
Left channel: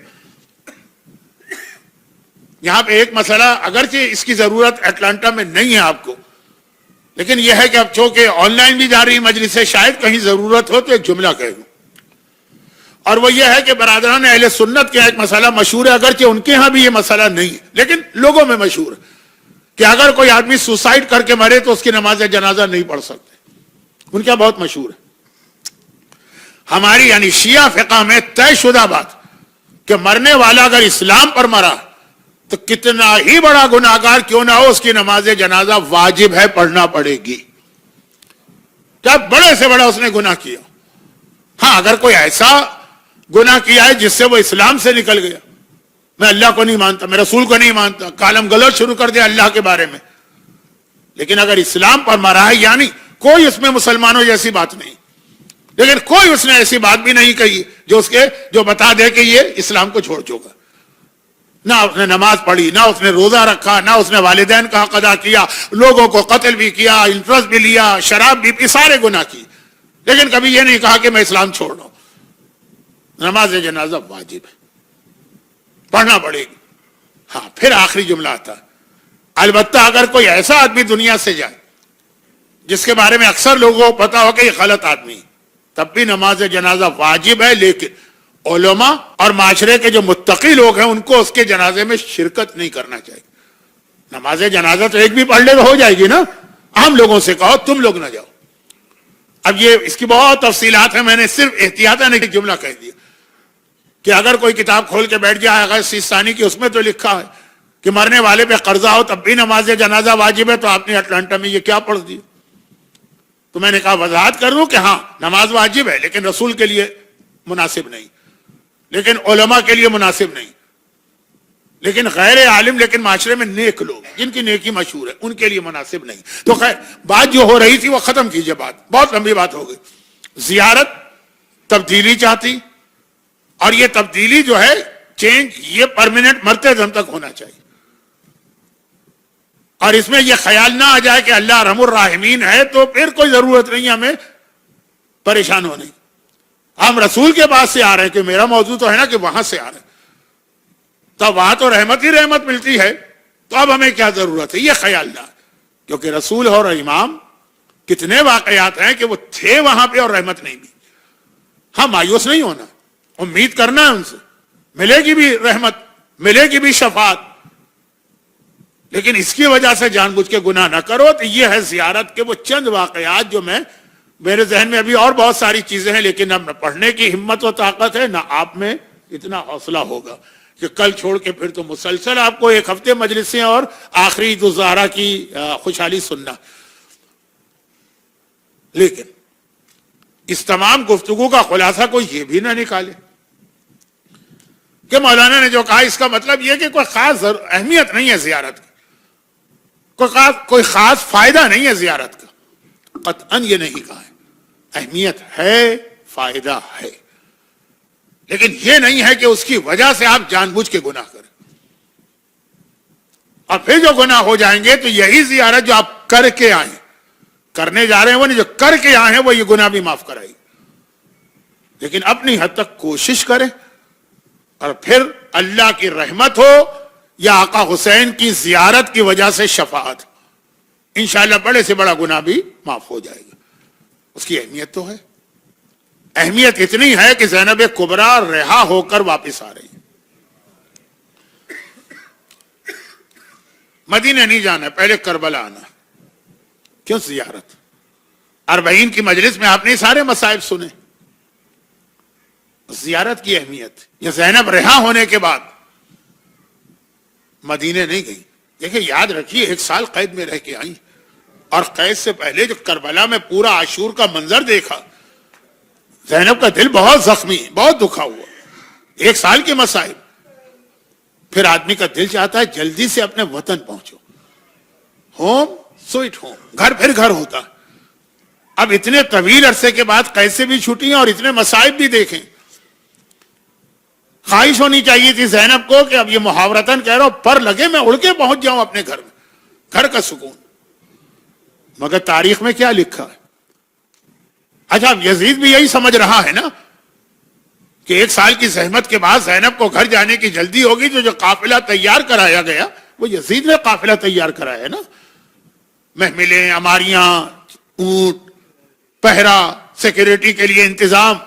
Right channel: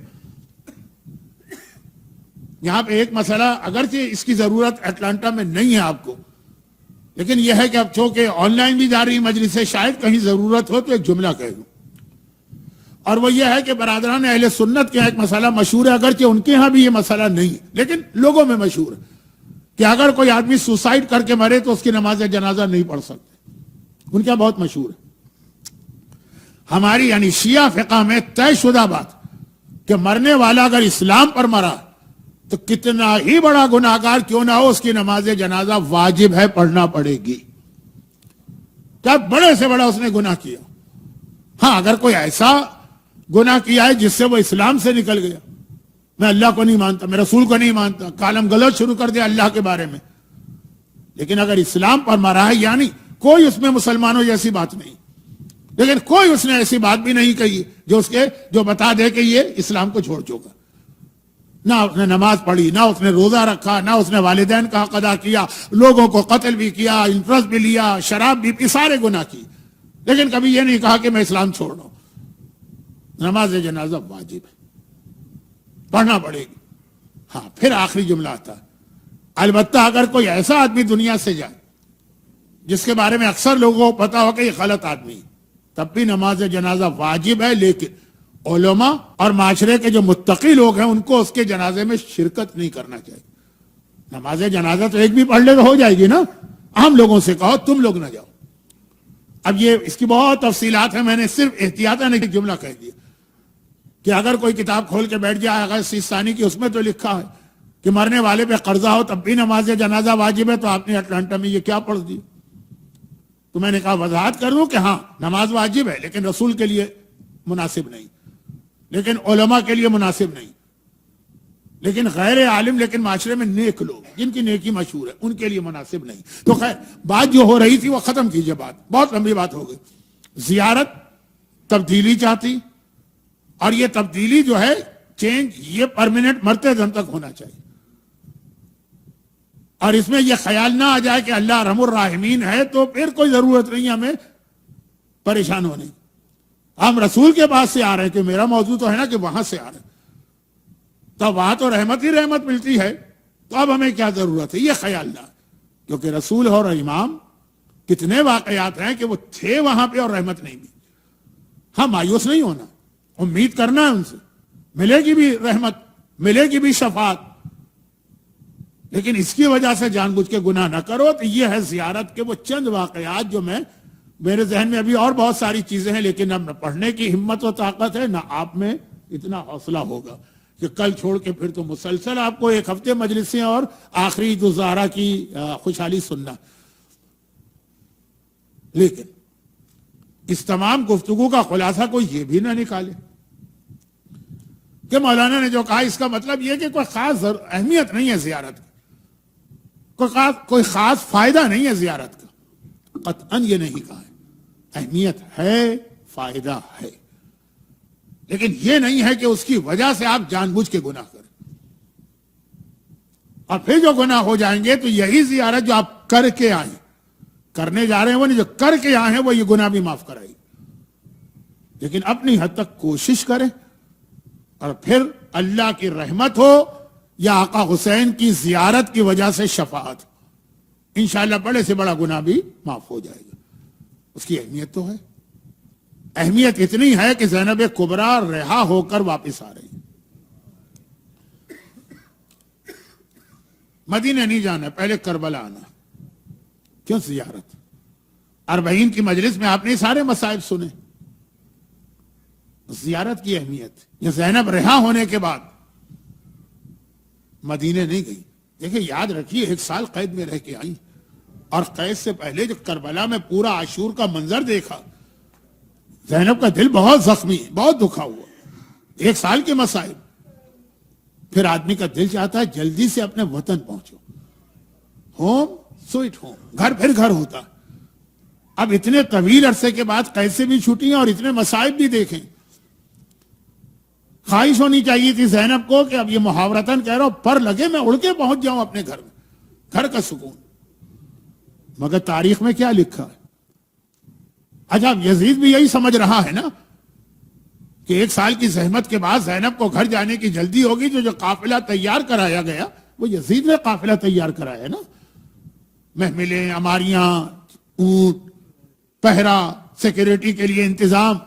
یہاں پہ ایک مسئلہ, اگرچہ اس کی ضرورت اٹلانٹا میں نہیں ہے آپ کو, لیکن یہ ہے کہ اب چونکہ آن لائن بھی جا رہی مجلس سے, شاید کہیں ضرورت ہو تو ایک جملہ کہہ دوں. اور وہ یہ ہے کہ برادران اہل سنت کے ایک مسئلہ مشہور ہے, اگرچہ ان کے ہاں بھی یہ مسئلہ نہیں ہے, لیکن لوگوں میں مشہور ہے کہ اگر کوئی آدمی سوسائڈ کر کے مرے تو اس کی نماز جنازہ نہیں پڑھ سکتے. ان کا بہت مشہور ہے. ہماری یعنی شیعہ فقہ میں طے شدہ بات کہ مرنے والا اگر اسلام پر مرا تو کتنا ہی بڑا گناہگار کیوں نہ ہو, اس کی نماز جنازہ واجب ہے, پڑھنا پڑے گی. کیا بڑے سے بڑا اس نے گناہ کیا. ہاں اگر کوئی ایسا گناہ کیا ہے جس سے وہ اسلام سے نکل گیا, میں اللہ کو نہیں مانتا, میں رسول کو نہیں مانتا, کالم غلط شروع کر دیا اللہ کے بارے میں, لیکن اگر اسلام پر مرا ہے, یعنی کوئی اس میں مسلمانوں جیسی بات نہیں, لیکن کوئی اس نے ایسی بات بھی نہیں کہی جو بتا دے کہ یہ اسلام کو چھوڑ چکا. نہ اس نے نماز پڑھی, نہ اس نے روزہ رکھا, نہ اس نے والدین کا حق ادا کیا, لوگوں کو قتل بھی کیا, انٹرسٹ بھی لیا, شراب بھی پی, سارے گناہ کی, لیکن کبھی یہ نہیں کہا کہ میں اسلام چھوڑ رہا ہوں. نماز جنازہ واجب ہے, پڑھنا پڑے گی. ہاں پھر آخری جملہ آتا ہے, البتہ اگر کوئی ایسا آدمی دنیا سے جائے جس کے بارے میں اکثر لوگوں کو پتا ہو کہ یہ غلط آدمی, تب بھی نماز جنازہ واجب ہے, لیکن علماء اور معاشرے کے جو متقی لوگ ہیں ان کو اس کے جنازے میں شرکت نہیں کرنا چاہیے. نماز جنازہ تو ایک بھی پڑھ لے تو ہو جائے گی نا, عام لوگوں سے کہو تم لوگ نہ جاؤ. اب یہ اس کی بہت تفصیلات ہیں, میں نے صرف احتیاطاً ایک جملہ کہہ دیا کہ اگر کوئی کتاب کھول کے بیٹھ جائے اگر سیستانی کی, اس میں تو لکھا ہے کہ مرنے والے پہ قرضہ ہو تب بھی نماز جنازہ واجب ہے, تو آپ نے اٹلانٹا میں یہ کیا پڑھ دیا؟ تو میں نے کہا وضاحت کر دوں کہ ہاں نماز واجب ہے, لیکن رسول کے لیے مناسب نہیں, لیکن علماء کے لیے مناسب نہیں, لیکن غیر عالم لیکن معاشرے میں نیک لوگ جن کی نیکی مشہور ہے ان کے لیے مناسب نہیں. تو خیر بات جو ہو رہی تھی وہ ختم کیجئے, بات بہت لمبی بات ہو گئی. زیارت تبدیلی چاہتی, اور یہ تبدیلی جو ہے چینج یہ پرماننٹ مرتے دم تک ہونا چاہیے. اور اس میں یہ خیال نہ آ جائے کہ اللہ ارحم الراحمین ہے تو پھر کوئی ضرورت نہیں ہمیں پریشان ہونے. ہم رسول کے پاس سے آ رہے ہیں, کہ میرا موضوع تو ہے نا کہ وہاں سے آ رہے ہیں, تو وہاں تو رحمت ہی رحمت ملتی ہے, تو اب ہمیں کیا ضرورت ہے یہ خیال نہ, کیونکہ رسول اور امام کتنے واقعات ہیں کہ وہ تھے وہاں پہ اور رحمت نہیں بھی. ہاں مایوس نہیں ہونا, امید کرنا ہے ان سے ملے گی بھی رحمت, ملے گی بھی شفاعت، لیکن اس کی وجہ سے جان بوجھ کے گناہ نہ کرو. تو یہ ہے زیارت کے وہ چند واقعات جو میرے ذہن میں ابھی اور بہت ساری چیزیں ہیں، لیکن اب نہ پڑھنے کی ہمت و طاقت ہے، نہ آپ میں اتنا حوصلہ ہوگا کہ کل چھوڑ کے پھر تو مسلسل آپ کو ایک ہفتے مجلسیں اور آخری عید الضحیٰ کی خوشحالی سننا. لیکن اس تمام گفتگو کا خلاصہ کوئی یہ بھی نہ نکالے کہ مولانا نے جو کہا اس کا مطلب یہ کہ کوئی خاص اہمیت نہیں ہے زیارت کی، کوئی خاص فائدہ نہیں ہے زیارت کا. قطعاً یہ نہیں کہا ہے. اہمیت ہے، فائدہ ہے، لیکن یہ نہیں ہے کہ اس کی وجہ سے آپ جان بوجھ کے گناہ کریں. اور پھر جو گناہ ہو جائیں گے تو یہی زیارت جو آپ کر کے آئیں، کرنے جا رہے ہیں وہ نہیں، جو کر کے آئے ہیں وہ یہ گناہ بھی معاف کرائے. لیکن اپنی حد تک کوشش کریں، اور پھر اللہ کی رحمت ہو یا آقا حسین کی زیارت کی وجہ سے شفاعت، انشاءاللہ بڑے سے بڑا گناہ بھی معاف ہو جائے گا. اس کی اہمیت تو ہے. اہمیت اتنی ہے کہ زینب کبریٰ رہا ہو کر واپس آ رہی ہے. مدینہ نہیں جانا، پہلے کربلا آنا. کیوں زیارت؟ 40 کی مجلس میں آپ نے سارے مصائب سنے. زیارت کی اہمیت. یہ زینب رہا ہونے کے بعد مدینے نہیں گئی. دیکھیں یاد رکھیے 1 سال قید میں رہ کے آئی، اور قید سے پہلے جو کربلا میں پورا عاشور کا منظر دیکھا، زینب کا دل بہت زخمی، بہت دکھا ہوا. 1 سال کے مصائب. پھر آدمی کا دل چاہتا ہے جلدی سے اپنے وطن پہنچو. ہوم سوئٹ ہوم، گھر پھر گھر ہوتا. اب اتنے طویل عرصے کے بعد قید سے بھی چھٹی ہیں اور اتنے مصائب بھی دیکھیں. خواہش ہونی چاہیے تھی زینب کو کہ اب یہ محاورتاً کہہ رہا ہوں، پر لگے میں اڑ کے پہنچ جاؤں اپنے گھر میں، گھر کا سکون. مگر تاریخ میں کیا لکھا ہے؟ اچھا یزید بھی یہی سمجھ رہا ہے نا کہ 1 سال کی زحمت کے بعد زینب کو گھر جانے کی جلدی ہوگی. جو قافلہ تیار کرایا گیا وہ یزید نے قافلہ تیار کرایا ہے نا. محملیں، اماریاں، اونٹ، پہرا، سیکیورٹی کے لیے انتظام،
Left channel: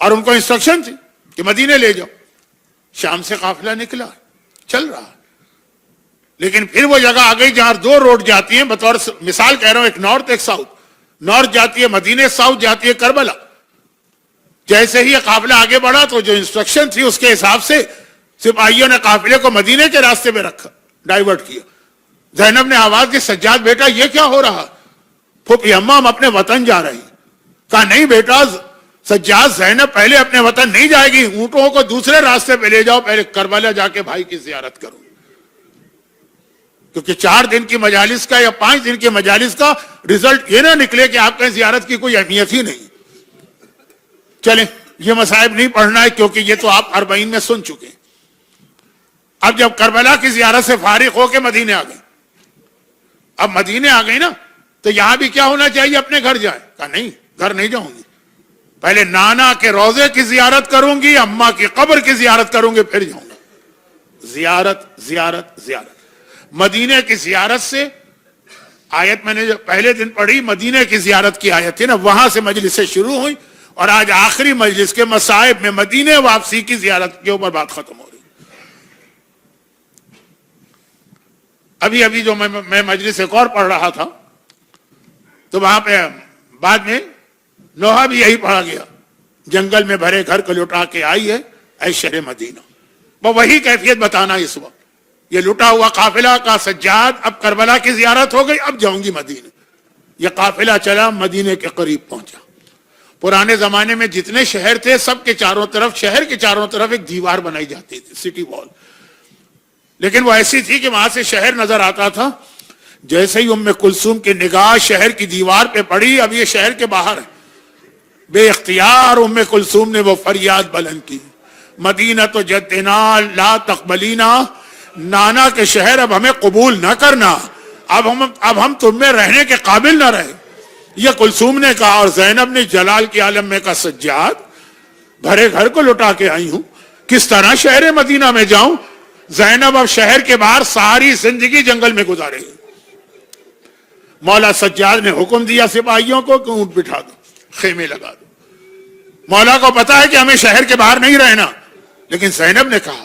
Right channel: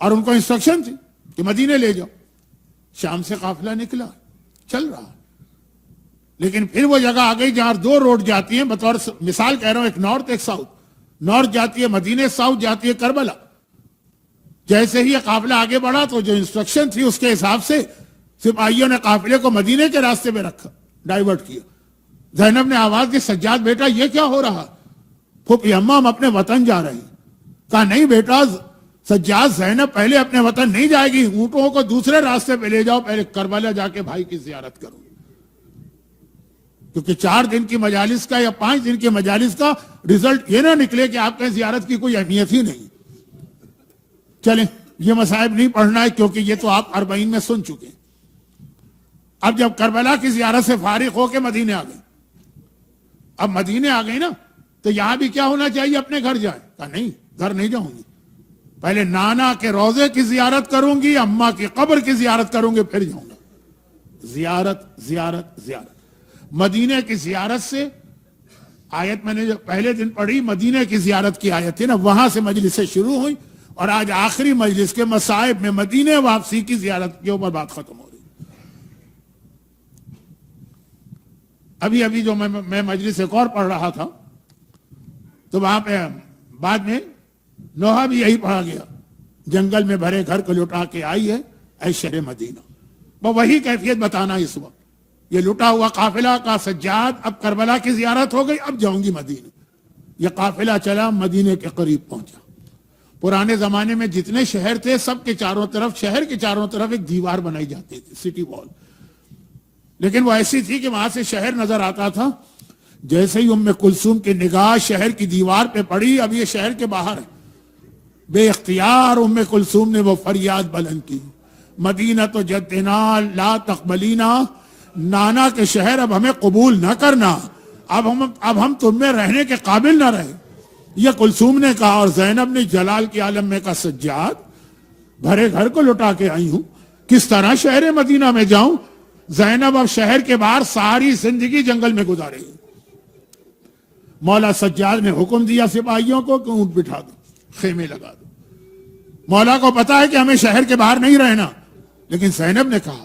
اور ان کو انسٹرکشن تھی کہ مدینے لے جاؤ. شام سے قافلہ نکلا، چل رہا. لیکن پھر وہ جگہ آ گئی جہاں 2 روڈ جاتی ہیں، بطور مثال کہہ رہا ہوں، ایک نارتھ ایک ساؤتھ. نارتھ جاتی ہے مدینے، ساؤتھ جاتی ہے کربلا. جیسے ہی یہ قافلہ آگے بڑھا تو جو انسٹرکشن تھی اس کے حساب سے سپاہیوں نے قافلے کو مدینے کے راستے میں رکھا، ڈائیورٹ کیا. زینب نے آواز کی سجاد بیٹا یہ کیا ہو رہا؟ پھوپھی اماں ہم اپنے وطن جا رہے ہیں. کہا نہیں بیٹا سجاد، زینب پہلے اپنے وطن نہیں جائے گی، اونٹوں کو دوسرے راستے پہ لے جاؤ، پہلے کربلا جا کے بھائی کی زیارت کرو. کیونکہ 4 دن کی مجالس کا یا 5 دن کی مجالس کا رزلٹ یہ نہ نکلے کہ آپ کے زیارت کی کوئی اہمیت ہی نہیں. چلیں یہ مصائب نہیں پڑھنا ہے کیونکہ یہ تو آپ 40 میں سن چکے ہیں. اب جب کربلا کی زیارت سے فارغ ہو کے مدینے آ گئے، اب مدینے آ گئی نا تو یہاں بھی کیا ہونا چاہیے؟ اپنے گھر جائیں. کہا نہیں گھر نہیں جاؤں گی، پہلے نانا کے روزے کی زیارت کروں گی، اماں کی قبر کی زیارت کروں گی، پھر جاؤں گا. زیارت زیارت زیارت. مدینے کی زیارت سے آیت میں نے جو پہلے دن پڑھی مدینے کی زیارت کی آیت تھی نا، وہاں سے مجلس سے شروع ہوئی، اور آج آخری مجلس کے مصائب میں مدینے واپسی کی زیارت کے اوپر بات ختم ہو رہی. ابھی جو میں مجلس ایک اور پڑھ رہا تھا تو وہاں پہ بعد میں نوحہ بھی یہی پڑھا گیا، جنگل میں بھرے گھر کو لٹا کے آئی ہے اے شہر مدینہ. وہ وہی کیفیت بتانا اس وقت. یہ لٹا ہوا قافلہ کا سجاد اب کربلا کی زیارت ہو گئی، اب جاؤں گی مدینے. یہ قافلہ چلا، مدینے کے قریب پہنچا. پرانے زمانے میں جتنے شہر تھے سب کے چاروں طرف، شہر کے چاروں طرف ایک دیوار بنائی جاتی تھی، سٹی وال. لیکن وہ ایسی تھی کہ وہاں سے شہر نظر آتا تھا. جیسے ہی ام کلثوم کی نگاہ شہر کی دیوار پہ پڑی، اب یہ شہر کے باہر ہے، بے اختیار ام کلثوم نے وہ فریاد بلند کی، مدینہ تو جدنا لا تقبلینا، نانا کے شہر اب ہمیں قبول نہ کرنا، اب ہم تم میں رہنے کے قابل نہ رہے. یہ کلثوم نے کہا، اور زینب نے جلال کی عالم میں کہا سجاد بھرے گھر کو لٹا کے آئی ہوں، کس طرح شہر مدینہ میں جاؤں؟ زینب اب شہر کے باہر ساری زندگی جنگل میں گزارے. مولا سجاد نے حکم دیا سپاہیوں کو کہ اونٹ بٹھا دو، خیمے لگا دو. مولا کو پتا ہے کہ ہمیں شہر کے باہر نہیں رہنا، لیکن زینب نے کہا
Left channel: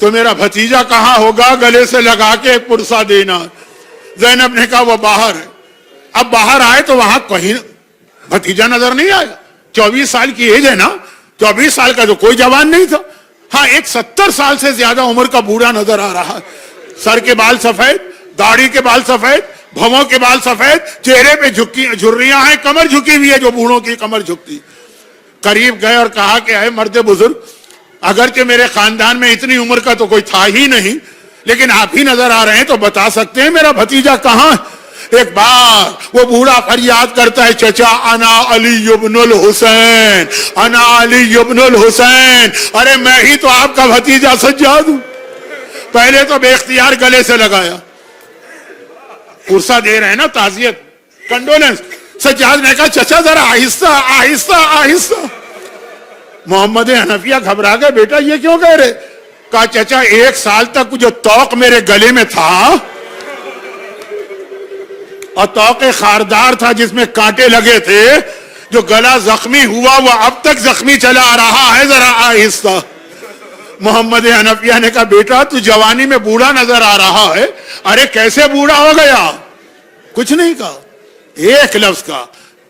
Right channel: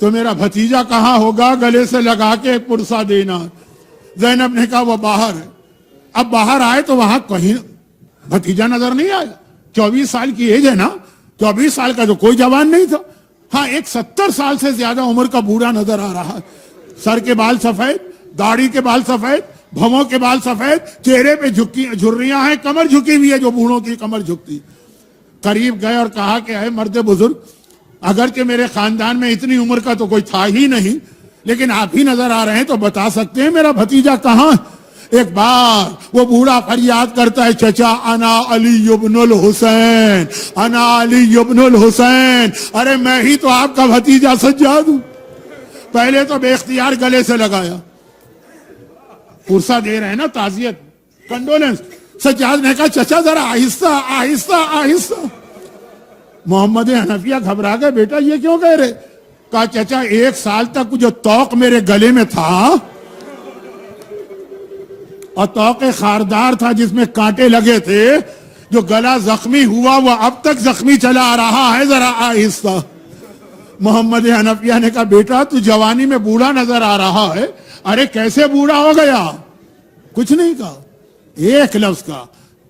تو میرا بھتیجا کہاں ہوگا؟ گلے سے لگا کے ایک پرسہ دینا. زینب نے کہا وہ باہر ہے. اب باہر آئے تو وہاں کہیں بھتیجا نظر نہیں آیا. 24 سال کی ایج ہے نا, 24 سال کا تو کوئی جوان نہیں تھا. ہاں ایک 70 سال سے زیادہ عمر کا بوڑھا نظر آ رہا ہے. سر کے بال سفید, داڑھی کے بال سفید, بھووں کے بال سفید, چہرے پہ جھریاں ہیں, کمر جھکی ہوئی ہے جو بوڑھوں کی کمر جھکتی. قریب گئے اور کہا کہ اے مرد بزرگ, اگرچہ میرے خاندان میں اتنی عمر کا تو کوئی تھا ہی نہیں, لیکن آپ ہی نظر آ رہے ہیں, تو بتا سکتے ہیں میرا بھتیجا کہاں؟ ایک بار وہ بوڑھا فریاد کرتا ہے, چچا انا علی ابن الحسین, انا علی ابن الحسین. ارے میں ہی تو آپ کا بھتیجا سجاد ہوں. پہلے تو بے اختیار گلے سے لگایا, پرسہ دے رہے ہیں نا, تعزیت, کنڈولنس. سجاد نے کہا چچا ذرا آہستہ آہستہ آہستہ. محمد حنفیہ گھبرا گئے, بیٹا یہ کیوں کہہ رہے؟ کہا چچا 1 سال تک جو توق میرے گلے میں تھا, اور توق خاردار تھا جس میں کانٹے لگے تھے, جو گلا زخمی ہوا وہ اب تک زخمی چلا آ رہا ہے, ذرا آہستہ. محمد حنفیہ نے کہا بیٹا تو جوانی میں بوڑھا نظر آ رہا ہے. ارے کیسے بوڑھا ہو گیا؟ کچھ نہیں کہا, ایک لفظ کا,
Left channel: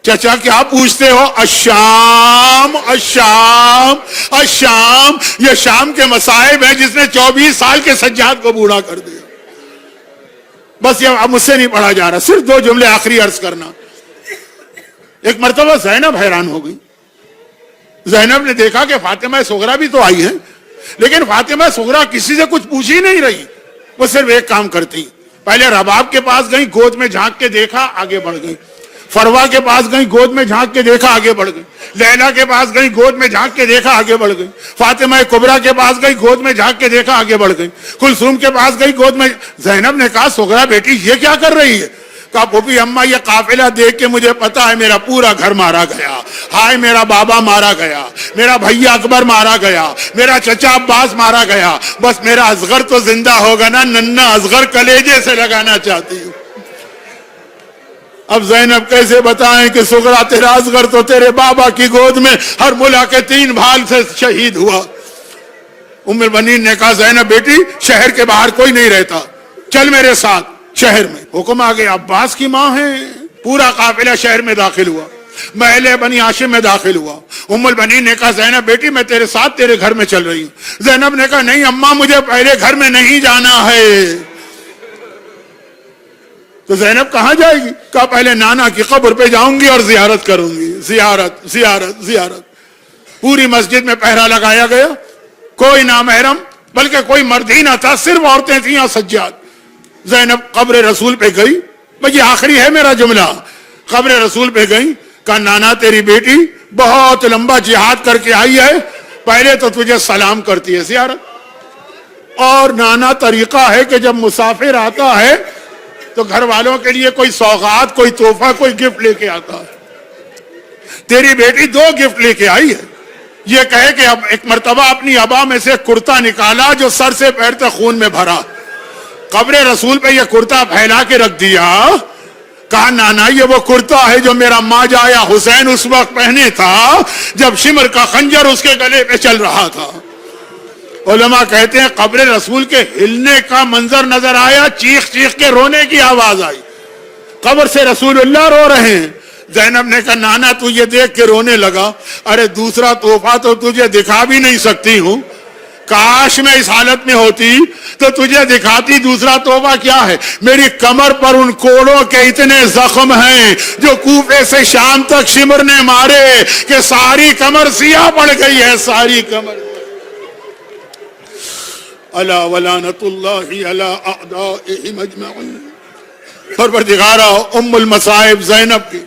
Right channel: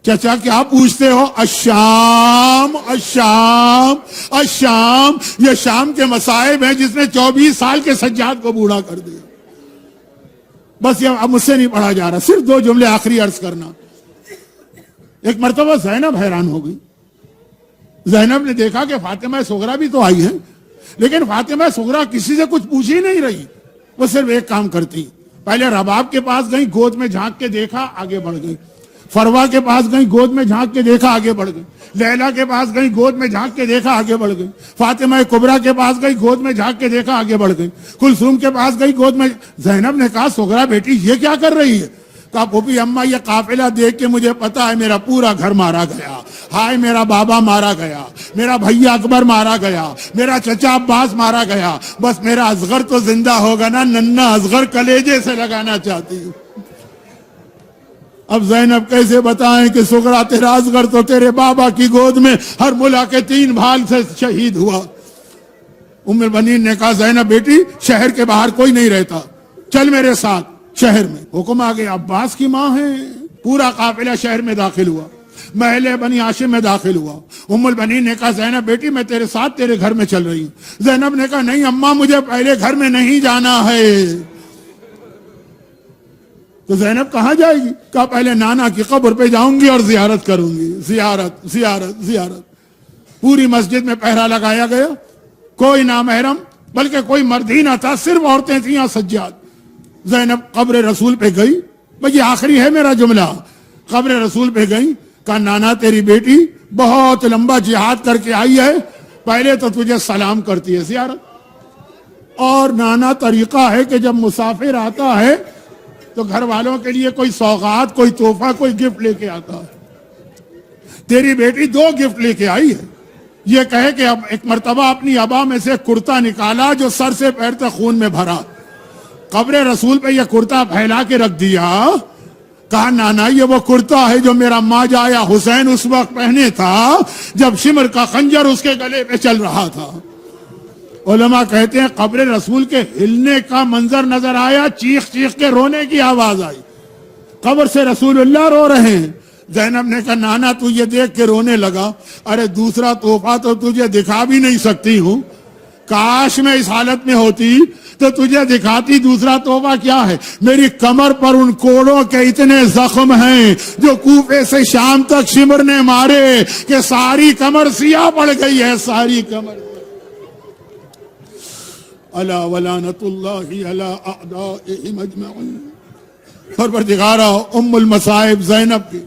چچا کیا پوچھتے ہو؟ الشام الشام الشام. یہ شام کے مصائب ہیں جس نے 24 سال کے سجاد کو بوڑھا کر دیا. بس یہ اب مجھ سے نہیں پڑھا جا رہا, صرف 2 جملے آخری عرض کرنا. ایک مرتبہ زینب حیران ہو گئی. زینب نے دیکھا کہ فاطمہ صغرا بھی تو آئی ہے, لیکن فاطمہ صغرا کسی سے کچھ پوچھ ہی نہیں رہی. وہ صرف ایک کام کرتی, پہلے رباب کے پاس گئی, گود میں جھانک کے دیکھا, آگے بڑھ گئی. فروا کے پاس گئی, گود میں جھانک کے دیکھا, آگے بڑھ گئی. لیلا کے پاس گئی, گود میں جھانک کے دیکھا, آگے بڑھ گئی. فاطمہ کبریٰ کے پاس گئی, گود میں جھانک کے دیکھا, آگے بڑھ گئی. کلثوم کے پاس گئی, گود میں. زینب نے کہا صغرا بیٹی یہ کیا کر رہی ہے؟ کہا پھوپھی اماں یہ قافلہ دیکھ کے مجھے پتا ہے میرا پورا گھر مارا گیا. ہائے میرا بابا مارا گیا, میرا بھیا اکبر مارا گیا, میرا چچا عباس مارا گیا, بس میرا اصغر تو زندہ ہوگا نا, ننھا اصغر کلیجے سے لگانا چاہتی ہوں. اب زینب کیسے بتائیں کہ صغرا تیرا اصغر تو تیرے بابا کی گود میں ہرملا کے 3 بھال سے شہید ہوا. ام البنین نے کہا زینب بیٹی شہر کے باہر کوئی نہیں رہتا, چل میرے ساتھ شہر میں. حکم آ گیا, عباس کی ماں ہے. پورا قافلہ شہر میں داخل ہوا, محل بنی ہاشم میں داخل ہوا. ام البنین نے کہا زینب بیٹی میں تیرے ساتھ تیرے گھر میں چل رہی ہوں. زینب نے کہا نہیں اماں مجھے پہلے گھر میں نہیں جانا ہے. تو زینب کہاں جائے گی؟ کہا پہلے نانا کی قبر پہ جاؤں گی اور زیارت کروں گی. زیارت زیارت زیارت. پوری مسجد میں پہرا لگایا گیا, کوئی نامحرم بلکہ کوئی مرد ہی نہ تھا, صرف عورتیں تھیں اور سجاد. زینب قبر رسول پہ گئی, یہ آخری ہے میرا جملہ. قبر رسول پہ گئی, کہا نانا تیری بیٹی بہت لمبا جہاد کر کے آئی ہے, پہلے تو تجھے سلام کرتی ہے زیارت. اور نانا طریقہ ہے کہ جب مسافر آتا ہے تو گھر والوں کے لیے کوئی سوغات, کوئی تحفہ, کوئی گفٹ لے کے آتا ہے. تیری بیٹی 2 گفٹ لے کے آئی ہے. یہ کہے کہ اب ایک مرتبہ اپنی ابا میں سے کرتا نکالا جو سر سے پیر تک خون میں بھرا, قبر رسول پہ یہ کرتا پھیلا کے رکھ دیا. کہا نانا یہ وہ کرتا ہے جو میرا ماجا یا حسین اس وقت پہنے تھا جب شمر کا خنجر اس کے گلے پہ چل رہا تھا. علماء کہتے ہیں قبر رسول کے ہلنے کا منظر نظر آیا, چیخ چیخ کے رونے کی آواز آئی. قبر سے رسول اللہ رو رہے ہیں. زینب نے کہا نانا تو یہ دیکھ کے رونے لگا. ارے دوسرا تحفہ تو تجھے دکھا بھی نہیں سکتی ہوں, کاش میں اس حالت میں ہوتی تو تجھے دکھاتی. دوسرا تحفہ کیا ہے؟ میری کمر پر ان کوڑوں کے اتنے زخم ہیں جو کوفے سے شام تک شمر نے مارے کہ ساری کمر سیاہ پڑ گئی ہے, ساری کمر. الا ولعنۃ اللہ علی اعدائہم اجمعین. پروردگارا ام المصائب زینب کی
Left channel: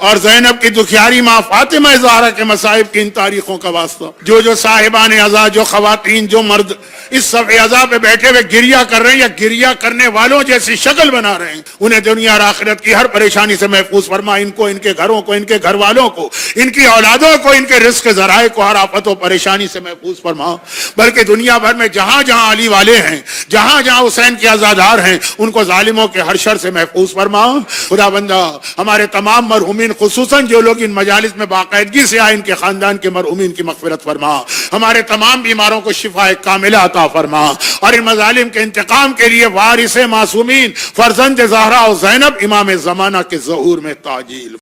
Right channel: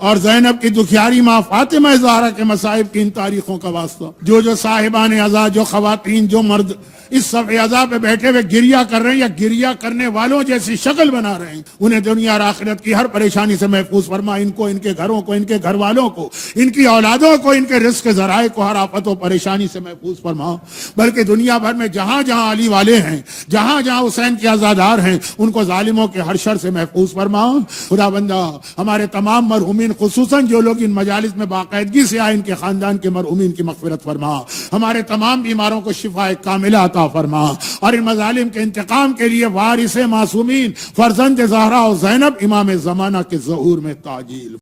اور زینب کی دکھیاری ماں فاطمہ زہرا کے مصائب کی ان تاریخوں کا واسطہ. جو صاحبان عزا, جو خواتین, جو مرد اس صف عزا پہ بیٹھے ہوئے گریہ کر رہے ہیں یا گریہ کرنے والوں جیسی شکل بنا رہے ہیں, انہیں دنیا اور آخرت کی ہر پریشانی سے محفوظ فرما. ان کو, ان کے گھروں کو, ان کے گھر والوں کو, ان کی اولادوں کو, ان کے رزق ذرائع کو ہر آفت و پریشانی سے محفوظ فرما. بلکہ دنیا بھر میں جہاں جہاں علی والے ہیں, جہاں جہاں حسین کے عزادار ہیں, ان کو ظالموں کے ہر شر سے محفوظ فرما. خدا بندہ ہمارے تمام مرحومین مرحومین خصوصاً جو لوگ ان مجالس میں باقاعدگی سے آئے ان کے خاندان کے مرحومین کی مغفرت فرما، ہمارے تمام بیماروں کو شفا کاملہ عطا فرما، اور ان مظالم کے انتقام کے لیے وارث معصومین فرزند زہرا اور زینب امام زمانہ کے ظہور میں تعجیل